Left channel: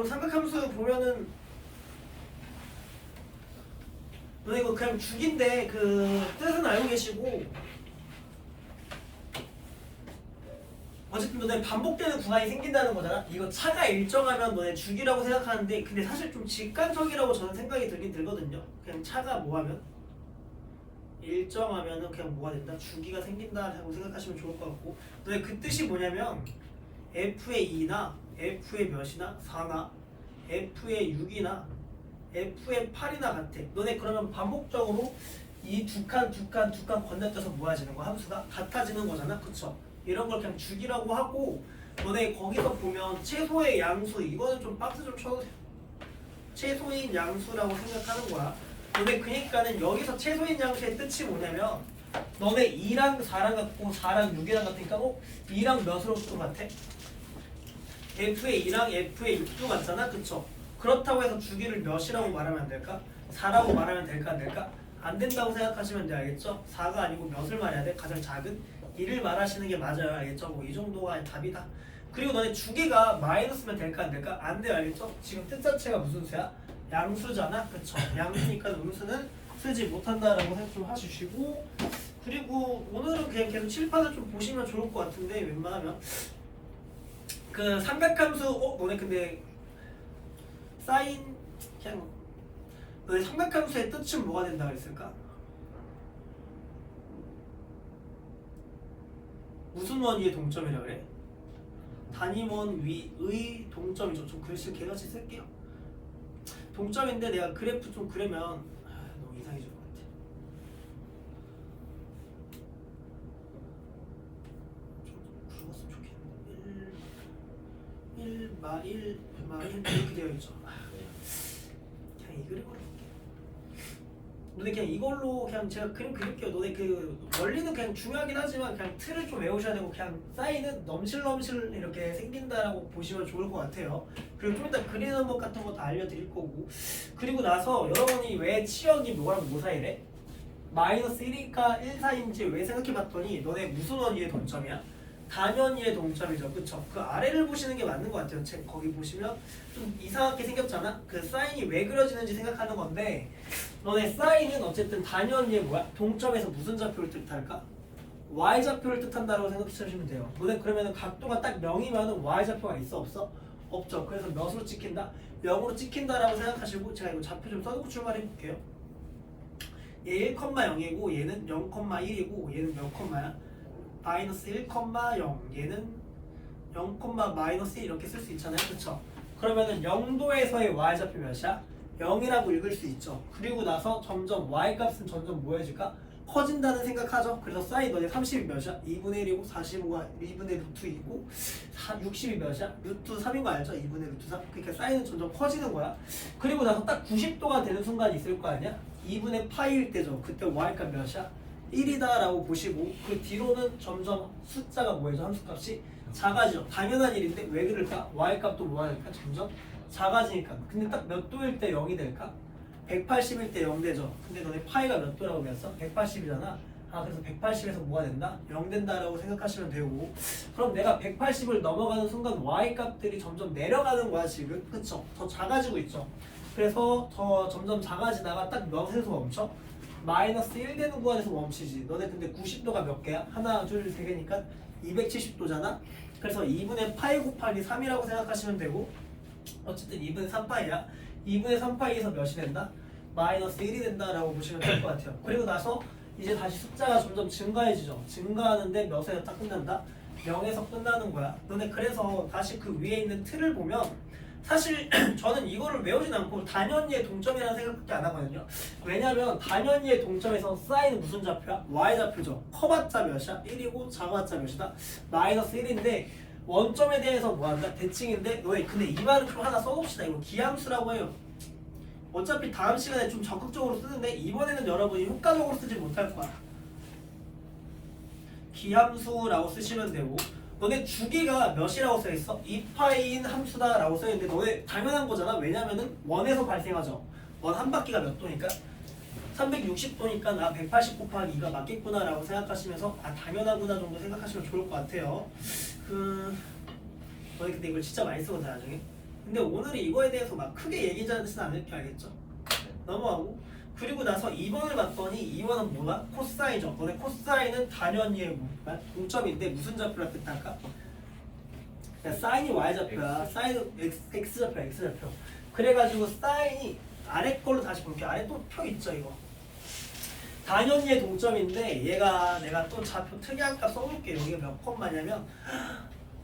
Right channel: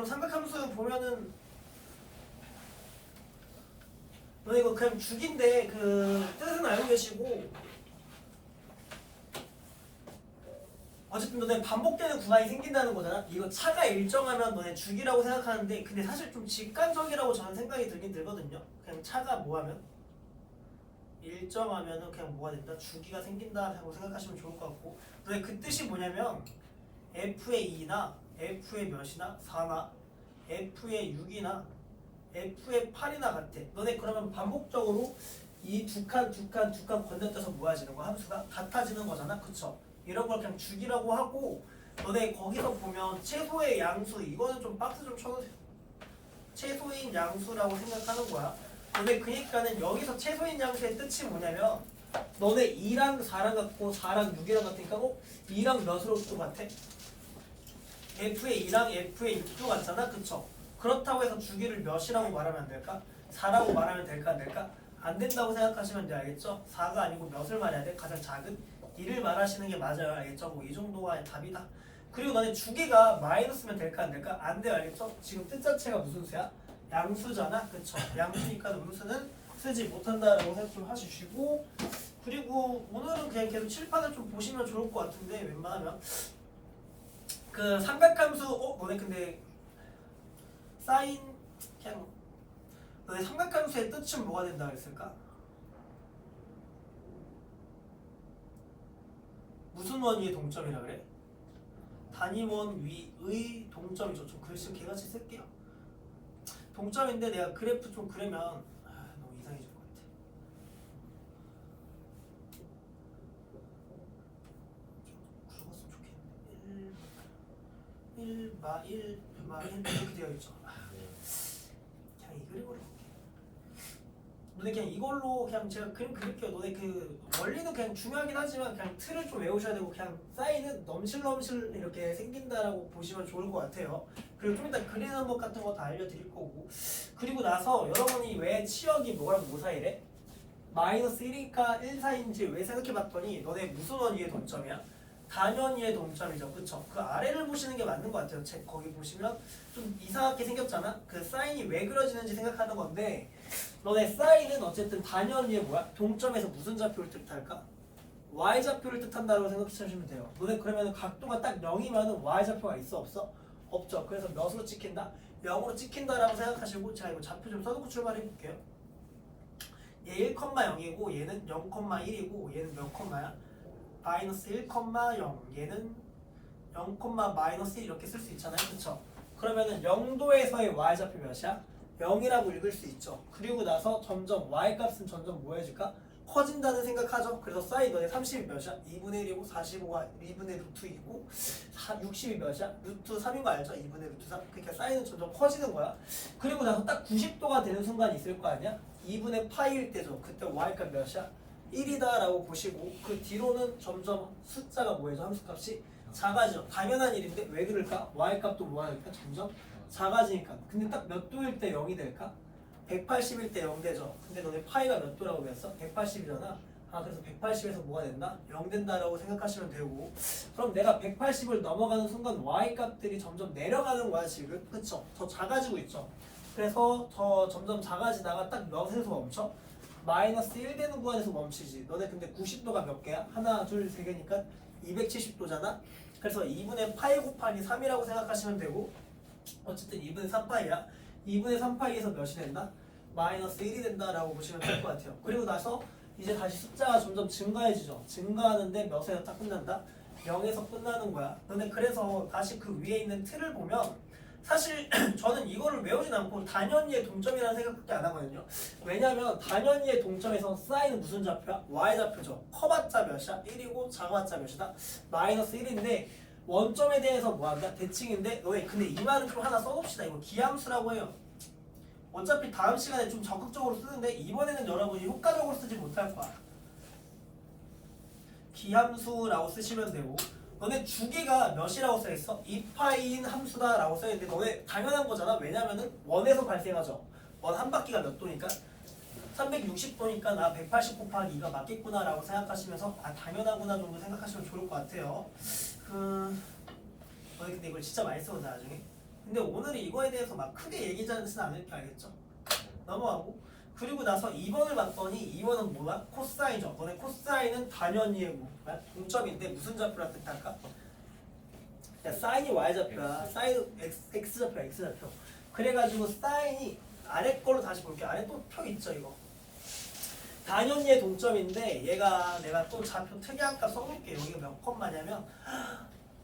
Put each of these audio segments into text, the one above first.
그럼 삼각함수 보면은 너 이거 그냥 죽인데 그 뜻은 알고 계시고 어쨌든 너네 반복되는 구간이 생긴다는 거잖아. 이거 차가 일정하면 너네 죽이라고 생각하는데 근데 사실 좀 직관적이라고 저는 생각이 들긴 들거든요. 그냥 차가 뭐하면 일정하면은 그냥 뭐가 된다? 주기가 생긴다라고 생각하시면 좋을 것 같고 너네 그 뜻이 뭐냐면 F의 2나 F의 몇이나 4나 F의 6이나 F의 8이나 같아. 너네 그러면 반복적으로 이 두 칸 건너뛰어서 모아지는 거 함수가 같아지는 거잖아. 그쵸? 이런 걸 그냥 주기라고 하고 너네 거기서 보면 최소의 양수 이거는 좀 박스 좀 쳐도 돼. 최소인 양수라고 생각하는 거야. 너네 그니까는 여기서 최소인 양수의 뜻이 뭐냐면 너네 2랑 4랑 같고 4랑 6이랑 같으니까 2랑 몇으로 또 같아? F의 2랑 F의 6도 같잖아. 그쵸? 그렇다고 해서 주기를 몇이라고 말하면 안 될까? 4라고 말하면 될까 안 될까? 안 된다고 생각하시면 돼. 알겠죠? 4가 아니고 몇을 말해야 돼? 가장 작은 1을 말하시는 게 맞아요. 알겠죠? 뭐 이 정도가 답이다. 그리고 너네 주기가 마이너스면 될까 안 될까? 안 돼요. 알겠죠? 지금 뜻 자체가 무슨 수야? 양수잖아. 그쵸? 양수니까 음수는 쓰지 못한다라고 생각 좀 해주시고 그리고 오늘은 그냥 계속 칠판을 좀 보시면 좋을 것 같은데 웬만하면 그 삼각함수 너네 근데 사인 그냥 너네 삼각함수의 뜻은 뭐가 된다 그랬을까? 무슨 원위의 동점이라 그래? 단위원 위의 동점이죠. 좀 글씨 개같이 쓸게요. 동점인데 내가 그래프 좀 그리면 너무 이상해질 것 같아. 좀 굵었으면 좋겠는데 1 이렇게 되어 있죠. 그냥 이 그림으로 볼게. 너네 그냥 이걸로 그냥 제가 그림 그릴게요. 너네 그 원리는 그냥 중요하긴 하지만 그냥 틀을 좀 외우셔야 되고 그냥 사인은 넘실넘실 이렇게 생긴다라고 보시면 좋을 것 같아요. 그리고 좀 이따 그리는 법 같은 거 다 알려드릴 거고 그리고 나서 여러분이 왜 치역이 뭐랑 뭐 사이래? 마이너스 1이니까 1 사이인지 왜 생각해봤더니 너네 무슨 원위의 동점이야? 단원위의 동점이죠. 그쵸? 그 아래를 보시는 게 맞는 것 같아요. 책 거기 보시면 좀 이상하게 생겼잖아? 그 사인이 왜 그려지는지 생각하는 건데 너네 사인은 어쨌든 단원위의 뭐야? 동점에서 무슨 좌표를 뜻할까? y좌표를 뜻한다고 생각하시면 돼요. 너네 그러면 각도가 딱 0이면 y좌표가 있어 없어? 없죠. 그래서 몇으로 찍힌다? 0으로 찍힌다라고 생각하시고 제가 이거 좌표 좀 써두고 출발해 볼게요. 얘 1,0이고 얘는 0,1이고 얘는 몇 콤마야? 마이너스 1,0 얘는 0, 마이너스 1 이렇게 쓸 수 있잖아요. 그쵸? 그러면은 0도에서의 y좌표 몇이야? 0이라고 읽을 수 있죠. 그리고 나서 점점 y값은 점점 뭐 해질까? 커진다는 생각하죠. 그래서 사인 너네 30이 몇이야? 2분의 1이고 45가 2분의 루트 2고 60이 몇이야? 루트 3인 거 알죠? 2분의 루트 3. 그러니까 사인은 점점 커지는 거야. 그리고 나서 딱 90도가 되는 순간이 있을 거 아니야? 2분의 파이일 때죠. 그때 y값 몇이야? 1이다 라고 보시고 그 뒤로는 점점 숫자가 뭐예요? 함수값이 작아지죠. 당연한 일인데 왜 그럴까? y값도 뭐하니까 점점 작아지니까. 근데 딱 몇 도일 때 0이 될까? 180일 때 0 되죠. 근데 너네 파이가 몇 도라고 배웠어? 180이잖아. 그래서 180에서 뭐가 된다? 0 된다라고 생각하시면 되고 그럼 내가 180을 넘어가는 순간 y값들이 점점 내려가는 거야 지금. 그쵸? 더 작아지고 있죠. 그래서 더 점점 작아지다가 딱 몇에서 멈춰? 마이너스 1 되는 구간에서 멈추지. 너네 근데 90도가 몇 개야? 하나, 둘, 세 개니까 270도잖아? 그래서 2분의 파이 곱하기 3이라고 생각하시면 되고 어쨌든 2분의 3파이야. 2분의 3파이에서 몇이 된다? 마이너스 1이 된다라고 보시면 될 것 같아요. 그리고 나서 이제 다시 숫자가 점점 증가해지죠. 증가하는데 몇에서 딱 끝난다? 0에서 끝나는 거야. 너네 그래서 다시 그 위에 있는 틀을 보면 사실 저는 이거를 외우진 않고 단연위의 동점이라는 생각밖에 안 하거든요. 왜냐면 단연위의 동점에서 사인은 무슨 좌표야? y좌표죠. 커봤자 몇이야? 1이고 작아봤자 몇이다? 마이너스 1인데 원점에 대해서 뭐한다? 대칭인데 너희 근데 이 말은 좀 하나 써봅시다. 이거 기함수라고 해요. 어차피 다음 시간에 좀 적극적으로 쓰는데 이번에는 여러분이 효과적으로 쓰지 못할 거야. 기함수라고 쓰시면 되고 너네 주기가 몇이라고 써있어? 2파이인 함수다 라고 써있는데 너네 당연한 거잖아. 왜냐면은 원에서 발생하죠. 원 한 바퀴가 몇 도니까? 360도니까 나 180 곱하기 2가 맞겠구나 라고 생각하시면서 당연하구나 정도 생각하시면 좋을 것 같아요. 너네 근데 이걸 진짜 많이 쓰거든 나중에. 근데 오늘은 이거에 대해서 막 크게 얘기하지는 않을 게 알겠죠? 넘어가고 그리고 나서 2번을 봤더니 2번은 뭐야? 코사인이죠. 너네 코사인은 당연히 동점인데 무슨 좌표라 뜻할까? 사인이 y좌표야. 사인 x좌표 x좌표. 그래가지고 사인이 아래 걸로 다시 볼게요. 아래 또 표 있죠 이거. 당연히의 동점인데 얘가 내가 또 좌표 특이한 값 써볼게. 여기가 몇 콤마냐면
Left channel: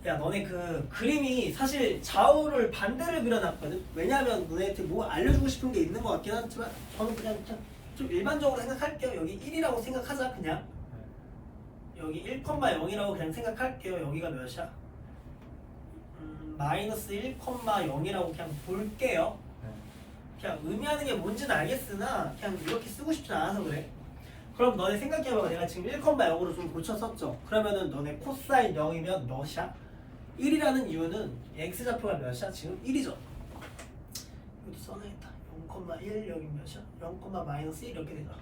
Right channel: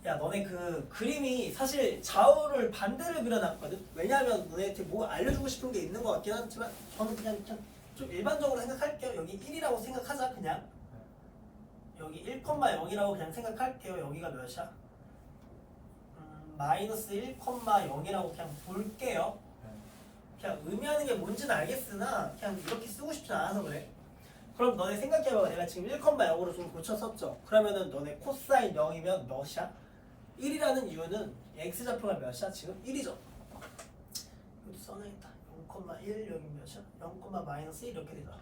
야 너네 그 그림이 사실 좌우를 반대를 그려놨거든. 왜냐하면 너네한테 뭐 알려주고 싶은 게 있는 것 같긴 하지만 저는 그냥 좀 일반적으로 생각할게요. 여기 1이라고 생각하자 그냥. 여기 1,0이라고 그냥 생각할게요. 여기가 몇이야? 마이너스 1,0이라고 그냥 볼게요. 그냥 의미하는 게 뭔지는 알겠으나 그냥 이렇게 쓰고 싶지 않아서 그래. 그럼 너네 생각해봐. 내가 지금 1,0으로 좀 고쳤었죠. 그러면은 너네 코사인 0이면 몇이야? 1이라는 이유는 x좌표가 몇이야? 지금 1이죠. 이것도 써놔야겠다. 0,1 여기 몇이야? 0, 마이너스 1 이렇게 되잖아.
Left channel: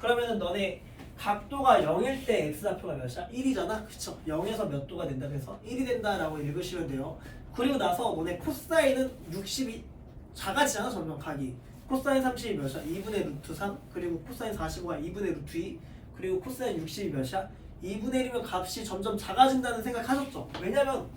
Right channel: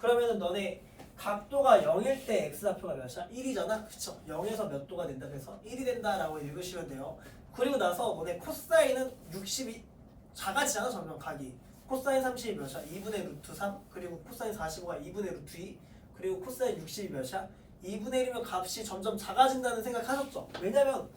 그러면은 너네 각도가 0일 때 x좌표가 몇이야? 1이잖아. 그쵸? 0에서 몇 도가 된다 그래서 1이 된다라고 읽으시면 돼요. 그리고 나서 너네 코사인은 60이 작아지잖아. 점점 각이. 코사인 30이 몇이야? 2분의 루트 3. 그리고 코사인 45가 2분의 루트 2. 그리고 코사인 60이 몇이야? 2분의 1이면 값이 점점 작아진다는 생각하셨죠? 왜냐면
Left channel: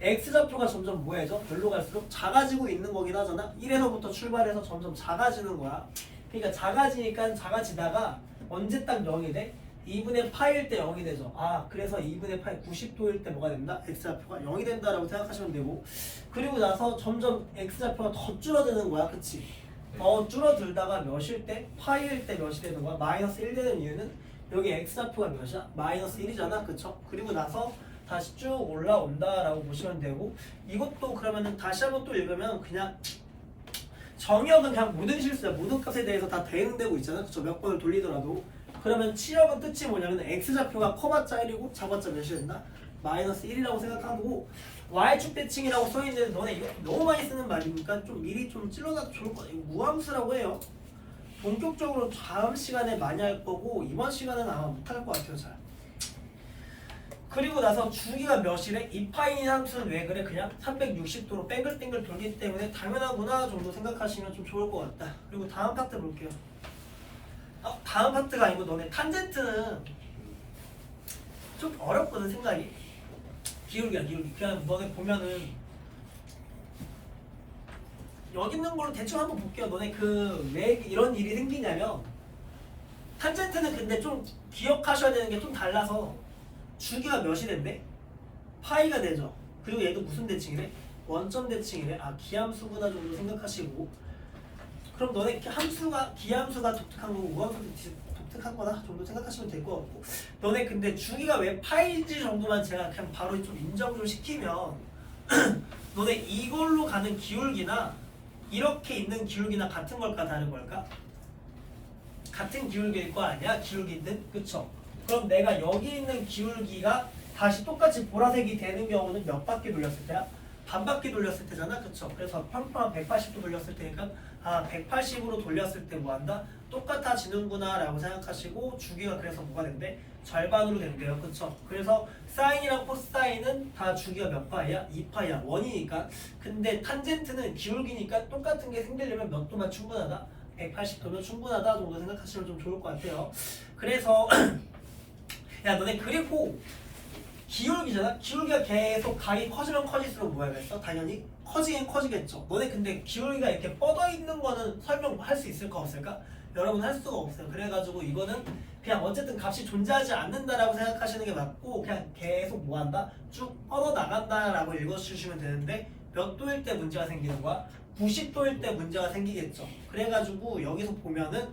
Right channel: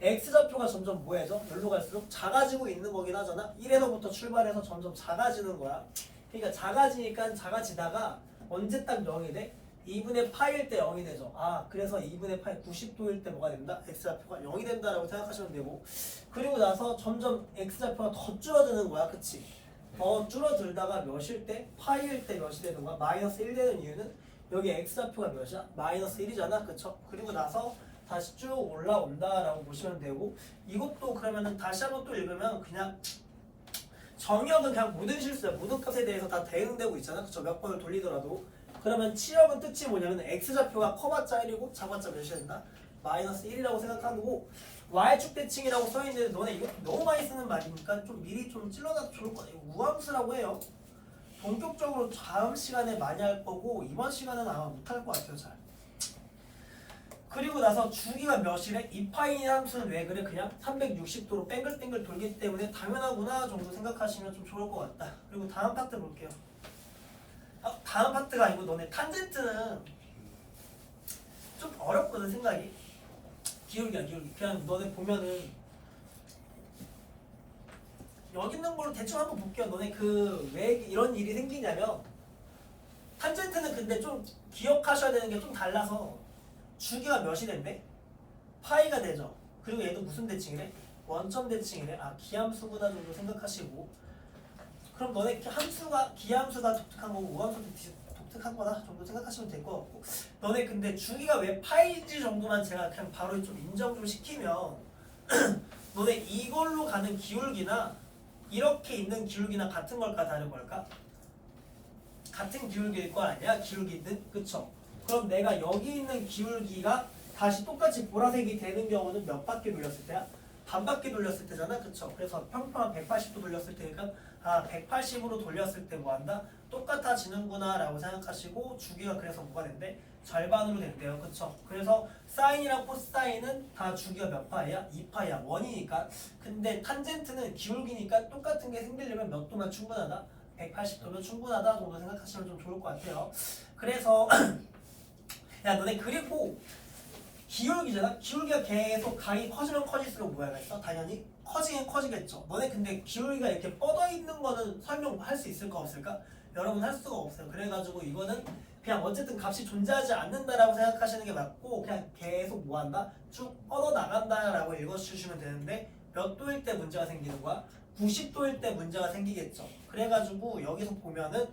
x좌표가 점점 뭐해져? 별로 갈수록 작아지고 있는 거긴 하잖아. 1에서부터 출발해서 점점 작아지는 거야. 그러니까 작아지니까 작아지다가 언제 딱 0이 돼? 2분의 파일 때 0이 되죠. 아 그래서 2분의 파이 90도일 때 뭐가 된다? x좌표가 0이 된다라고 생각하시면 되고 그리고 나서 점점 x좌표가 더 줄어드는 거야. 그치? 더 줄어들다가 몇일 때? 파이일 때 몇이 되는 거야? 마이너스 1 되는 이유는 여기 x좌표가 몇이야? 마이너스 1이잖아. 그쵸? 그리고 나서 다시 쭉 올라온다라고 보시면 되고 이것도 그러면은 다시 한번 또 읽으면 그냥 정의역은 그냥 모든 실수야. 모든 값에 대해서 다 대응되고 있잖아. 그쵸? 몇 번을 돌리더라도 그러면 치역은 뜻이 뭐냐면 x좌표가 커봤자 1이고 작았자 몇이 된다? 마이너스 1이라고 생각하고 y축 대칭이라고 써있는데 너네 이거 너무 많이 쓰는 말이니까 좀 미리 좀 찔러놔도 좋을 거 같아요. 우함수라고 해요. 본격적으로 다음 시간에 많이 할 거고 이번 시간은 아마 못할 것 같아요. 잘. 그리고 나서 주기가 몇이래? 이 파인 함수는 왜 그래? 그냥 360도로 뺑글뺑글 돌기 때문에 당연하구나 정도 생각하시면 좀 좋을 것 같다. 그리고 다음 파트 볼게요. 다음 파트가 아니고 너네 탄젠트는 좀 어렵거든 생각이. 기울기야 기울기. 그냥 너네 보면은 여기 있는 걸로 대충 한번 볼게요. 너네 그 왜 이런 일이 생기냐면 탄젠트는 근데 좀 기억하셔야 되는 게 좀 달라서 주기가 몇이 된대? 파이가 되죠. 그리고 얘도 무슨 대칭이래? 원점 대칭이래. 아 기함수구나 정도 생각하시고 그럼 너네 함수가 기함수가 독특한 거고 우함수가 독특한 거다 정도 생각하시면 될 것 같고 너네 근데 주기가 왜 파이인지 정도만 제가 그냥 바로 좀 인정 좀 시키면 너네 이걸로 가는 기울기나 이렇게 있는 기울기나 같은 걸까 다른 걸까? 같은 기울기일 거 아니야? 기울기든 그쵸? 그럼 내가 여기 있는 기울기가 다시 똑같이 보라색이 되는 경우는 몇 바퀴 돌렸을 때야? 반 바퀴 돌렸을 때잖아. 그쵸? 그래서 평평한 180도 돌렸을 때니까 아 180으로 돌렸을 때 뭐한다? 똑같아지는구나 라고 생각하시고 주기가 그래서 뭐가 된대? 절반으로 된대요. 그쵸? 그래서 사인이랑 코사인은 다 주기가 몇 파이야? 2파이야. 1이니까. 근데 탄젠트는 기울기니까 똑같은 게 생기려면 몇 도만 충분하다? 180도면 충분하다 정도 생각하시면 좀 좋을 것 같아요. 그래서 야 너네 그리고 기울기잖아? 기울기가 계속 각이 커지면 커질수록 뭐가 있어? 당연히 커지긴 커지겠죠. 너네 근데 기울기가 이렇게 뻗어 있는 거는 설명할 수 있을까 없을까? 여러분 할 수가 없어요. 그래가지고 이거는 그냥 어쨌든 값이 존재하지 않는다라고 생각하시는 게 맞고 그냥 계속 뭐한다? 쭉 뻗어 나간다라고 읽어주시면 되는데 몇 도일 때 문제가 생기는 거야? 90도일 때 문제가 생기겠죠. 그래가지고 여기서 보면은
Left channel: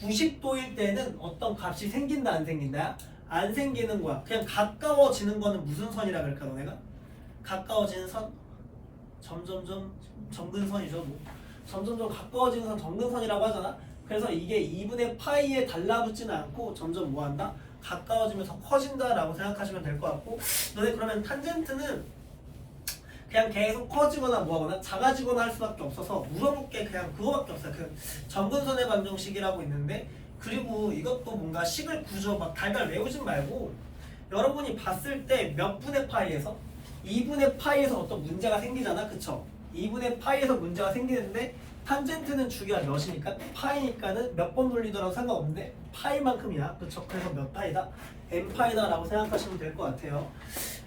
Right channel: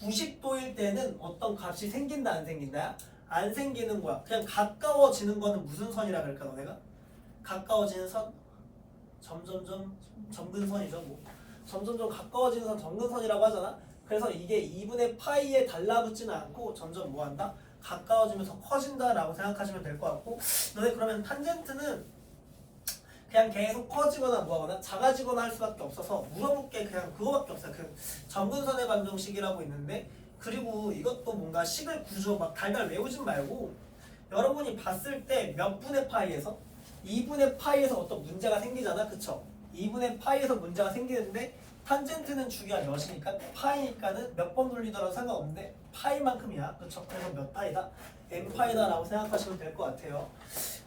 90도일 때는 어떤 값이 생긴다 안 생긴다야? 안 생기는 거야. 그냥 가까워지는 거는 무슨 선이라 그럴까 너네가? 가까워지는 선? 점점점 점근선이죠. 뭐. 점점점 가까워지는 선 점근선이라고 하잖아. 그래서 이게 2분의 파이에 달라붙지는 않고 점점 뭐한다? 가까워지면서 커진다라고 생각하시면 될 것 같고 너네 그러면 탄젠트는 그냥 계속 커지거나 뭐하거나 작아지거나 할 수밖에 없어서 물어볼 게 그냥 그거밖에 없어요. 그 점근선의 방정식이라고 있는데 그리고 이것도 뭔가 식을 구조 막 달달 외우진 말고 여러분이 봤을 때 몇 분의 파이에서 2분의 파이에서 어떤 문제가 생기잖아. 그쵸? 2분의 파이에서 문제가 생기는데 탄젠트는 주기가 몇이니까 파이니까는 몇 번 돌리더라도 상관없는데 파이만큼이야. 그쵸? 그래서 몇 파이다? n파이다 라고 생각하시면 될 것 같아요.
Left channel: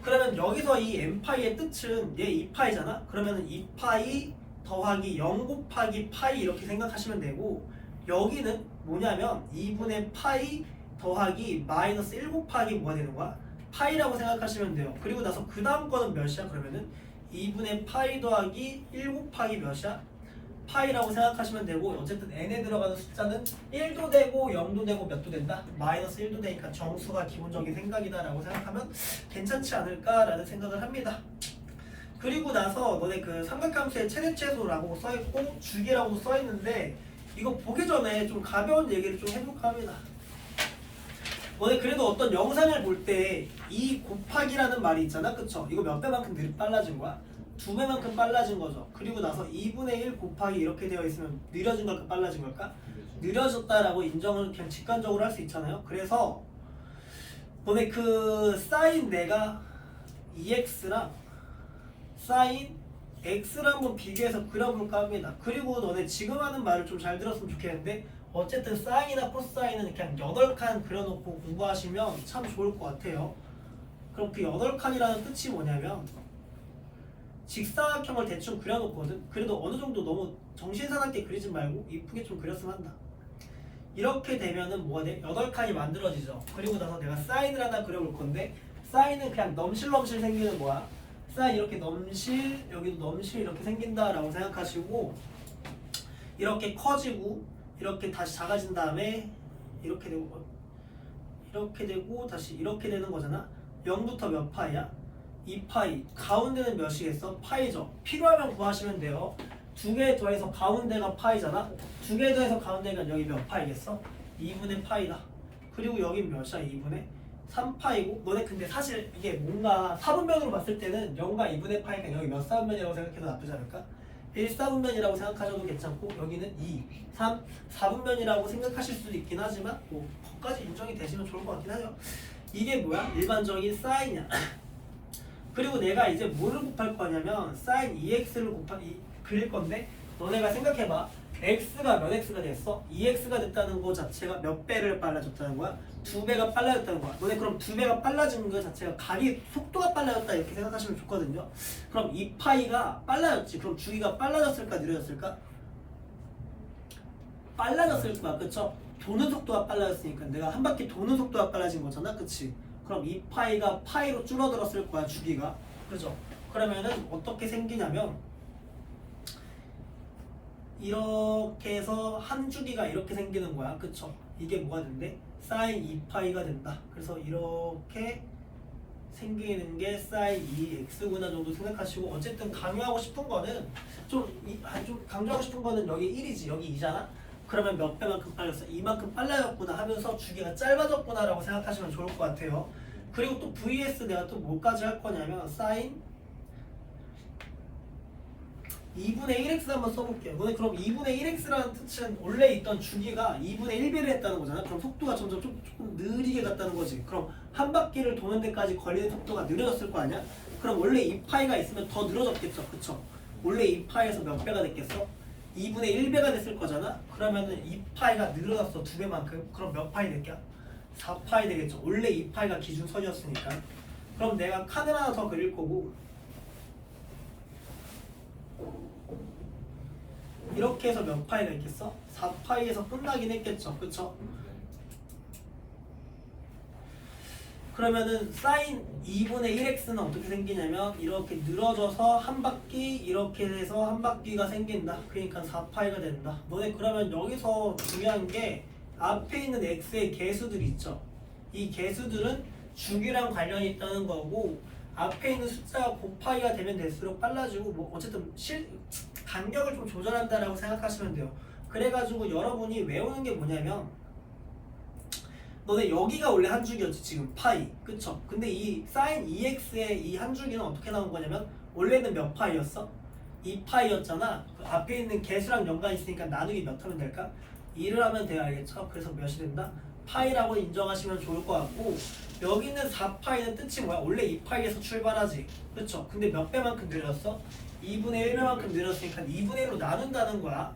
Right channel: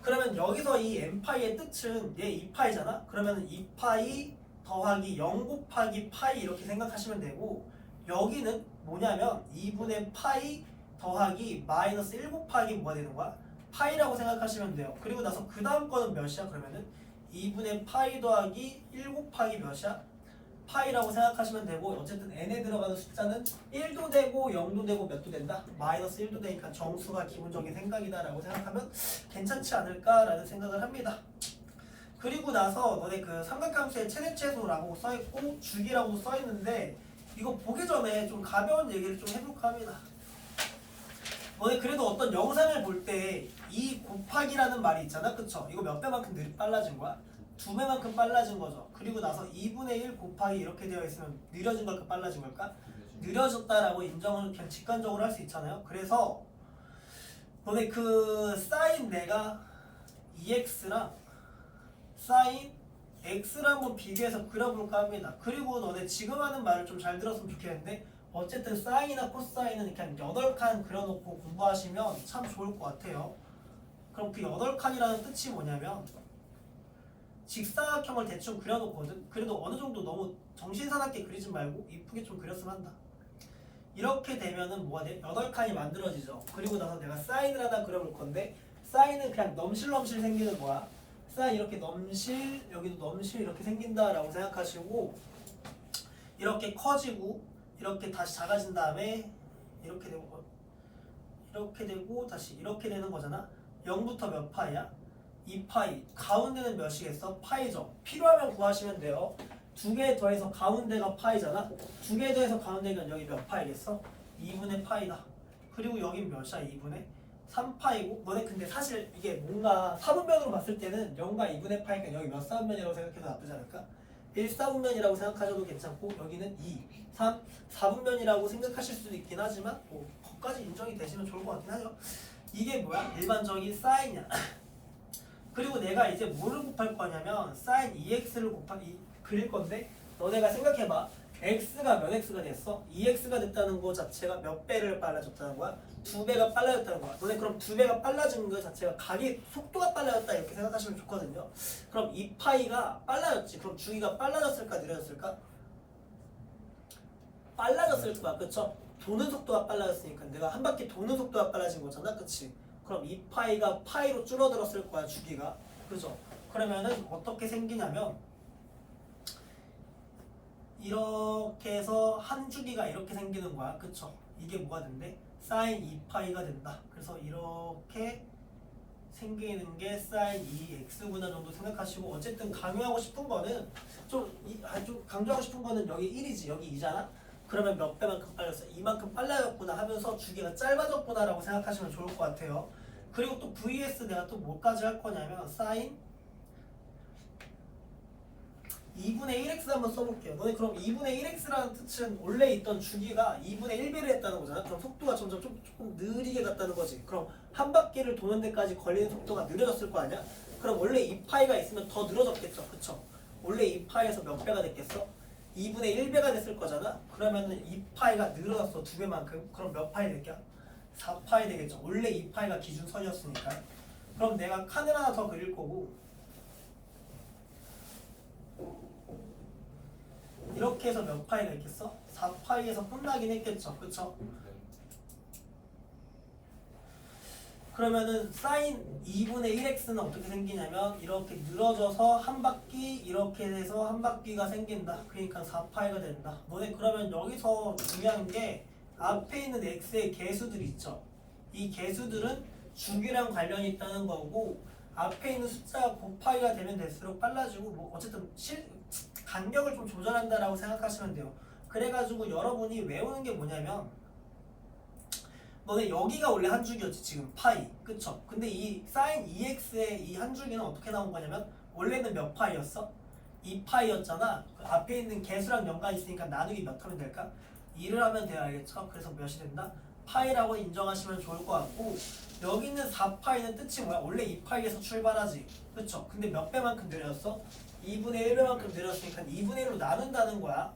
그러면 여기서 이 n파이의 뜻은 얘 2파이잖아? 그러면 2파이 더하기 0 곱하기 파이 이렇게 생각하시면 되고, 여기는 뭐냐면 2분의 파이 더하기 마이너스 1 곱하기 뭐가 되는 거야? 파이라고 생각하시면 돼요. 그리고 나서 그 다음 거는 몇이야? 그러면은 2분의 파이 더하기 1 곱하기 몇이야? 파이라고 생각하시면 되고, 어쨌든 n에 들어가는 숫자는 1도 되고 0도 되고 몇도 된다? 마이너스 1도 되니까 정수가 기본적인 생각이다 라고 생각하면 괜찮지 않을까라는 생각을 합니다. 그리고 나서 너네 그 삼각함수의 최대최소라고 써있고 주기라고도 써있는데, 이거 보기 전에 좀 가벼운 얘기를 좀 해볼까 합니다. 너네 그래도 어떤 영상을 볼 때 이 곱하기라는 말이 있잖아, 그쵸? 이거 몇 배만큼 빨라진 거야? 2배만큼 빨라진 거죠. 그리고 나서 2분의 1 곱하기 이렇게 되어 있으면 느려진 걸까 빨라진 걸까? 느려졌다라고 인정을 그냥 직관적으로 할 수 있잖아요. 그래서 너네 그 사인 내가 2x랑 사인 x를 한번 비교해서 그려볼까 합니다. 그리고 너네 지금 하는 말을 좀 잘 들었으면 좋겠는데, 어쨌든 사인이나 코사인은 그냥 8칸 그려놓고 공부하시면 참 좋을 것 같아요. 그럼 그 8칸이라는 뜻이 뭐냐면 직사각형을 대충 그려놓거든. 그래도 어느 정도 너무 정신사납게 그리지 말고 이쁘게 좀 그렸으면 한다. 이렇게 되면은 뭐가 돼? 8칸이 만들어지죠. 그리고 나서 내가 사인을 하나 그려볼 건데, 사인은 그냥 넘실넘실 생기는 거야. 사인 이렇게 넘실, 여기도 넘실 이렇게 생긴다라고 생각하시고, 이렇게 커지고 이렇게 다시 작아진 다음에 이렇게 되고 다시 이렇게 되는 거잖아. 0부터 몇 파이야? 2파이. 가운데는 몇이겠어? 파이죠. 필요하면 구하시면 돼요. 2개 더해서 가운데가 파이잖아. 2개 더해서 가운데가 여기 몇 파이겠어? 2분의 파이다. 그리고 여긴 몇이야? 2분의 3파이고, 너네 근데 사실 이게 뭔가 사분면으로 봤을 때는 0과 2분의 파이가 여기 몇 사분면이라고 생각해도 나쁘지 않을까? 1사분면이라고 생각하셔도 괜찮고, 여기는 2, 3, 4분면이라고 생각하실 수도 있긴 하지만 뭐 거기까지 인정이 되시면 좋을 것 같긴 하죠. 이게 뭐야? 일반적인 사인이야. 그리고 내가 이제 뭐를 곱할 거냐면 사인 2x를 그릴 건데, 너네가 생각해봐. x가 몇 x가 됐어? 2x가 됐다는 거 자체가 몇 배를 빨라졌다는 거야? 2배가 빨라졌다는 거야. 너네 그럼 2배가 빨라진 거 자체가 각이 속도가 빨라졌다 이렇게 생각하시면 좋거든요. 그럼 2파이가 빨라졌지. 그럼 주기가 빨라졌을까 느려졌을까? 빨라졌을 거야. 그쵸? 도는 속도가 빨라졌으니까 내가 한 바퀴 도는 속도가 빨라진 거잖아. 그치? 그럼 2파이가 파이로 줄어들었을 거야, 주기가. 그죠? 그러면은 어떻게 생기냐면 이렇게 해서 한 주기가 이렇게 생기는 거야. 그쵸? 이게 뭐가 된대? 사인 2파이가 된다. 그래서 이렇게 생기는 게 사인 2x구나 정도 생각하시고, 어쨌든 강조하고 싶은 거는 좀 강조하고 싶은 거는 여기 1이지, 여기 2잖아? 그러면 몇 배만큼 빨렸어? 이만큼 빨라졌구나 하면서 주기가 짧아졌구나 라고 생각하시면 좋을 것 같아요. 그리고 또 vs 내가 또 뭐까지 할 거냐면 사인 2분의 1x 한번 써볼게요. 너네 그럼 2분의 1x라는 뜻은 원래 있던 주기가 2분의 1배를 했다는 거잖아. 그럼 속도가 점점 조금 느리게 갔다는 거지. 그럼 한 바퀴를 도는 데까지 걸리는 속도가 느려졌을 거 아니야? 그럼 원래 2파이가 있으면 더 늘어졌겠죠. 그쵸? 원래 2파이에서 몇 배가 됐겠어? 2분의 1배가 됐을 거잖아? 그러면은 2파이가 늘어났어. 2배만큼. 그럼 몇 파이 될게? 4파이 되겠죠. 원래 2파이가 기준선이었으니까. 그럼 내가 칸을 하나 더 그릴 거고, 이렇게 해서 몇 파이가 있겠어? 4파이에서 끝나긴 했겠죠. 그쵸? 그러면은 사인 2분의 1x는 어떻게 생기냐면 이렇게 늘어져서 한 바퀴 이렇게 돼서 한 바퀴가 생긴다. 그러니까 4파이가 된다. 너네 그러면 여기서 중요한 게 앞에 있는 x의 개수들이 있죠. 이 개수들은 주기랑 관련이 있다는 거고, 앞에 있는 숫자가 곱파이가 되면 될수록 빨라지고, 뭐 어쨌든 간격을 좀 조절한다라고 생각하시면 돼요. 그래가지고 여러분이 외우는 게 뭐냐면, 너네 여기가 원래 한 줄기였지 지금 파이, 그쵸? 근데 이 사인 2x의 이 한 줄기는 어떻게 나온 거냐면 원래는 몇 파이였어? 2파이였잖아. 앞에 있는 개수랑 연관이 있으니까 나누기 몇 하면 될까? 2를 하면 돼야 알겠죠? 그래서 몇이 된다? 파이라고 인정하시면 좋을 것 같고, 여기 있는 4파이는 뜻이 뭐야? 원래 2파이에서 출발하지, 그쵸? 근데 몇 배만큼 늘렸어? 2분의 1배만큼 늘었으니까 2분의 1로 나눈다는 거야.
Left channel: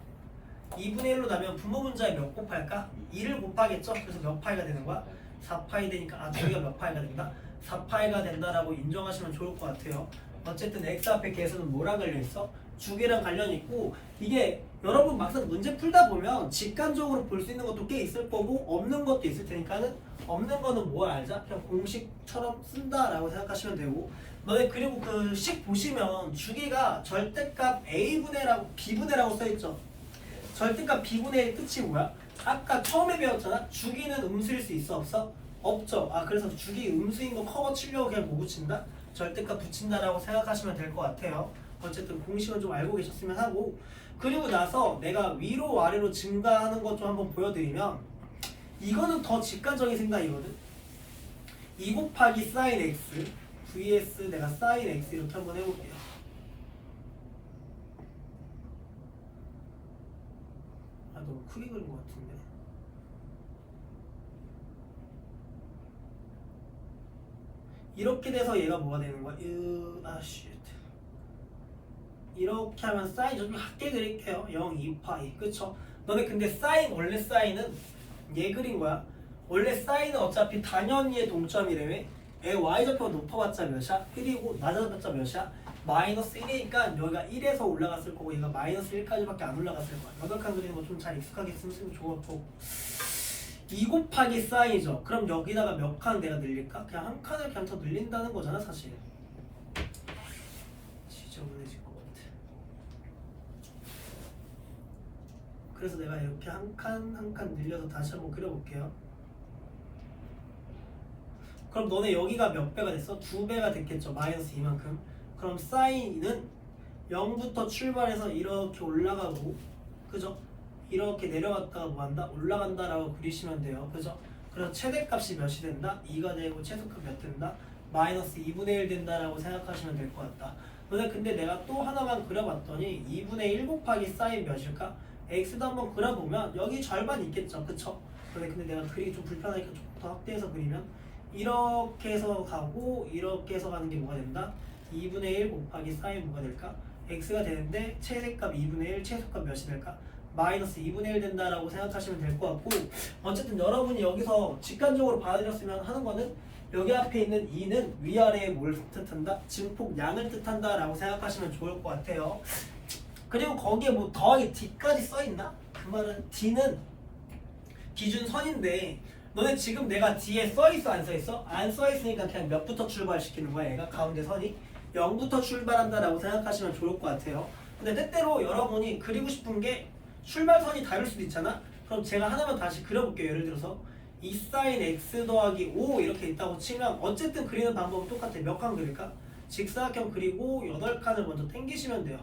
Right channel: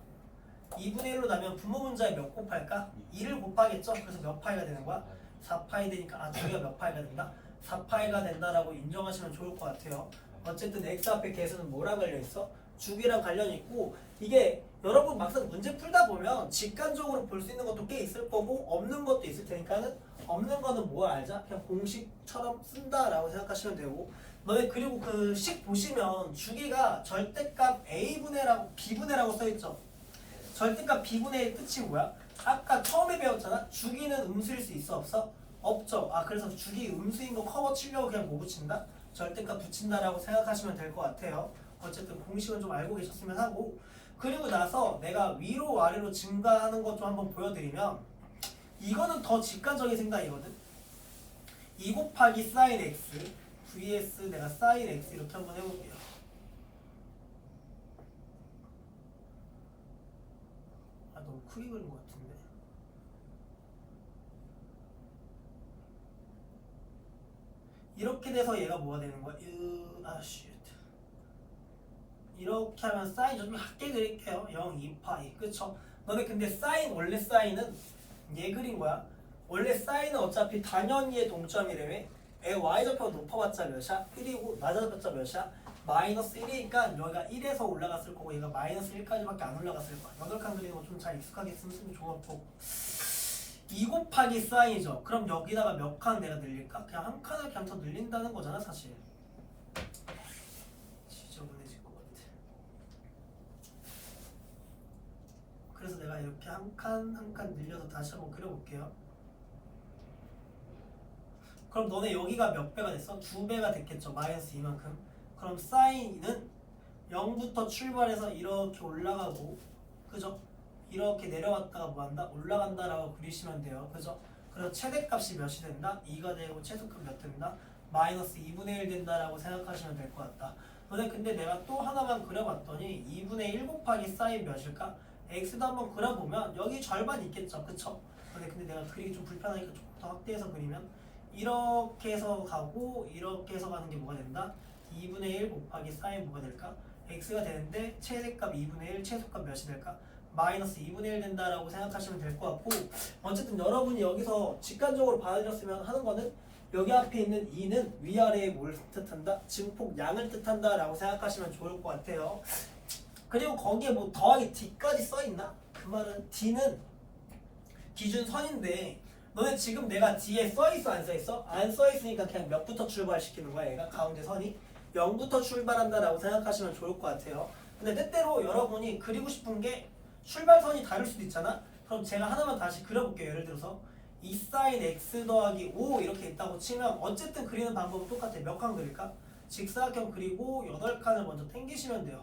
2분의 1로 나면 분모 문자에 몇 곱할까? 2를 곱하겠죠? 그래서 몇 파이가 되는 거야? 4파이 되니까 저기가 몇 파이가 된다? 4파이가 된다라고 인정하시면 좋을 것 같아요. 어쨌든 x 앞에 계수는 뭐랑 관련있어? 주기랑 관련이 있고 이게 여러분 막상 문제 풀다 보면 직관적으로 볼 수 있는 것도 꽤 있을 거고 없는 것도 있을 테니까는 없는 거는 뭘 알자? 그냥 공식처럼 쓴다라고 생각하시면 되고 너네 그리고 그 식 보시면 주기가 절대값 a분의라고 b분의라고 써있죠. 절대값 b분의 1 끝이 뭐야? 아까 처음에 배웠잖아? 주기는 음수일 수 있어 없어? 없죠. 그래서 주기 음수인 거 커버 치려고 그냥 뭐 붙인다? 절대값 붙인다라고 생각하시면 될 것 같아요. 어쨌든 공식은 좀 알고 계셨으면 하고 그리고 나서 내가 위로 아래로 증가하는 것 좀 한번 보여드리면 이거는 더 직관적인 생각이거든. 2 곱하기 sin x vs 내가 sin x 이렇게 한번 해볼게요. 너무 크게 그린 것 같은데. 이렇게 돼서 얘가 뭐가 되는 거야? 이렇게 하면 사인 좀 작게 그릴게요. 0, 2파이 그쵸? 너네 근데 사인 원래 사인은 얘 그린 거야. 원래 사인은 어차피 당연히의 동점이래매. 얘 y좌표가 높아봤자 몇이야? 1이고 낮아봤자 몇이야? 마이너스 1이니까 여기가 1에서 올라갔을 거고 얘가 마이너스 1까지밖에 안 올라갔을 거야. 8칸 그리는 거 좀 잘 익숙하게 쓰면 좋을 거고 2 곱하기 사인이죠. 그럼 여기다가 몇 칸 내가 늘릴까? 그냥 한 칸을 그냥 더 늘린다는 거잖아 사실. 지저분해질 것 같아. 그래서 내가 이렇게 한 칸 한 칸 늘려서 다시 한번 그려볼게요. 그럼 너네 여기가 몇 배가 됐어? 2배가 됐겠죠. 마이너스 이만큼. 그럼 사인은 0부터 출발해서 이렇게 올라가고 그죠? 이렇게 내려갔다가 뭐한다? 올라간다라고 그리시면 돼요. 그죠? 그래서 최대값이 몇이 된다? 2가 되고 최소값 몇 된다? 마이너스 2분의 1 된다라고 생각하시면 될 것 같다. 근데 내가 또 하나만 그려봤더니 2분의 1 곱하기 사인 몇일까? x도 한번 그려보면 여기 절반 있겠죠. 그쵸? 근데 내가 그리기 좀 불편하니까 조금 더 확대해서 그리면 이렇게 해서 가고 이렇게 해서 가는 게 뭐가 된다? 2분의 1 곱하기 사인 뭐가 될까? x가 되는데 최대값 2분의 1 최소값 몇이 될까? 마이너스 2분의 1 된다라고 생각하시면 될 것 같고 어쨌든 여러분이 여기서 직관적으로 받아들였으면 하는 거는 여기 앞에 있는 2는 위아래에 뭘 뜻한다? 증폭량을 뜻한다 라고 생각하시면 좋을 것 같아요. 그리고 거기에 뭐 더하기 d까지 써있나? 그 말은 d는 기준선인데 너네 지금 내가 D에 써있어 안 써있어? 안 써있으니까 그냥 몇부터 출발시키는 거야 얘가 가운데 선이 0부터 출발한다라고 생각하시면 좋을 것 같아요. 근데 때때로 여러분이 그리고 싶은 게 출발선이 다를 수도 있잖아? 그럼 제가 하나만 다시 그려볼게요. 예를 들어서 2 sin x 더하기 5 이렇게 있다고 치면 어쨌든 그리는 방법은 똑같아. 몇 칸 그릴까? 직사각형 그리고 8칸을 먼저 당기시면 돼요.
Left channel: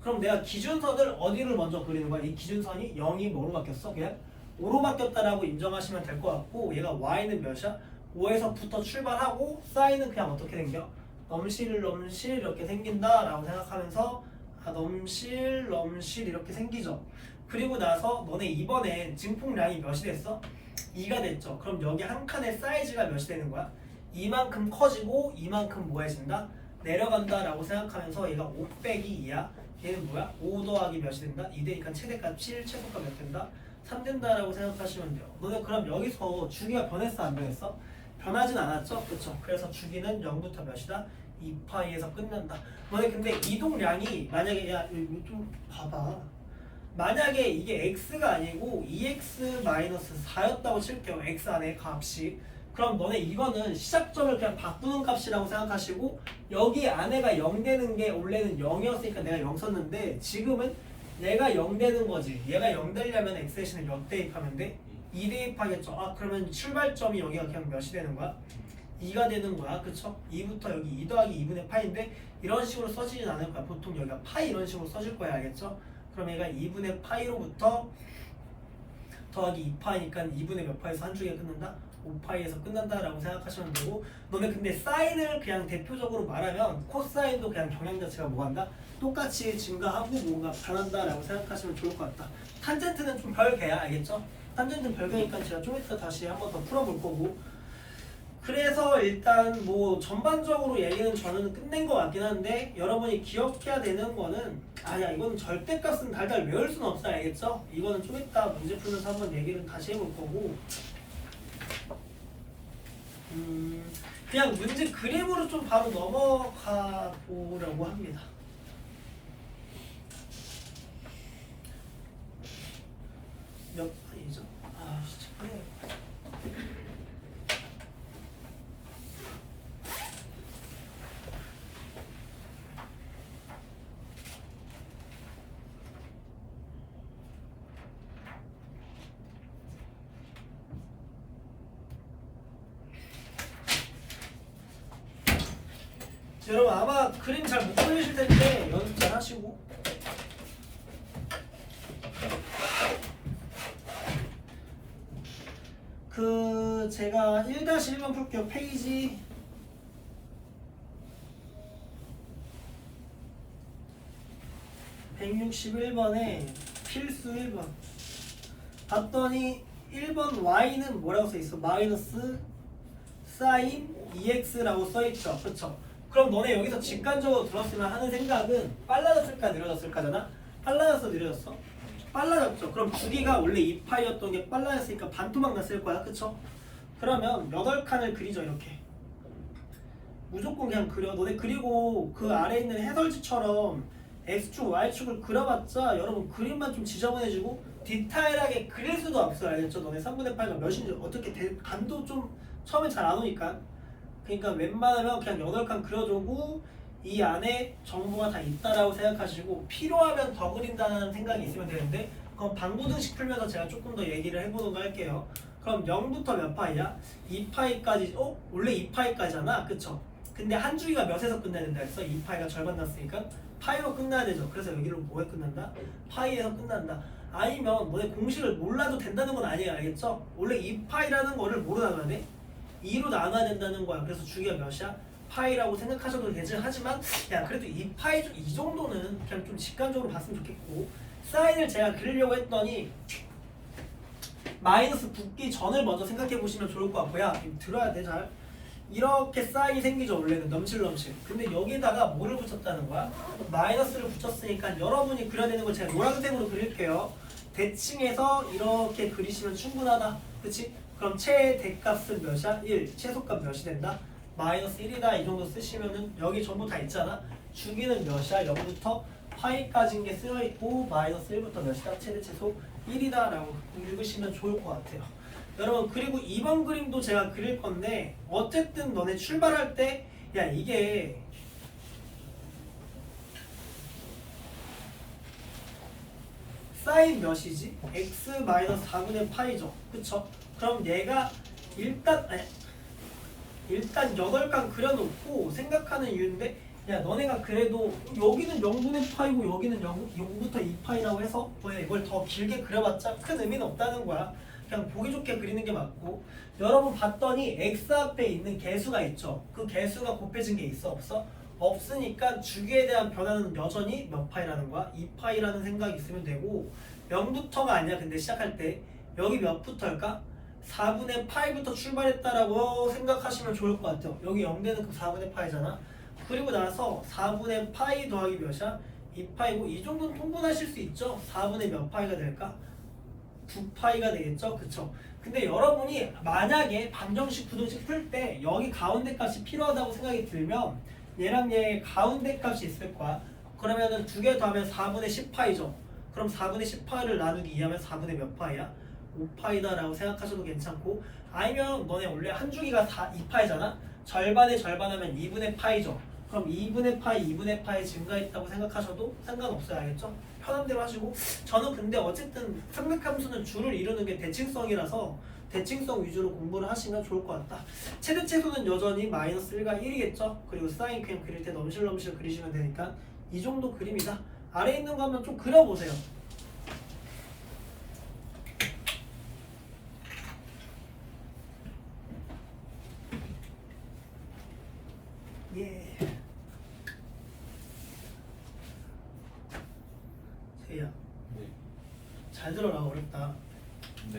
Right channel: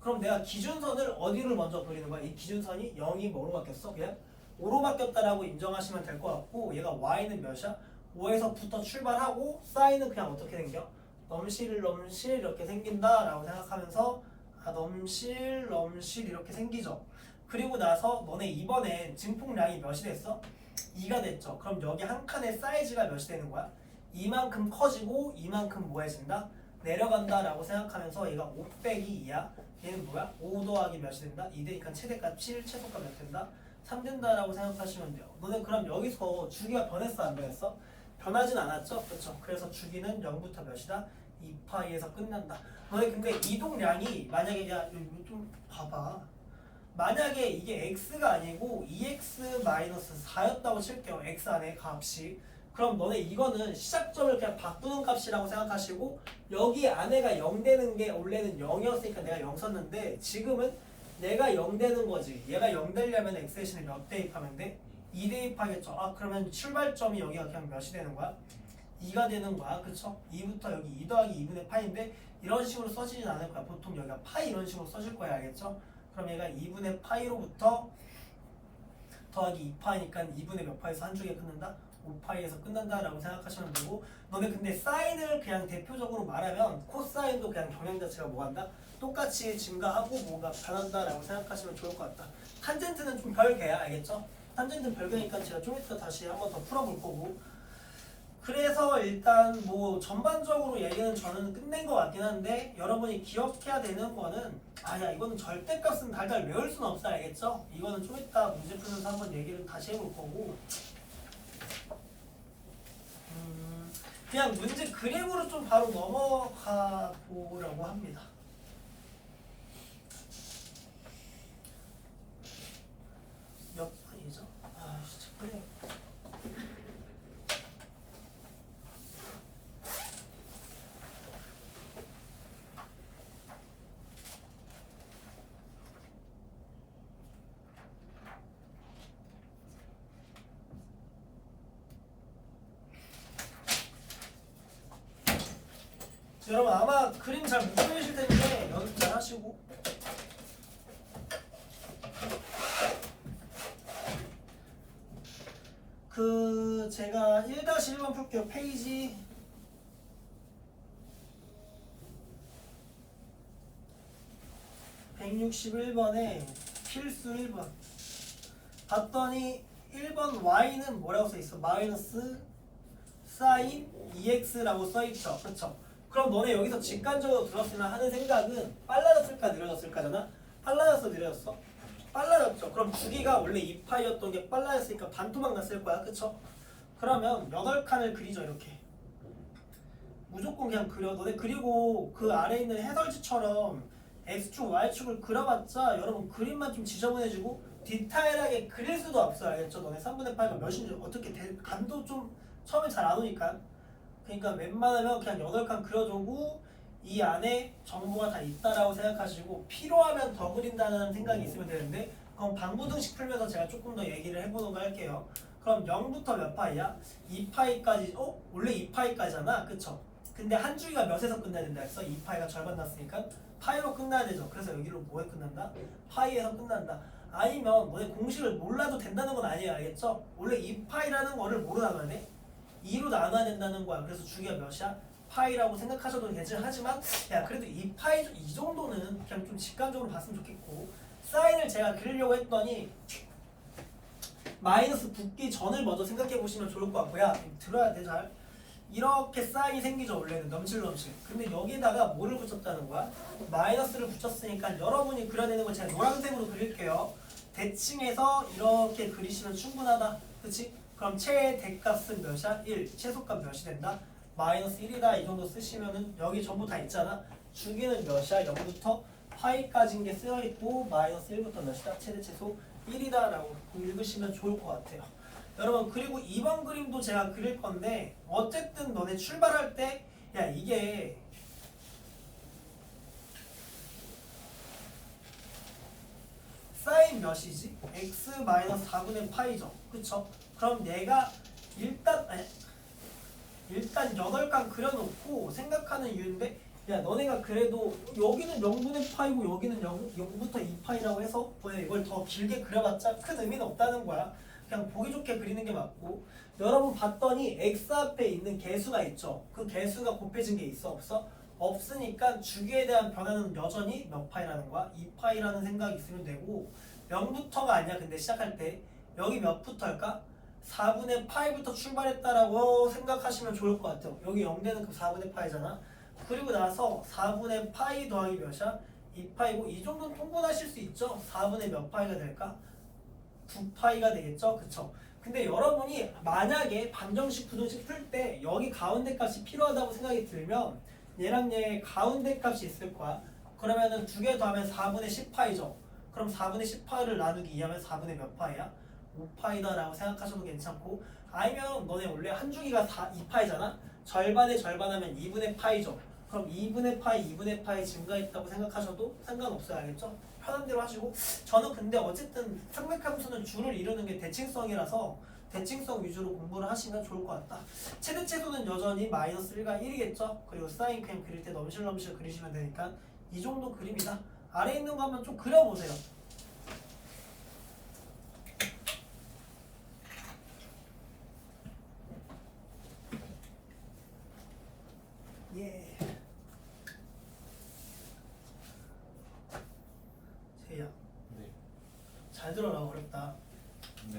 그럼 내가 기준선을 어디를 먼저 그리는 거야? 이 기준선이 0이 뭐로 바뀌었어? 그냥 5로 바뀌었다라고 인정하시면 될 것 같고 얘가 y는 몇이야? 5에서부터 출발하고 사인은 그냥 어떻게 생겨? 넘실 이렇게 생긴다라고 생각하면서 넘실 이렇게 생기죠. 그리고 나서 너네 이번에 증폭량이 몇이 됐어? 2가 됐죠. 그럼 여기 한 칸의 사이즈가 몇이 되는 거야? 이만큼 커지고 이만큼 뭐해진다? 내려간다라고 생각하면서 얘가 5 빼기 2야. 얘는 뭐야? 5 더하기 몇이 된다? 2 되니까 최대값 7, 최소값 몇 된다? 3 된다라고 생각하시면 돼요. 너네 그럼 여기서 주기가 변했어 안 변했어? 변하진 않았죠? 그렇죠. 그래서 주기는 0부터 몇이다? 2파이에서 끝난다. 너네 근데 이동량이 만약에 야 이거 좀 봐봐. 만약에 이게 x가 아니고 2x-4였다고 칠게요. x 안에 값이. 그럼 너네 이거는 시작점을 그냥 바꾸는 값이라고 생각하시고 여기 안에가 0 되는 게 원래는 0이었으니까 내가 0 썼는데 지금은 얘가 0 되는 거지. 얘가 0 되려면 x 대신에 몇 대입하면 돼? 2 대입하겠죠. 그러면 출발점이 여기가 그냥 몇이 되는 거야? 2가 되는 거야. 그쵸? 2부터 여기 2 더하기 2분의 파인데 이런 식으로 써지진 않을 거야. 보통 여기가 파이 이런 식으로 써질 거야. 알겠죠? 그럼 얘가 2분의 파이로부터 더하기 2파이니까 2분의 몇 파이에서 한 줄기가 끝난다? 5파이에서 끝난다라고 생각하시면 되고 너네 근데 사인을 그냥 대표적으로 말하면 코사인도 그냥 경향 자체가 뭐한다? 똑같이 증가하고 뭔가 변한다라고 생각하시면 좋을 것 같다. 탄젠트는 좀 별개야. 알겠죠? 탄젠트는 별개니까 제가 좀 이따 다시 한번 더 풀어볼 거고 그래서 일단 뭐 전반적으로 얘기는 저는 끝낸 것 같긴 한데 여러분이 기억해야 되는 거는 아야 이거는 절대값은 달달 외울 수는 없어 알겠죠? 이거는 좀 이따 문제 풀면서 한번 얘기를 다시 해볼 거고 그냥 문제 그림으로 좀 바로 넘어가 보려고 합니다. 몇 판이죠? 아 진짜 그래. 여러분 아마 그림 잘 못 그리실 텐데 연습 잘 하시고 그 제가 1-1번 풀게요. 페이지 161번에 필수 1번 봤더니 1번 y는 뭐라고 써있어? 마이너스 사인 2x라고 써있죠. 그쵸? 그럼 너네 여기서 직관적으로 들었으면 하는 생각은 빨라졌을까 느려졌을까잖아? 빨라졌어 느려졌어? 빨라졌죠. 그럼 주기가 원래 2파이였던 게 빨라졌으니까 반토막 났을 거야. 그쵸? 그러면 8칸을 그리죠. 이렇게 무조건 그냥 그려. 너네 그리고 그 아래에 있는 해설지처럼 X축, Y축을 그려봤자 여러분 그림만 좀 지저분해지고 디테일하게 그릴 수도 없어. 알겠죠? 너네 3분의 8가 몇인지 어떻게 감도 좀 처음에 잘 안 오니까 그러니까 웬만하면 그냥 8칸 그려두고 이 안에 정보가 다 있다라고 생각하시고 필요하면 더 그린다는 생각이 있으면 되는데 그럼 방부등식 풀면서 제가 조금 더 얘기를 해보도록 할게요. 그럼 0부터 몇 파이야? 2파이까지 원래 2파이까지잖아 그쵸? 근데 한 주기가 몇에서 끝내야 된다 했어? 2파이가 절반 났으니까 파이로 끝나야 되죠. 그래서 여기로 뭐에 끝난다? 파이에서 끝난다. 아니면 너네 공식을 몰라도 된다는 건 아니에요. 알겠죠? 원래 2파이라는 거를 뭐로 나눠야 2로 나눠야 된다는 거야. 그래서 주기가 몇이야? 파이라고 생각하셔도 되지. 하지만 야 그래도 이 정도는 그냥 좀 직관적으로 봤으면 좋겠고 사인을 제가 그리려고 했더니 마이너스 붙기 전을 먼저 생각해 보시면 좋을 것 같고요. 들어야 돼 잘. 이렇게 사인이 생기죠. 원래는 넘실. 근데 여기다가 뭐를 붙였다는 거야? 마이너스를 붙였으니까 여러분이 그려야 되는 걸 제가 노란색으로 그릴게요. 대칭해서 이렇게 그리시면 충분하다. 그치? 그럼 최대값은 몇이야? 1. 최소값 몇이 된다? 마이너스 1이다. 이 정도 쓰시면은 여기 전부 다 있잖아. 주기는 몇이야? 0부터 파이까지인 게 쓰여있고 마이너스 1부터 몇이다? 최대 최소 1이다 라고 읽으시면 좋을 것 같아요. 여러분 그리고 2번 그림도 제가 그릴 건데 어쨌든 너네 출발할 때 야 이게 사인 몇이지? x-4분의 파이죠. 그쵸? 그럼 얘가 일단 8칸 그려놓고 생각하는 이유인데 야 너네가 그래도 여기는 0분의 파이고 여기는 0부터 2파이라고 해서 왜 이걸 더 길게 그려봤자 큰 의미는 없다는 거야. 그냥 보기 좋게 그리는 게 맞고 여러분 봤더니 x 앞에 있는 개수가 있죠. 그 개수가 곱해진 게 있어 없어? 없으니까 주기에 대한 변화는 여전히 몇 파이라는 거야? 2파이라는 생각이 있으면 되고 0부터가 아니야. 근데 시작할 때 여기 몇부터일까? 4분의 파이부터 출발했다라고 생각하시면 좋을 것 같아요. 여기 0되는 그 4분의 파이잖아. 그리고 나서 4분의 파이 더하기 몇이야? 2파이고 이 정도는 통분하실 수 있죠. 4분의 몇 파이가 될까? 9파이가 되겠죠? 그쵸? 근데 여러분이 만약에 방정식 부등식 풀 때 여기 가운데 값이 필요하다고 생각이 들면 얘랑 얘 가운데 값이 있을 거야. 그러면은 두 개 더하면 4분의 10파이죠. 그럼 4분의 10파이를 나누기 2하면 4분의 몇 파이야? 5파이다 라고 생각하셔도 괜찮고 아니면 너네 원래 한 주기가 2파이잖아? 절반에 절반하면 2분의 파이죠. 그럼 2분의 파이 증가했다고 생각하셔도 상관없어요. 알겠죠? 편한 대로 하시고 저는 근데 어쨌든 상맥함수는 줄을 이루는 게 대칭성이라서 대칭성 위주로 공부를 하시면 좋을 것 같다. 최대 최소는 여전히 마이너스 1과 1이겠죠? 그리고 사인 그냥 그릴 때 넘실넘실 그리시면 되니까 이 정도 그림이다. 아래에 있는 거 한번 좀 그려보세요. 예. 세야. 네. 잘 들어라. 어렵다. 네.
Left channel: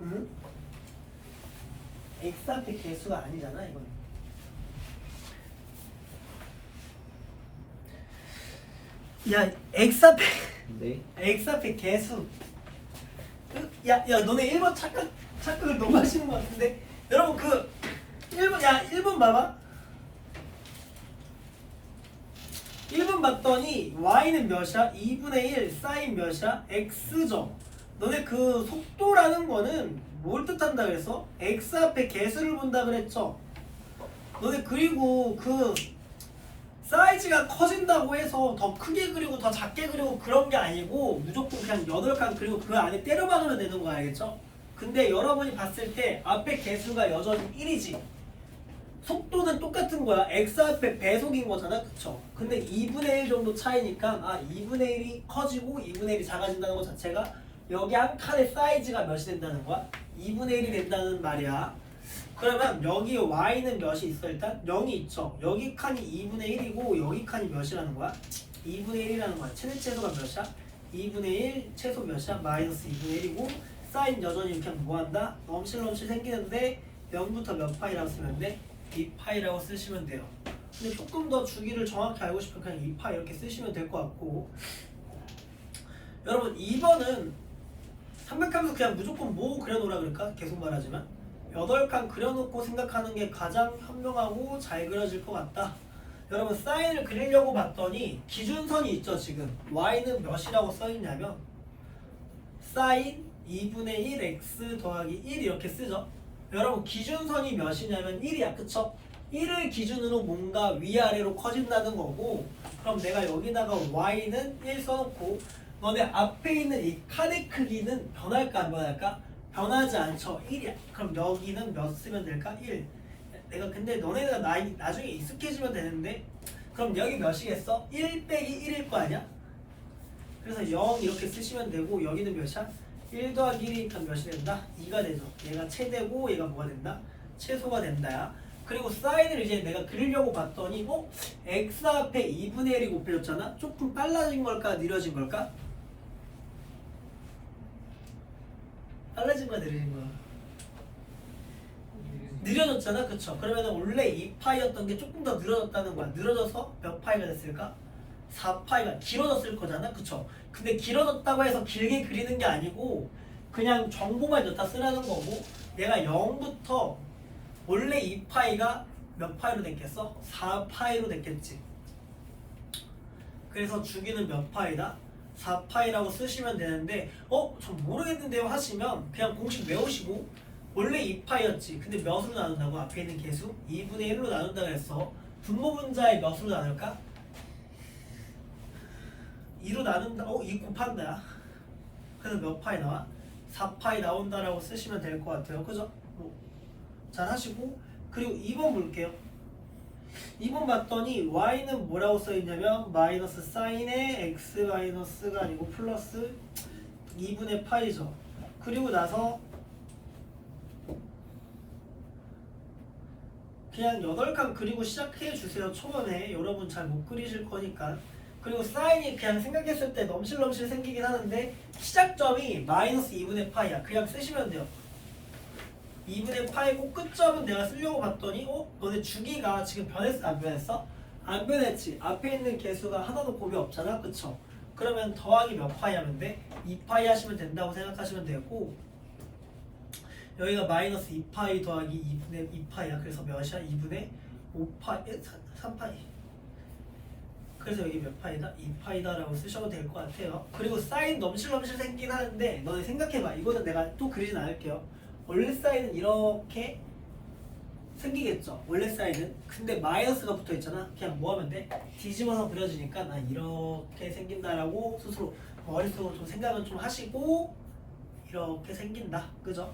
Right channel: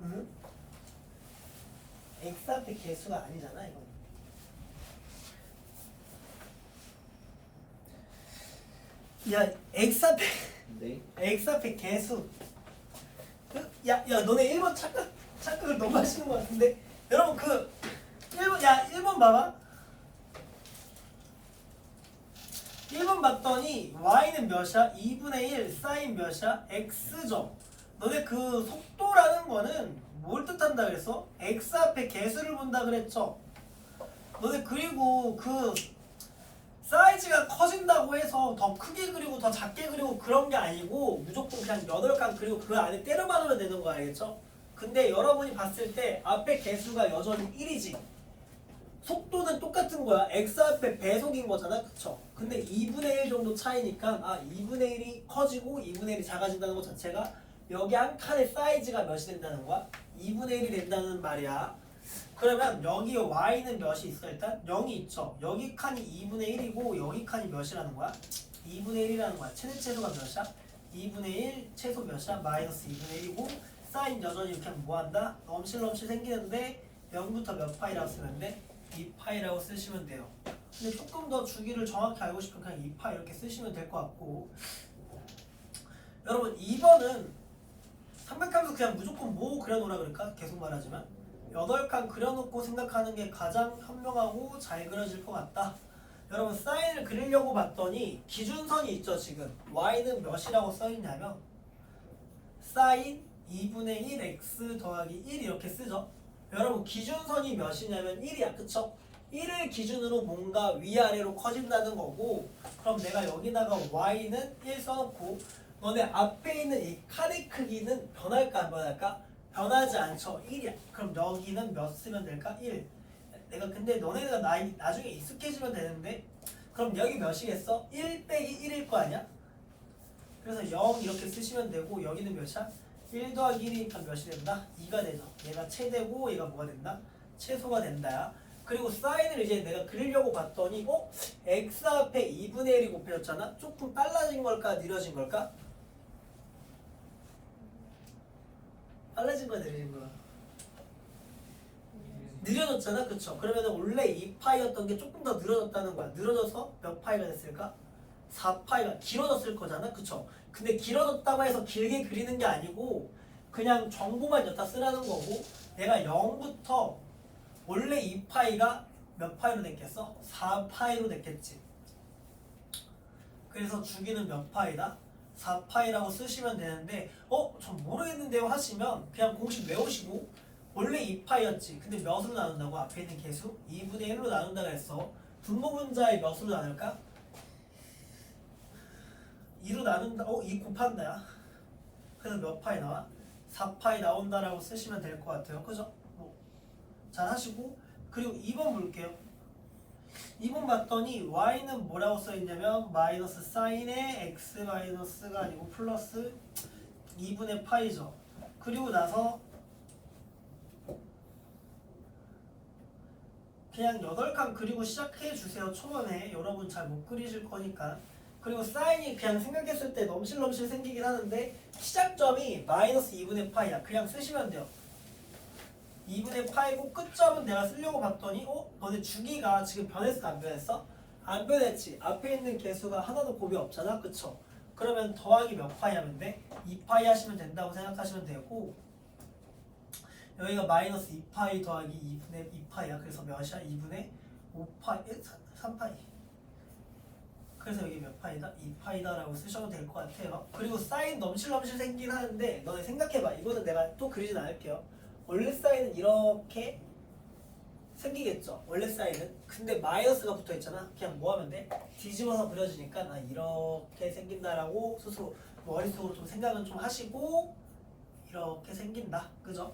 응? x 앞에 개수가 아니잖아 이건. 야 x 앞에 네. x 앞에 개수. 야 너네 1번 착각을 너무 하시는 것 같은데. 여러분 그 1번 봐봐. 1번 봤더니 y는 몇이야? 2분의 1 사인 몇이야? x죠. 너네 그 속도라는 거는 뭘 뜻한다 그랬어? x 앞에 개수를 본다 그랬죠. 너네 그리고 그 사이즈가 커진다고 해서 더 크게 그리고 더 작게 그리고 그런 게 아니고 무조건 그냥 8칸 그리고 그 안에 때려만 넣으면 되는 거 알겠죠? 근데 여러분이 봤을 때 앞에 개수가 여전히 1이지. 속도는 똑같은 거야. x 앞에 배속인 거잖아. 그쵸? 근데 2분의 1 정도 차이니까 2분의 1이 커지고 2분의 1이 작아진다는 것 자체가 여기 한 칸의 사이즈가 몇이 된다는 거야? 2분의 1이 된다는 말이야. 그러면 여기 y는 몇이 있어? 일단 0이 있죠. 여기 칸이 2분의 1이고 여기 칸이 몇이라는 거야? 2분의 1이라는 거야. 최대 채소가 몇이야? 2분의 1 채소 몇이야? 마이너스 2분의 1이고 사인 여전히 이렇게 하면 뭐한다? 넘실넘실 생기는데 0부터 몇 파이라고 쓰면 돼? 2파이라고 쓰시면 돼요. 근데 조금 더 주기를 정확히 알고 싶으면 그냥 2파 이렇게 쓰시면 될 것 같고, 여러분 2번은 삼각함수 그냥 무조건 뭐 그려놓으라 그럴까? 계속 말하지만 8칸 그려놓고 생각하는 게 가장 현명하고 잘 그려질 것 같다. 여러분 사인을 그리려고 봤더니 기준선이 있죠. 지금 y는 몇이라고 써있냐면 사인 2분의 1 x 더하기 1 이렇게 쓰죠. 여러분 기준선이 몇이냐면 1이야. 그쵸? 1을 기준으로 뭔가 위아래로 커진다는 거고, 그럼 내가 여기다가 y는 1 써놓고 너네 앞에 있는 이 칸의 크기는 변할까 안 변할까? 변하지 않죠. 1이야. 그럼 여기는 몇 쓰면 될까? 1. 내가 근데 너네가 나중에 익숙해지면 되는데, 그럼 여기 몇이겠어? 1 빼기 1일 거 아니야? 그래서 0 이렇게 쓰시면 되고, 여기는 몇이야? 1 더하기 1이니까 몇이 된다? 2가 되죠. 얘가 최대고 얘가 뭐가 된다? 최소가 된다야. 그리고 사인을 이제 내가 그리려고 봤더니 x 앞에 2분의 1이 곱해졌잖아? 조금 빨라진 걸까? 느려진 걸까? 빨라진 거야? 느려진 거야? 느려졌잖아? 그쵸? 그러면 원래 2파이였던 게 조금 더 늘어졌다는 거야. 늘어져서 몇 파이가 됐을까? 4파이가 길어졌을 거잖아. 그쵸? 근데 길어졌다고 해서 길게 그리는 게 아니고 그냥 정보만 여기다 쓰라는 거고, 얘가 0부터 원래 2파이가 몇 파이로 됐겠어? 4파이로 됐겠지. 그래서 주기는 몇 파이다? 4파이라고 쓰시면 되는데 전 모르겠는데요 하시면 그냥 공식 외우시고, 원래 2파이였지. 근데 몇으로 나눈다고? 앞에 있는 개수? 2분의 1로 나눈다 그랬어. 분모 분자의 몇으로 나눌까? 2로 나눈다. 2 곱한다야. 그래서 몇 파이 나와? 4파이 나온다라고 쓰시면 될 것 같아요. 그죠? 잘 하시고, 그리고 2번 볼게요. 2번 봤더니 y는 뭐라고 써있냐면 마이너스 사인의 x 마이너스가 아니고 플러스 2분의 파이죠. 그리고 나서 그냥 8칸 그리고 시작해 주세요. 초반에 여러분 잘 못 그리실 거니까. 그리고 사인이 그냥 생각했을 때 넘실넘실 생기긴 하는데 시작점이 마이너스 2분의 파이야. 그냥 쓰시면 돼요. 2분의 파이고 끝점은 내가 쓰려고 봤더니 너네 주기가 지금 변했어 안 변했어? 안 변했지. 앞에 있는 개수가 하나도 곱이 없잖아. 그쵸? 그러면 더하기 몇 파이 하면 돼? 2파이 하시면 된다고 생각하시면 되고, 여기가 마이너스 2파이 더하기 2분의 2파이야. 그래서 몇이야? 2분의 5파이? 3파이. 그래서 여기 몇 파이다? 2파이다 라고 쓰셔도 될 것 같아요. 그리고 사인 넘실넘실 생기긴 하는데 너네 생각해봐. 이거는 내가 또 그리진 않을게요. 원래 사인은 이렇게 생기겠죠. 원래 사인은. 근데 마이너스가 붙어 있잖아. 그냥 뭐 하면 돼? 뒤집어서 그려지니까 이렇게 생긴다라고 스스로 머릿속으로 좀 생각은 좀 하시고, 이렇게 생긴다. 그죠?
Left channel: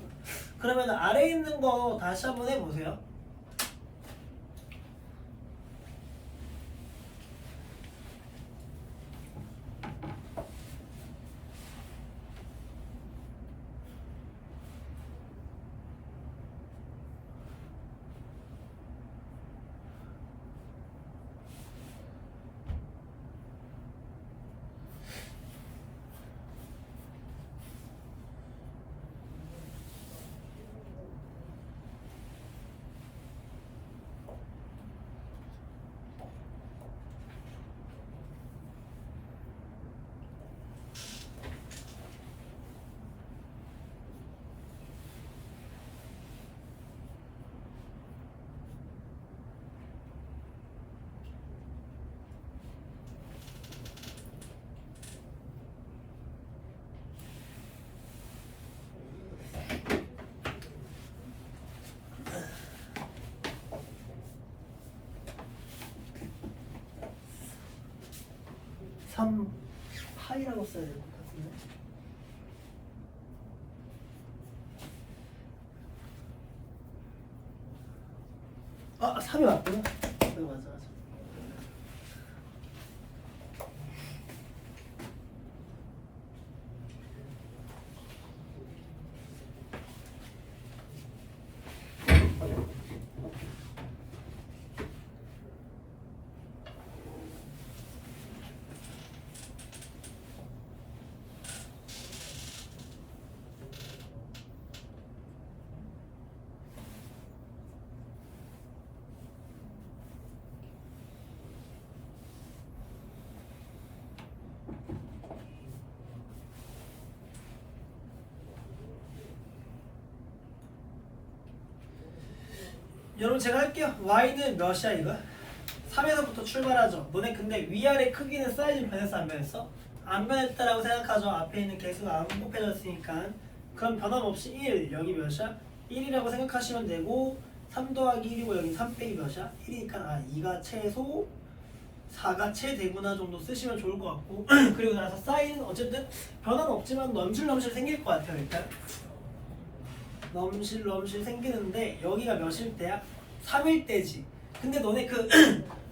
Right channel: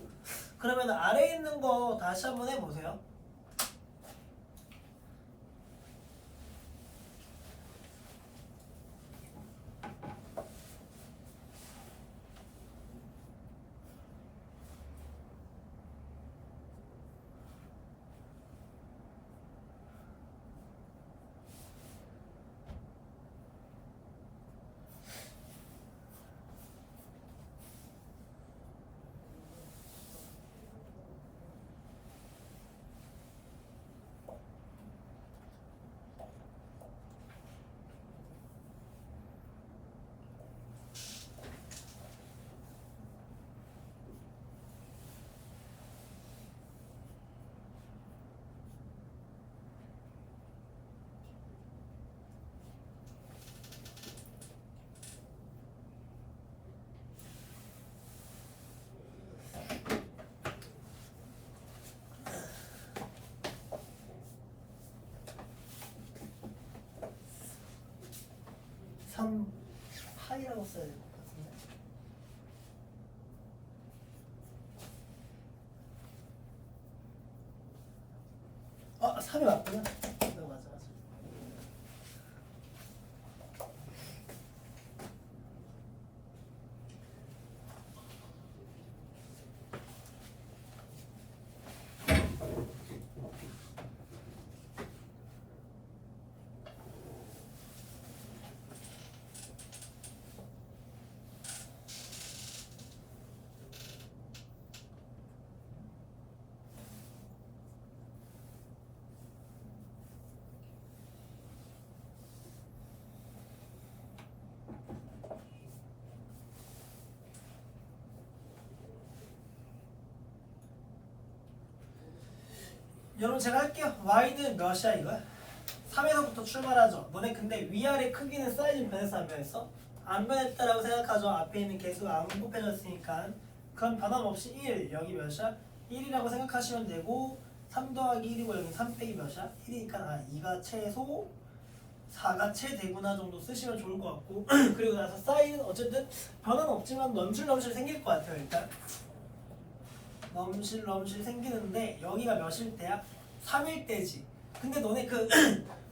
그러면 아래에 있는 거 다시 한번 해보세요. 3파이라고 써야 될 것 같은데. 아, 3이 맞구나. 네, 맞아. 여러분 제가 할게요. y는 몇이야 이거? 3에서부터 출발하죠. 너네 근데 위아래 크기는 사이즈는 변했어 안 변했어? 안 변했다라고 생각하죠. 앞에 있는 개수가 안 곱해졌으니까. 그럼 변함없이 1 여기 몇이야? 1이라고 생각하시면 되고 3 더하기 1이고 여기 3 빼기 몇이야? 1이니까 2가 최소 4가 최대구나 정도 쓰시면 좋을 것 같고 그리고 나서 사인은 어쨌든 변화는 없지만 넘실넘실 생길 것 같아요. 일단 넘실넘실 생기는데 여기가 몇일 때야? 3일 때지. 근데 너네 그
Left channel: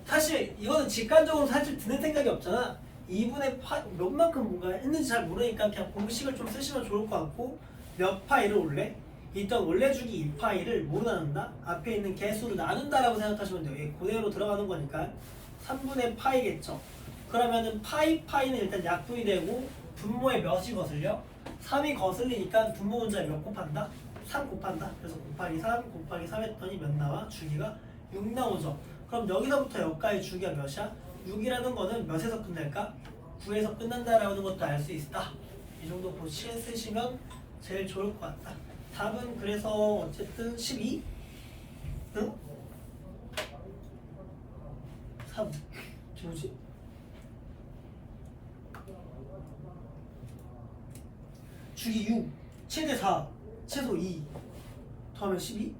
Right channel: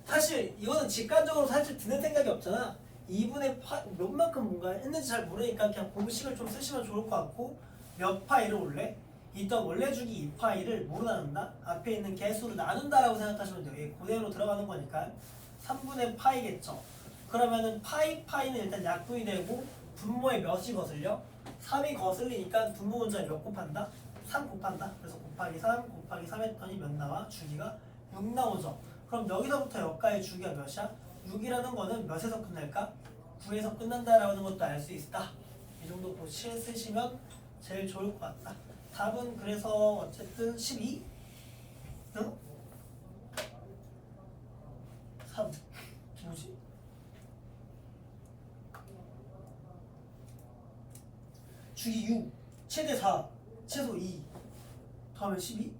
사실 이거는 직관적으로 사실 드는 생각이 없잖아. 2분의 몇 만큼 뭔가 했는지 잘 모르니까 그냥 공식을 좀 쓰시면 좋을 것 같고 몇 파이를 올래? 일단 원래 주기 2파이를 뭐로 나눈다? 앞에 있는 개수로 나눈다라고 생각하시면 돼요. 이게 그대로 들어가는 거니까 3분의 파이겠죠. 그러면은 파이는 일단 약분이 되고 분모에 몇이 거슬려? 3이 거슬리니까 분모 문자에 몇 곱한다? 3 곱한다. 그래서 곱하기 3 곱하기 3 했더니 몇 나와? 주기가 6 나오죠. 그럼 여기서부터 여기까지 주기가 몇이야? 6이라는 거는 몇에서 끝날까? 9에서 끝난다라는 것도 알 수 있다. 이 정도 보시 쓰시면 제일 좋을 것 같다. 답은 그래서 어쨌든 12? 응? 3 뭐지? 주기 6 최대 4 최소 2 더하면 12?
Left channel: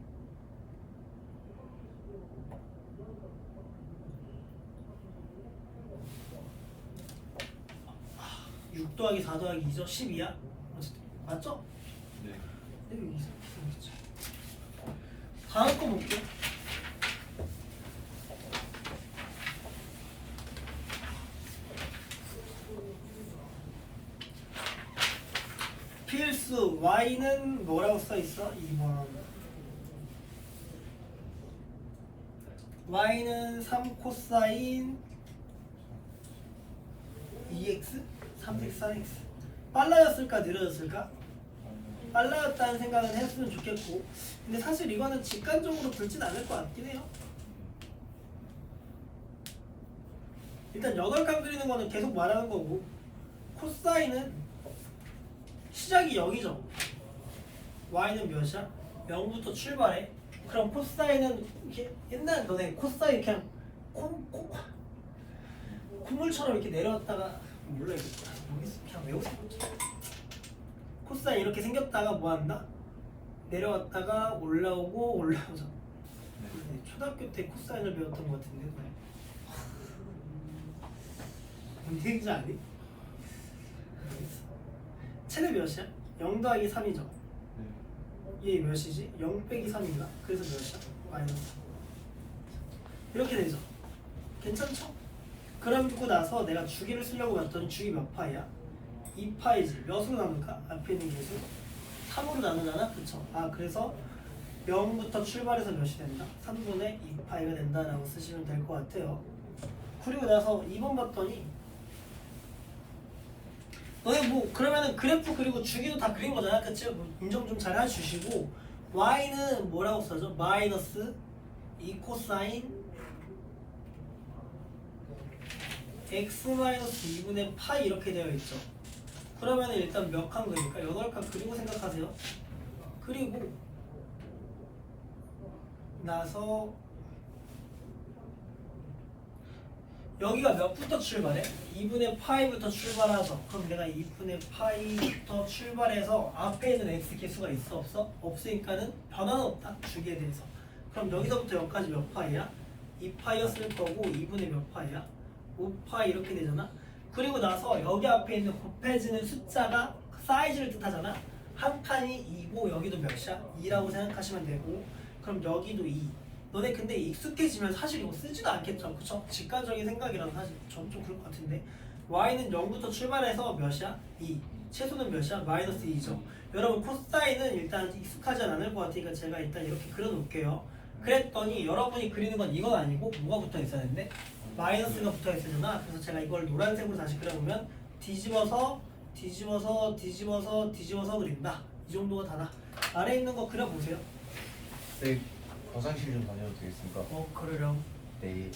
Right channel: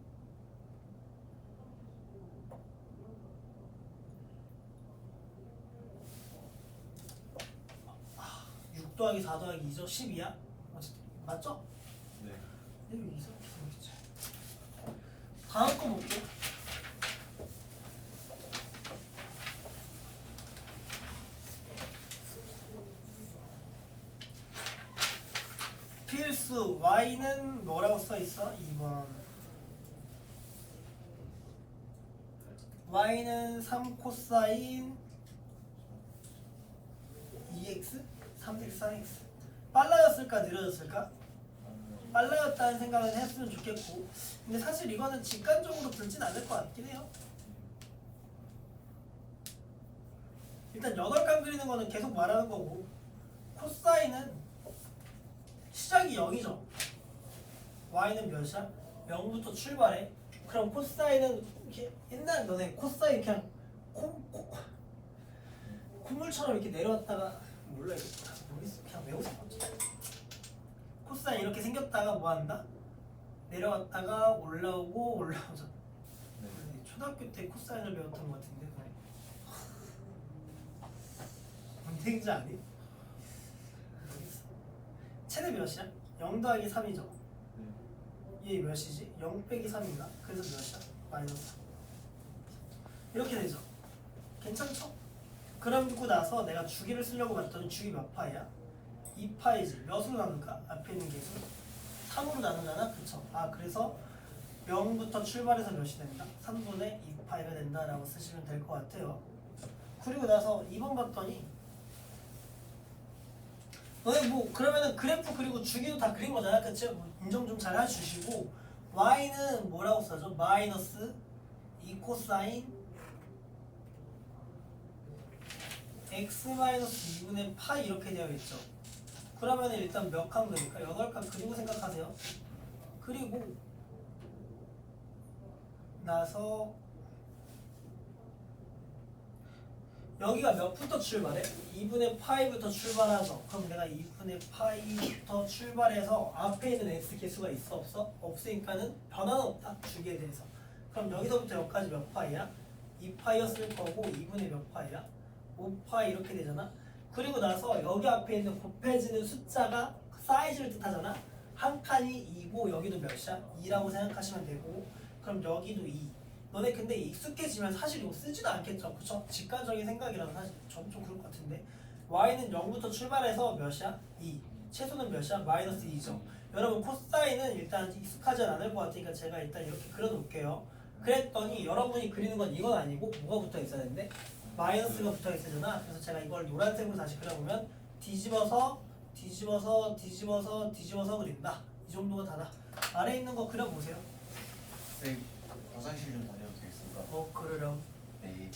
6 더하기 4 더하기 2죠? 12야? 맞죠? 네. 이거 이상하게 생겼지. 다음 거 볼게. 필수 y는 뭐라고 써 있어? 2번. y는 3 코사인 2x 3x 4x. 빨라졌을까 느려졌을까? 빨라졌다는 생각은 했으면 좋겠고, 근데 사실 이거는 직관적으로 들진 않을 것 같긴 해요. 일단 8칸 그리는 거는 계속 말하는 거고, 코사인은 시작이 0이죠. y는 몇이야? 0부터 출발해. 그럼 코사인은 이렇게 옛날 너네 코사인 그냥 콧물처럼 이렇게 내려왔다가 몰라 이거 모르겠어. 그냥 외우세요. 코사인 이렇게 생겼다가 뭐 한다? 내려왔다가 올라오고 올라오죠. 네. 초등학교 때 코사인을 배웠던 것 같은데. 뭔 얘기인지 아니? 최대 몇이야? 0 더하기 3이죠. 얘 몇이지? 0 빼기 3인가? 그래서 몇이야? 마이너스 3. 이렇게 되죠. 괜찮죠? 그러고 나서 내가 주기를 쓰려고 봤더니 주기 몇 파이야? 2파이지. 몇으로 나눌까? 앞에 있는 개수 3으로 나누잖아? 그쵸? 그래서 0부터 출발해서 몇이 된다? 3분의 2파이가 된다라고 쓰시면 될 것 같아요. 그리고 나서 2번 봤더니 너네 뭐 그러면은 그래프 그리고 주기도 다 그린 거잖아. 그치? 뭐 인정 좀 잘 해주시고 y는 뭐라고 써죠? 마이너스 2 코사인 x 마이너스 2분의 파이 이렇게 되어 있죠. 그러면 일단 몇 칸 그릴까? 8칸 그리고 생각하세요. 그리고 나서 여기가 몇부터 출발해? 2분의 파이부터 출발하죠. 그럼 내가 2분의 파이부터 출발해서 앞에 있는 x 개수가 있어? 없어? 없으니까는 변화는 없다. 주기에 대해서. 그럼 여기서부터 여기까지 몇 파이야? 2파이였을 거고 2분의 몇 파이야? 5파이 이렇게 되잖아. 그리고 나서 여기 앞에 있는 곱해지는 숫자가 사이즈를 뜻하잖아. 한 칸이 2고 여기도 몇이야? 2라고 생각하시면 되고 그럼 여기도 2. 너네 근데 익숙해지면 사실 이거 쓰지도 않겠죠, 그쵸? 직관적인 생각이라서 사실 좀 그럴 것 같은데 y는 0부터 출발해서 몇이야? 2. 최소는 몇이야? 마이너스 2죠. 여러분 코사인은 일단 익숙하지 않을 것 같으니까 제가 일단 이렇게 그려놓을게요. 그랬더니 여러분이 그리는 건 이건 아니고 뭐가 붙어 있어야 되는데? 마이너스가 붙어 있어야 그래서 제가 이걸 노란색으로 다시 그려보면 뒤집어서 그린다. 이 정도가 다다. 아래에 있는 거 그려보세요. 네, 화장실 좀 다녀도 되겠습니까? 그러렴. 네.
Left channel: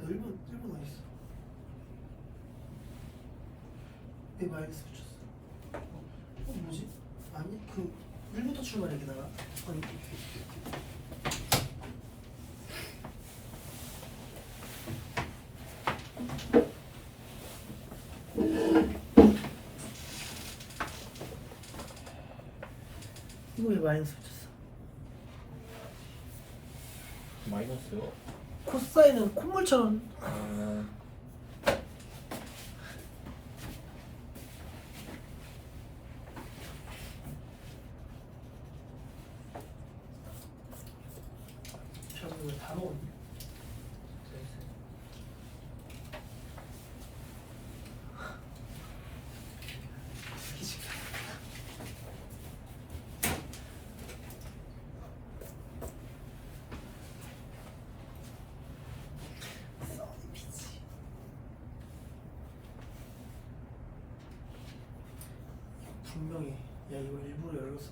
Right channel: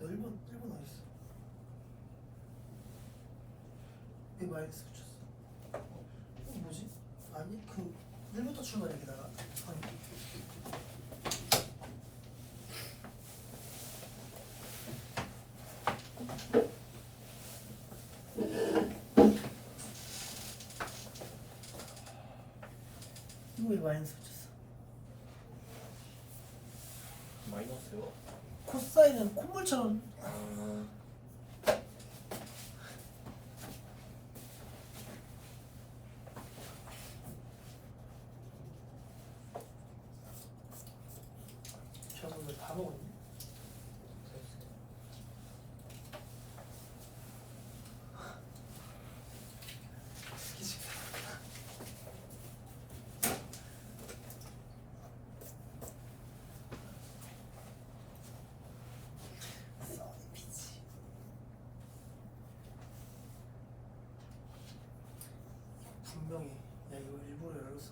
너 1번 어디 있어? 내 마이너스 붙였어. 뭐지? 아니 1부터 출발해 게다가. 아니. 이거 왜 마이너스 붙였어? 마이너스요? 코사인은 콧물처럼. 저거 왜 다 먹었니? 분명히 야 이거 일부러 열었어.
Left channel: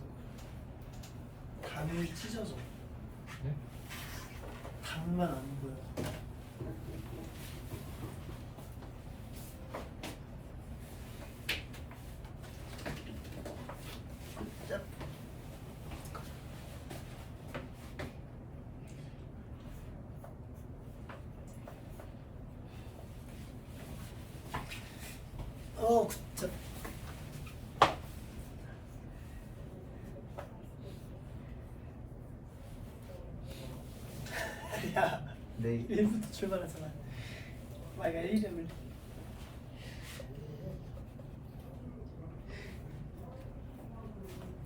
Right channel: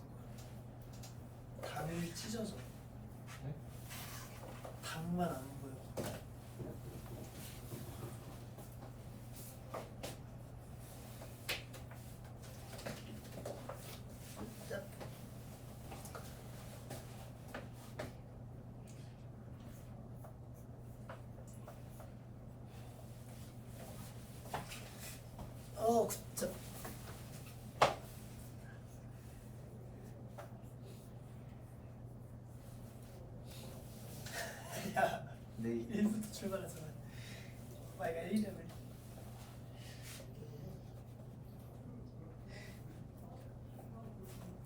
당이 찢어져. 네? 당만 안 보여. 짭. 진짜. 야, 네. 1부터 출발하잖아. 마이가 1점을.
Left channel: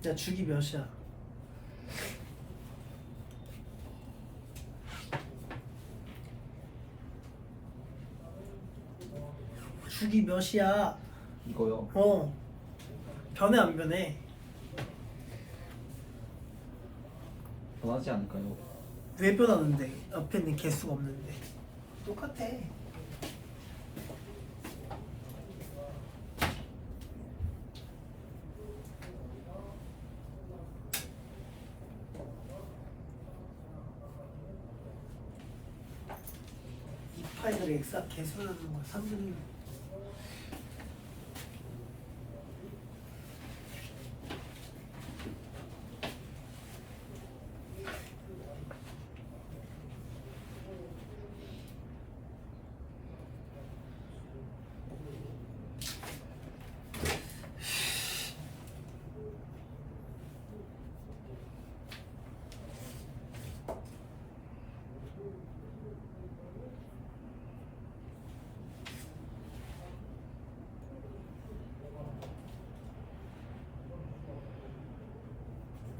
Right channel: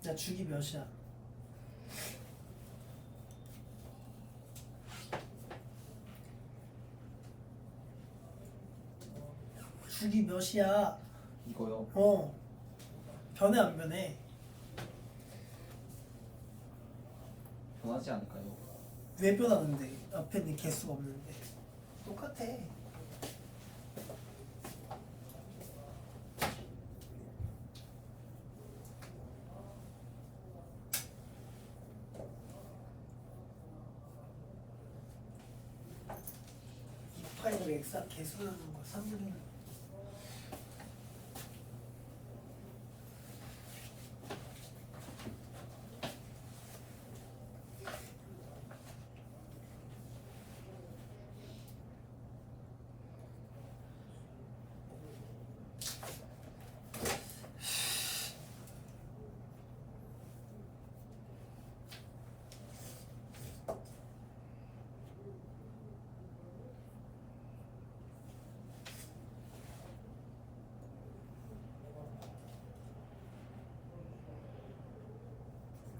야, 주기 몇이야? 주기 몇이야? 이거요? 변해 안 변해? 변하지 않을까요? 왜 변하는데? 옆에 있는 개수가 없는데. 똑같아. 이 파이를 엑사 계산하는 거야. 3분의 1.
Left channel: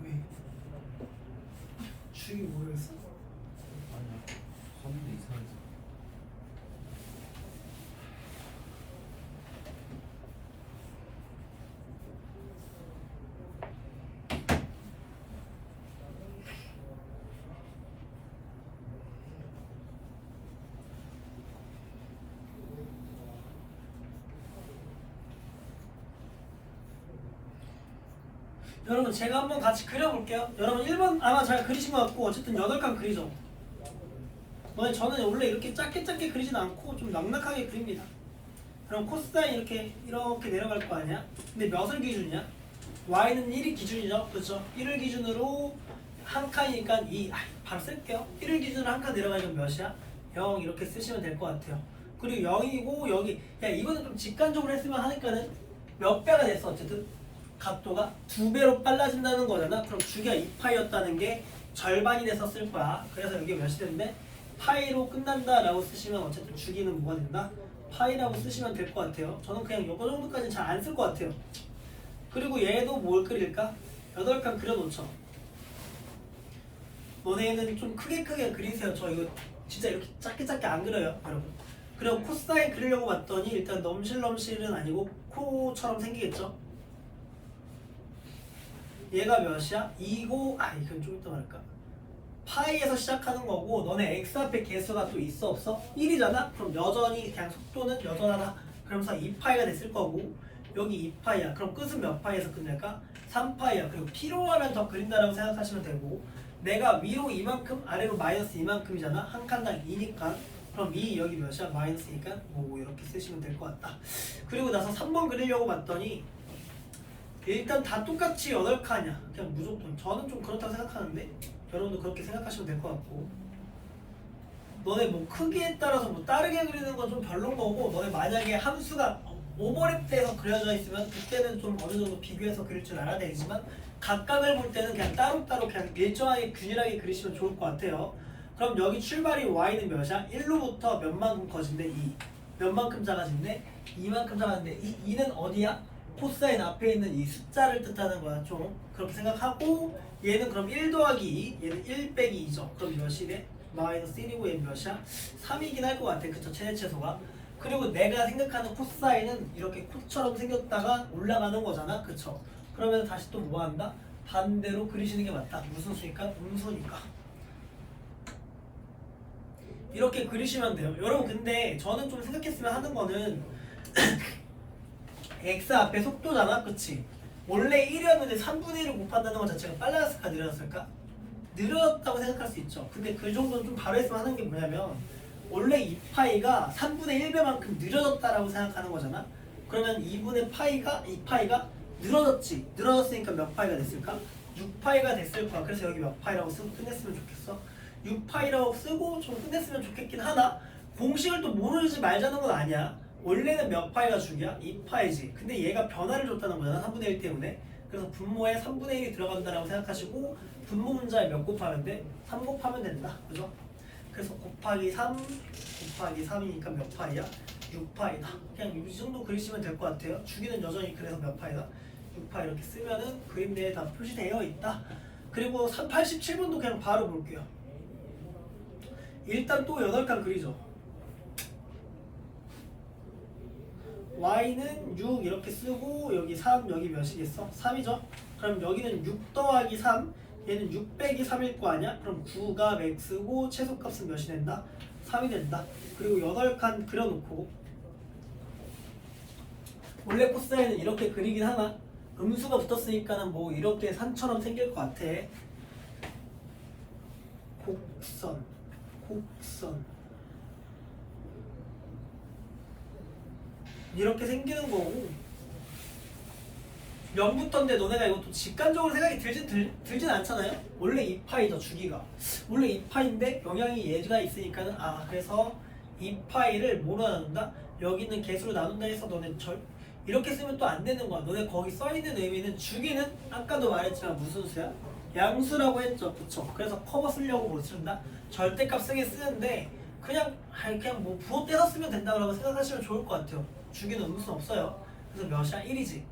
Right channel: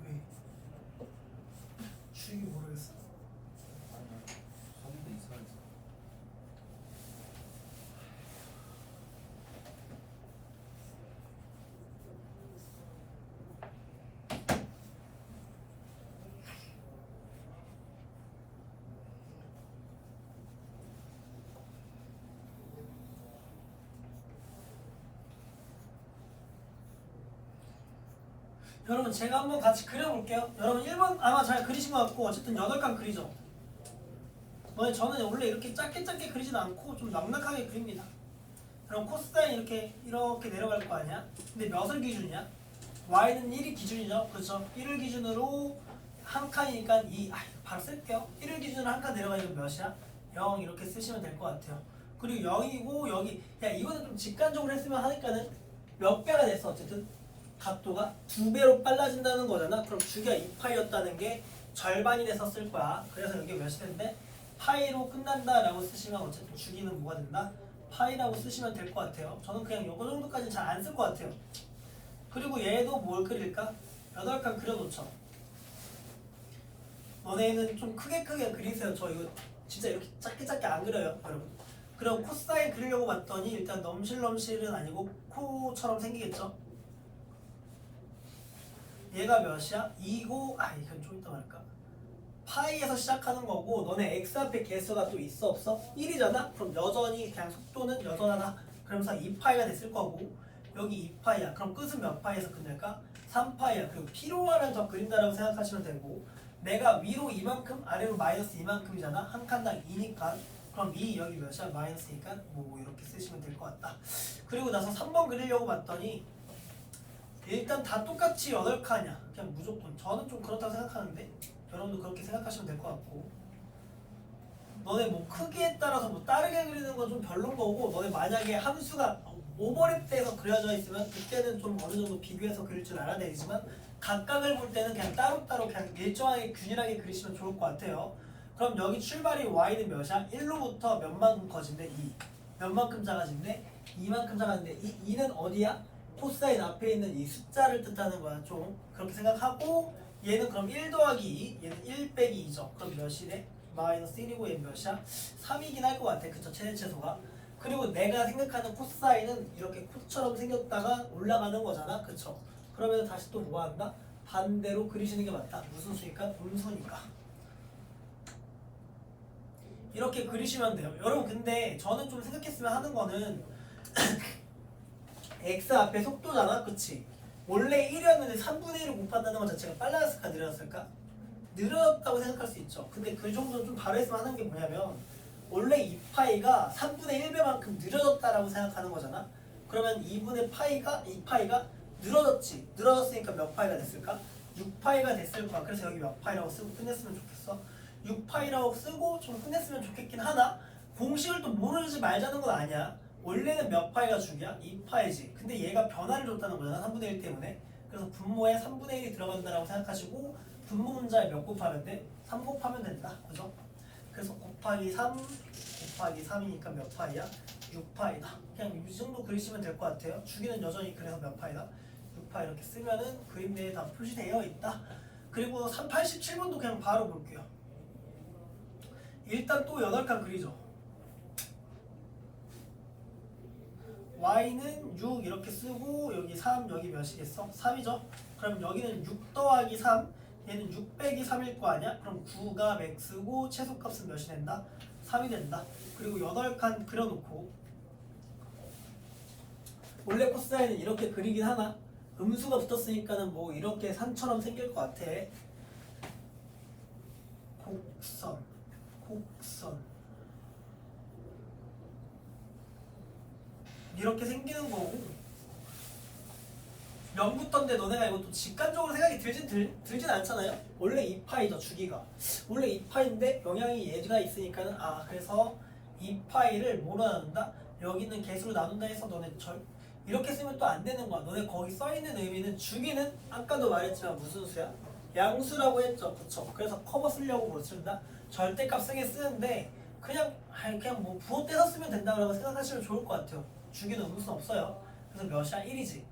왜? 주익이 모르겠어? 아니야. 3분 이상해서. 여러분 제가 한번 같이 그려볼게요. 여러분 1번 아마 잘 그리신 것 같고 어쨌든 8칸 그리죠. 저는 원래 이렇게 짧게 그리진 않고 좀 넉넉하게 그립니다. 그럼 코사인 이렇게 내려갈 거 아니야? 근데 몇을 기준이냐? y는 1이 기준이죠. 그렇죠? 1을 기준으로 한 칸이니까 2. 바로 쓸게요. 1을 기준으로 한 칸 내려가니까 몇이야? 0 이렇게 쓰시면 될 것 같아요. 그리고 0이고 여기 야 이거는 좀 직관적으로 했으면 하니까는 몇 배가 됐어 어쨌든 각도가 2배로 빨라진다는 거잖아. 그럼 주기가 2파이였다는 게 절반이 돼서 쓸 거야. 그래서 여기 몇이 된대? 파이로 끝난다 라고 쓰시면 어쨌든 주기는 뭐가 된다? 파이라고 쓰시면 될 것 같아요. 저는 그냥 요거 정도까지는 잘 안 쓸 것 같아요. 그리고 얘도 뭘 그릴까? 8칸 그려놓죠. 너네는 좀 크게 그리세요. 저 이거 진짜 이렇게 짧게 안 그려요 여러분. 그리고 코사인 그리려고 봤더니 일단 넘실넘실은 아니고 코처럼 생기겠죠. 얘가 몇이야? 2고 이건 좀 이따 말할까? 파이에서 시작하는 거고 너네 x 앞에 개수가 또 있어 없어? 1이잖아? 그럼 여전히 그냥 속도는 여전하다. 그러면서 2파이가 됐을 거고 여기 2파이야. 그럼 끝은 몇 파이에서 끝낼까? 3파이야. 그리고 필요하면 더 그린다라고 생각하시면 되고 내가 위로 이만큼 아래로 마이너스 이만큼이잖아? 한 칸당 2니까 그럼 2 여기 몇이야? 마이너스니까 뭐 이렇게 쓰시면 될 것 같다. 그리고 나서 3번 그리려고 봤더니 일단 다 똑같이 8칸이야. 그냥 무조건. 저는 좀 그렇다고 생각하는데 여러분도 그렇게 생각하시면 될 것 같고 너네 뭐 크기에 따라서 뭐 다르게 그리는 건 좀 별론 거고 너네 만약에 함수가 오버랩돼서 그려져 있으면 그때는 좀 어느 정도 비교해서 그릴 줄 알아야 되지만 각각을 볼 때는 그냥 따로따로 그냥 일정하게 균일하게 그리시면 좋을 것 같아요. 그럼 여기 출발이 y는 몇이야? 1로부터 몇만큼 커진대? 2. 몇만큼 작아진대? 2만큼 작아진대. 이 2는 어디야? 코사인 앞에 있는 이 숫자를 뜻하는 거야. 좀 그렇게 생각하고 얘는 그럼 1 더하기 2 얘는 1 빼기 2죠. 그럼 몇이래? 마이너스 1이고 얘는 몇이야? 3이긴 할 것 같아. 그쵸? 최대최소가. 그리고 내가 생각하는 코사인은 이렇게 코처럼 생겼다가 올라가는 거잖아. 그쵸? 그러면 다시 또 뭐 한다? 반대로 그리시는 게 맞다. 무슨 수니까? 음수니까. 이렇게 그리시면 돼요. 여러분 근데 저는 좀 생각했으면 하는 거는 x 앞에 속도잖아. 그치? 원래 1이었는데 3분의 1을 곱한다는 것 자체가 빨라졌을까 느려졌을까? 느렸다고 생각할 수 있죠. 근데 그 정도는 좀 바로 했으면 하는 게 뭐냐면 원래 2파이가 3분의 1배만큼 느려졌다라고 생각하는 거잖아. 그러면 2파이가 늘어졌지. 늘어졌으니까 몇 파이가 됐을까? 6파이가 됐을 거야. 그래서 여기 몇 파이라고 쓰고 끝냈으면 좋겠어. 6파이라고 쓰고 좀 끝냈으면 좋겠긴 하다. 공식을 또 모르지 말자는 건 아니야. 원래는 몇 파이가 주기야? 2파이지. 근데 얘가 변화를 줬다는 거잖아. 3분의 1 때문에. 그래서 분모에 3분의 1이 들어간다라고 생각하시고 분모 문자에 몇 곱하면 돼? 3 곱하면 된다. 그죠? 그래서 곱하기 3 곱하기 3이니까 몇 파이야? 6파이다. 그냥 이 정도 그리시면 될 것 같아요. 주기는 여전히 그래서 몇 파이다? 6파 이렇게 쓰면은 그림 내에 다 표시되어 있다. 그리고 87번도 그냥 바로 볼게요. 일단 또 8칸 그리죠. y는 6 이렇게 쓰고 여기 3 여기 몇이겠어? 3이죠? 그럼 여기는 6 더하기 3 얘는 6 빼기 3일 거 아니야? 그럼 9가 맥스고 최소값은 몇이 된다? 3이 된다. 그리고 8칸 그려놓고 원래 코사인은 이렇게 그리긴 하나 음수가 붙었으니까는 뭐 이렇게 산처럼 생길 것 같아. 곡선 이렇게 생기는 거고 0부터인데 너네가 이것도 직관적으로 생각이 들진 않잖아요. 원래 2파이죠 주기가. 원래 2파인데 영향이 얘가 있으니까는 그래서 2파이를 뭐로 나눈다? 여기 있는 개수로 나눈다 해서 너네 이렇게 쓰면 또 안 되는 거야. 너네 거기 써있는 의미는 주기는 아까도 말했지만 무슨 수야? 양수라고 했죠. 그쵸? 그래서 커버 쓰려고 못 쓴다? 절대값 쓰게 쓰는데 그냥 뭐 부호 떼서 쓰면 된다고 생각하시면 좋을 것 같아요. 주기는 음수는 없어요. 그래서 몇이야? 1이지.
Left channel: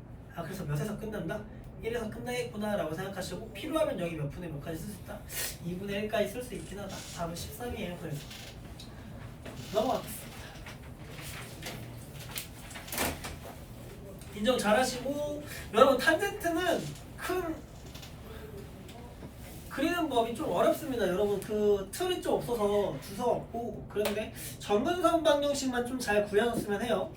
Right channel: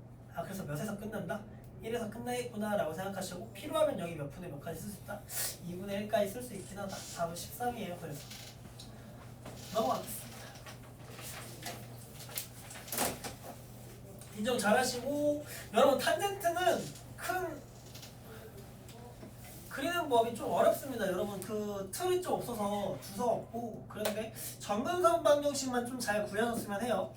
그래서 몇에서 끝난다? 1에서 끝나겠구나 라고 생각하시고 필요하면 여기 몇 분의 몇까지 쓸 수 있다? 2분의 1까지 쓸 수 있긴 하다. 답은 13이에요. 그래서 넘어가겠습니다. 인정 잘하시고 여러분 탄젠트는 큰 그리는 법이 좀 어렵습니다. 여러분 그 틀이 좀 없어서 주석 없고 그런데 정근선 방정식만 좀 잘 구해줬으면 해요.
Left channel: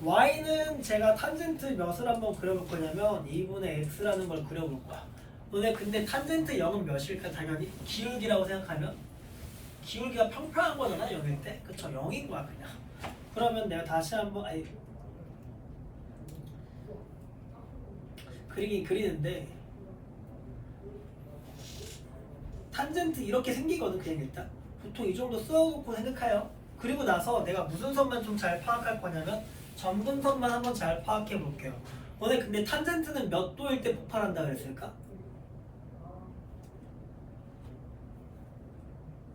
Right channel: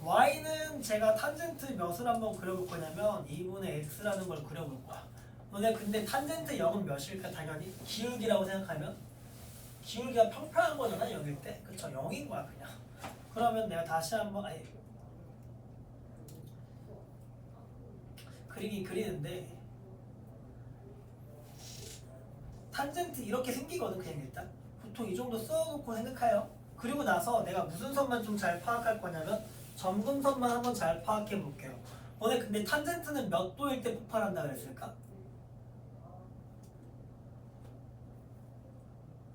y는 제가 탄젠트 몇을 한번 그려볼 거냐면 2분의 x라는 걸 그려볼 거야. 너네 근데 탄젠트 0은 몇일까? 당연히 기울기라고 생각하면 기울기가 평평한 거잖아 0일 때. 그쵸? 0인 거야 그냥. 그러면 내가 다시 한번 그리는데 탄젠트 이렇게 생기거든 그냥 일단. 보통 이 정도 써놓고 생각해요. 그리고 나서 내가 무슨 선만 좀 잘 파악할 거냐면 점근선만 한번 잘 파악해 볼게요. 너네 근데 탄젠트는 몇 도일 때 폭발한다 그랬을까?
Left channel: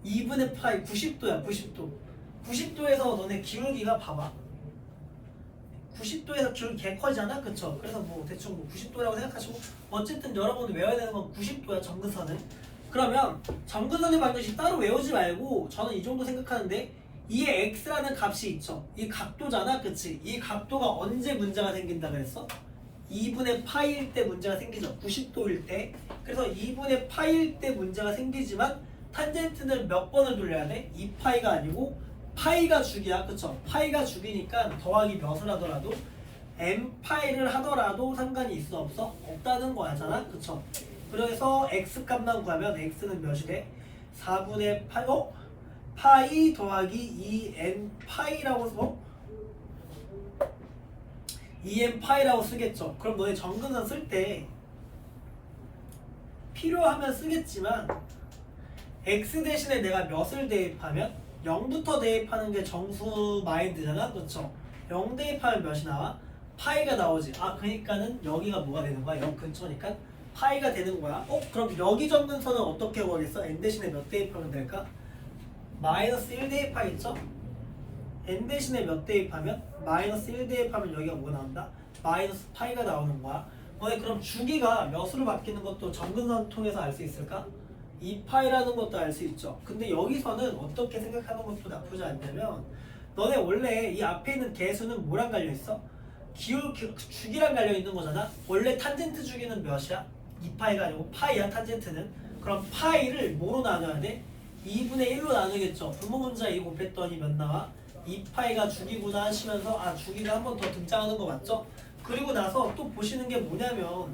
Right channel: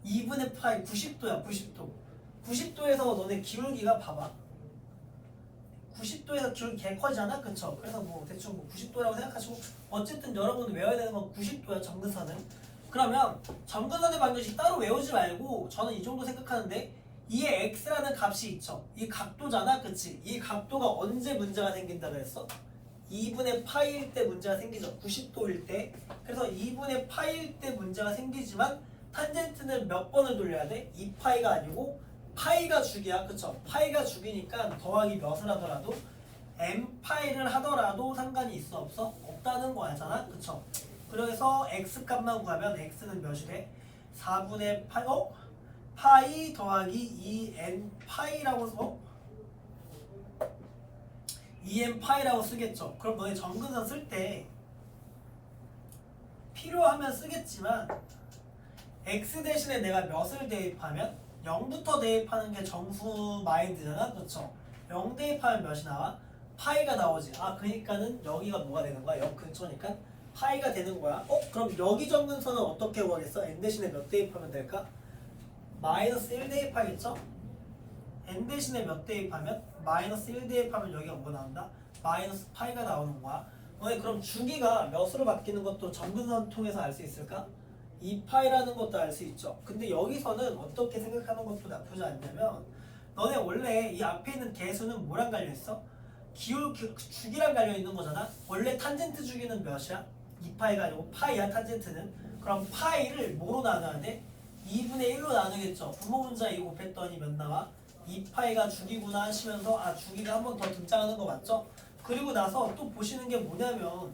2분의 파이 90도야 90도. 90도에서 너네 기울기가 봐봐. 90도에서 기울기 개 커지잖아? 그쵸? 그래서 뭐 대충 뭐 90도라고 생각하시고 어쨌든 여러분 외워야 되는 건 90도야 점근선은. 그러면 점근선의 방정식 따로 외우지 말고 저는 이 정도 생각하는데 이에 x라는 값이 있죠. 이 각도잖아, 그치? 이 각도가 언제 문제가 생긴다 그랬어? 2분의 파이일 때 문제가 생기죠. 90도일 때. 그래서 2분의 파이일 때 문제가 생기지만 탄젠트는 몇 번을 돌려야 돼? 2파이가 아니고 파이가 주기야, 그쵸? 파이가 주기니까 더하기 몇을 하더라도 m파이를 하더라도 상관이 있어 없어? 없다는 거잖아, 그쵸? 그래서 x 값만 구하면 x는 몇이 돼? 4분의 파이, 파이 더하기 2n 파이라고 써? 2n 파이라고 쓰겠죠. 그럼 너네 정근선 쓸 때 필요하면 쓰겠지만 x 대신에 내가 몇을 대입하면 0부터 대입하는 게 정수 마인드잖아, 그렇죠? 0 대입하면 몇이 나와? 파이가 나오지. 그러니까는 여기가 뭐가 되는 거야? 0 근처니까 파이가 되는 거야. 그럼 여기 정근선은 어떻게 구하겠어? n 대신에 몇 대입하면 될까? 마이너스 1 대입하겠죠? n 대신에 몇 대입하면? 마이너스 1 대입하면 여기가 뭐가 나온다? 마이너스 파이가 나오는 거야. 너네 그럼 주기가 몇으로 바뀌는 것도 정근선 통해서 알 수 있을까? 2파이라는 것도 알 수 있죠. 근데 여기서는 어떻게 생각하는 것도 나쁘지 않냐면 너네 원래 이 앞에 있는 개수는 뭐랑 갈려있어? 주기랑 갈려있는 거잖아. 원래 탄젠트 주기는 몇이야? 2파이가 아니고 파이야 탄젠트는. 그럼 파이를 뭐로 나눠야 돼? 2분의 1로 나누겠죠. 분모분자 2 곱했더니 몇 나와? 2파이가 주기구나 하시면서 주기가 한 번 더 등장하는 거 맞죠? 그리고 나서 또 보시는 게 뭐냐면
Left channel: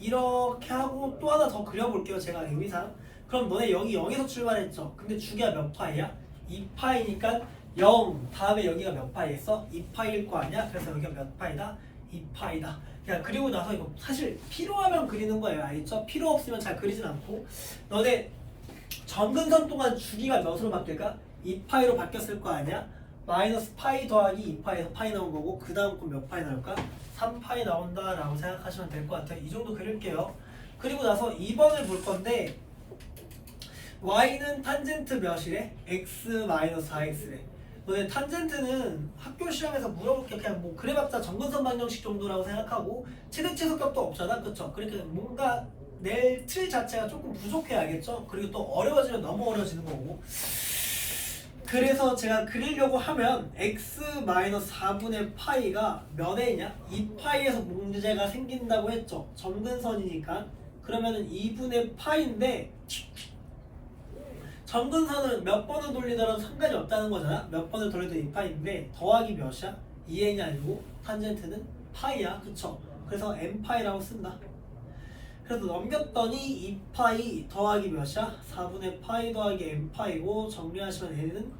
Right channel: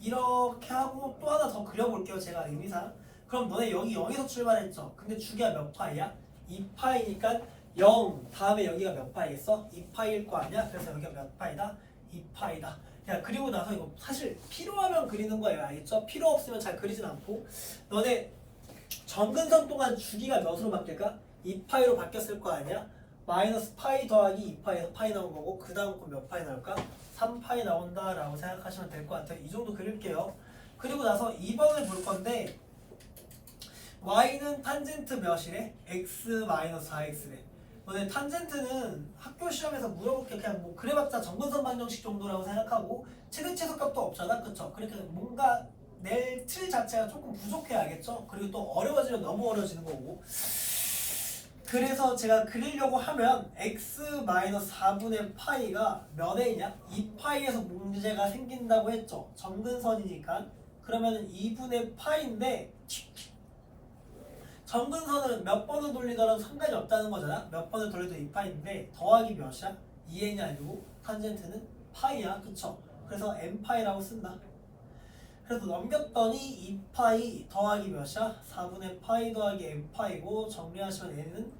이렇게 하고 또 하나 더 그려볼게요. 제가 의미상. 그럼 너네 여기 0에서 출발했죠? 근데 주기가 몇 파이야? 2파이니까 0 다음에 여기가 몇 파이겠어? 2파이일 거 아니야? 그래서 여기가 몇 파이다? 2파이다. 그리고 나서 이거 사실 필요하면 그리는 거예요. 알겠죠? 필요 없으면 잘 그리진 않고 너네 정근선 동안 주기가 몇으로 바뀔까? 2파이로 바뀌었을 거 아니야? 마이너스 파이 더하기 2파이에서 파이 나온 거고 그 다음 건 몇 파이 나올까? 3파이 나온다 라고 생각하시면 될 것 같아요. 이 정도 그릴게요. 그리고 나서 2번을 볼 건데 y는 탄젠트 몇이래? x-4x래. 너네 탄젠트는 학교 시험에서 물어볼 게 그냥 뭐 그래봤자 정근선 방정식 정도라고 생각하고 최대 최소값도 없잖아, 그쵸? 그러니까 뭔가 낼 틀 자체가 조금 부족해, 알겠죠? 그리고 또 어려워지면 너무 어려워지는 거고. 그래서 제가 그리려고 하면 x-4분의 파이가 몇에 있냐? 2파이에서 문제가 생긴다고 했죠. 정근선이니까. 그러면은 2분의 파이인데 점근선은 몇 번을 돌리더라도 상관이 없다는 거잖아. 몇 번을 돌려도 2파이인데 더하기 몇이야? 2n이 아니고 탄젠트는 파이야. 그쵸? 그래서 n파이라고 쓴다. 그래서 넘겼더니 2파이 더하기 몇이야? 4분의 파이 더하기 n파이고 정리하시면 n은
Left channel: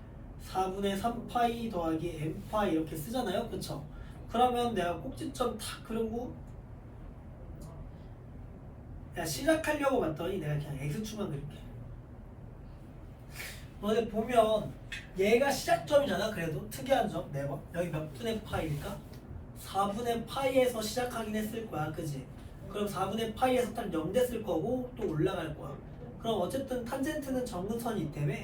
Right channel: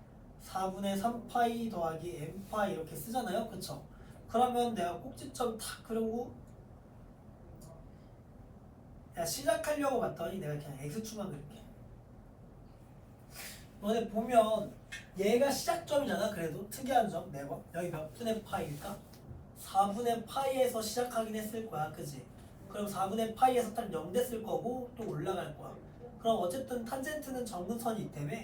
4분의 3파이 더하기 n파이 이렇게 쓰잖아요. 그쵸? 그러면 내가 꼭지점 탁 그리고 야 시작하려고 봤더니 내가 그냥 x축만 그릴게. 너네 보면 얘가 시작점이잖아. 그래도 특이한 점 매번 여기 몇 분의 파이일까? 4분의 파이에서 시작하긴 했을 거야. 그지? 그럼 4분의 파이에서 딱 0 됐을 거고 또 올라갈 거야. 그럼 어쨌든 탄젠트는 점근선이 있다며.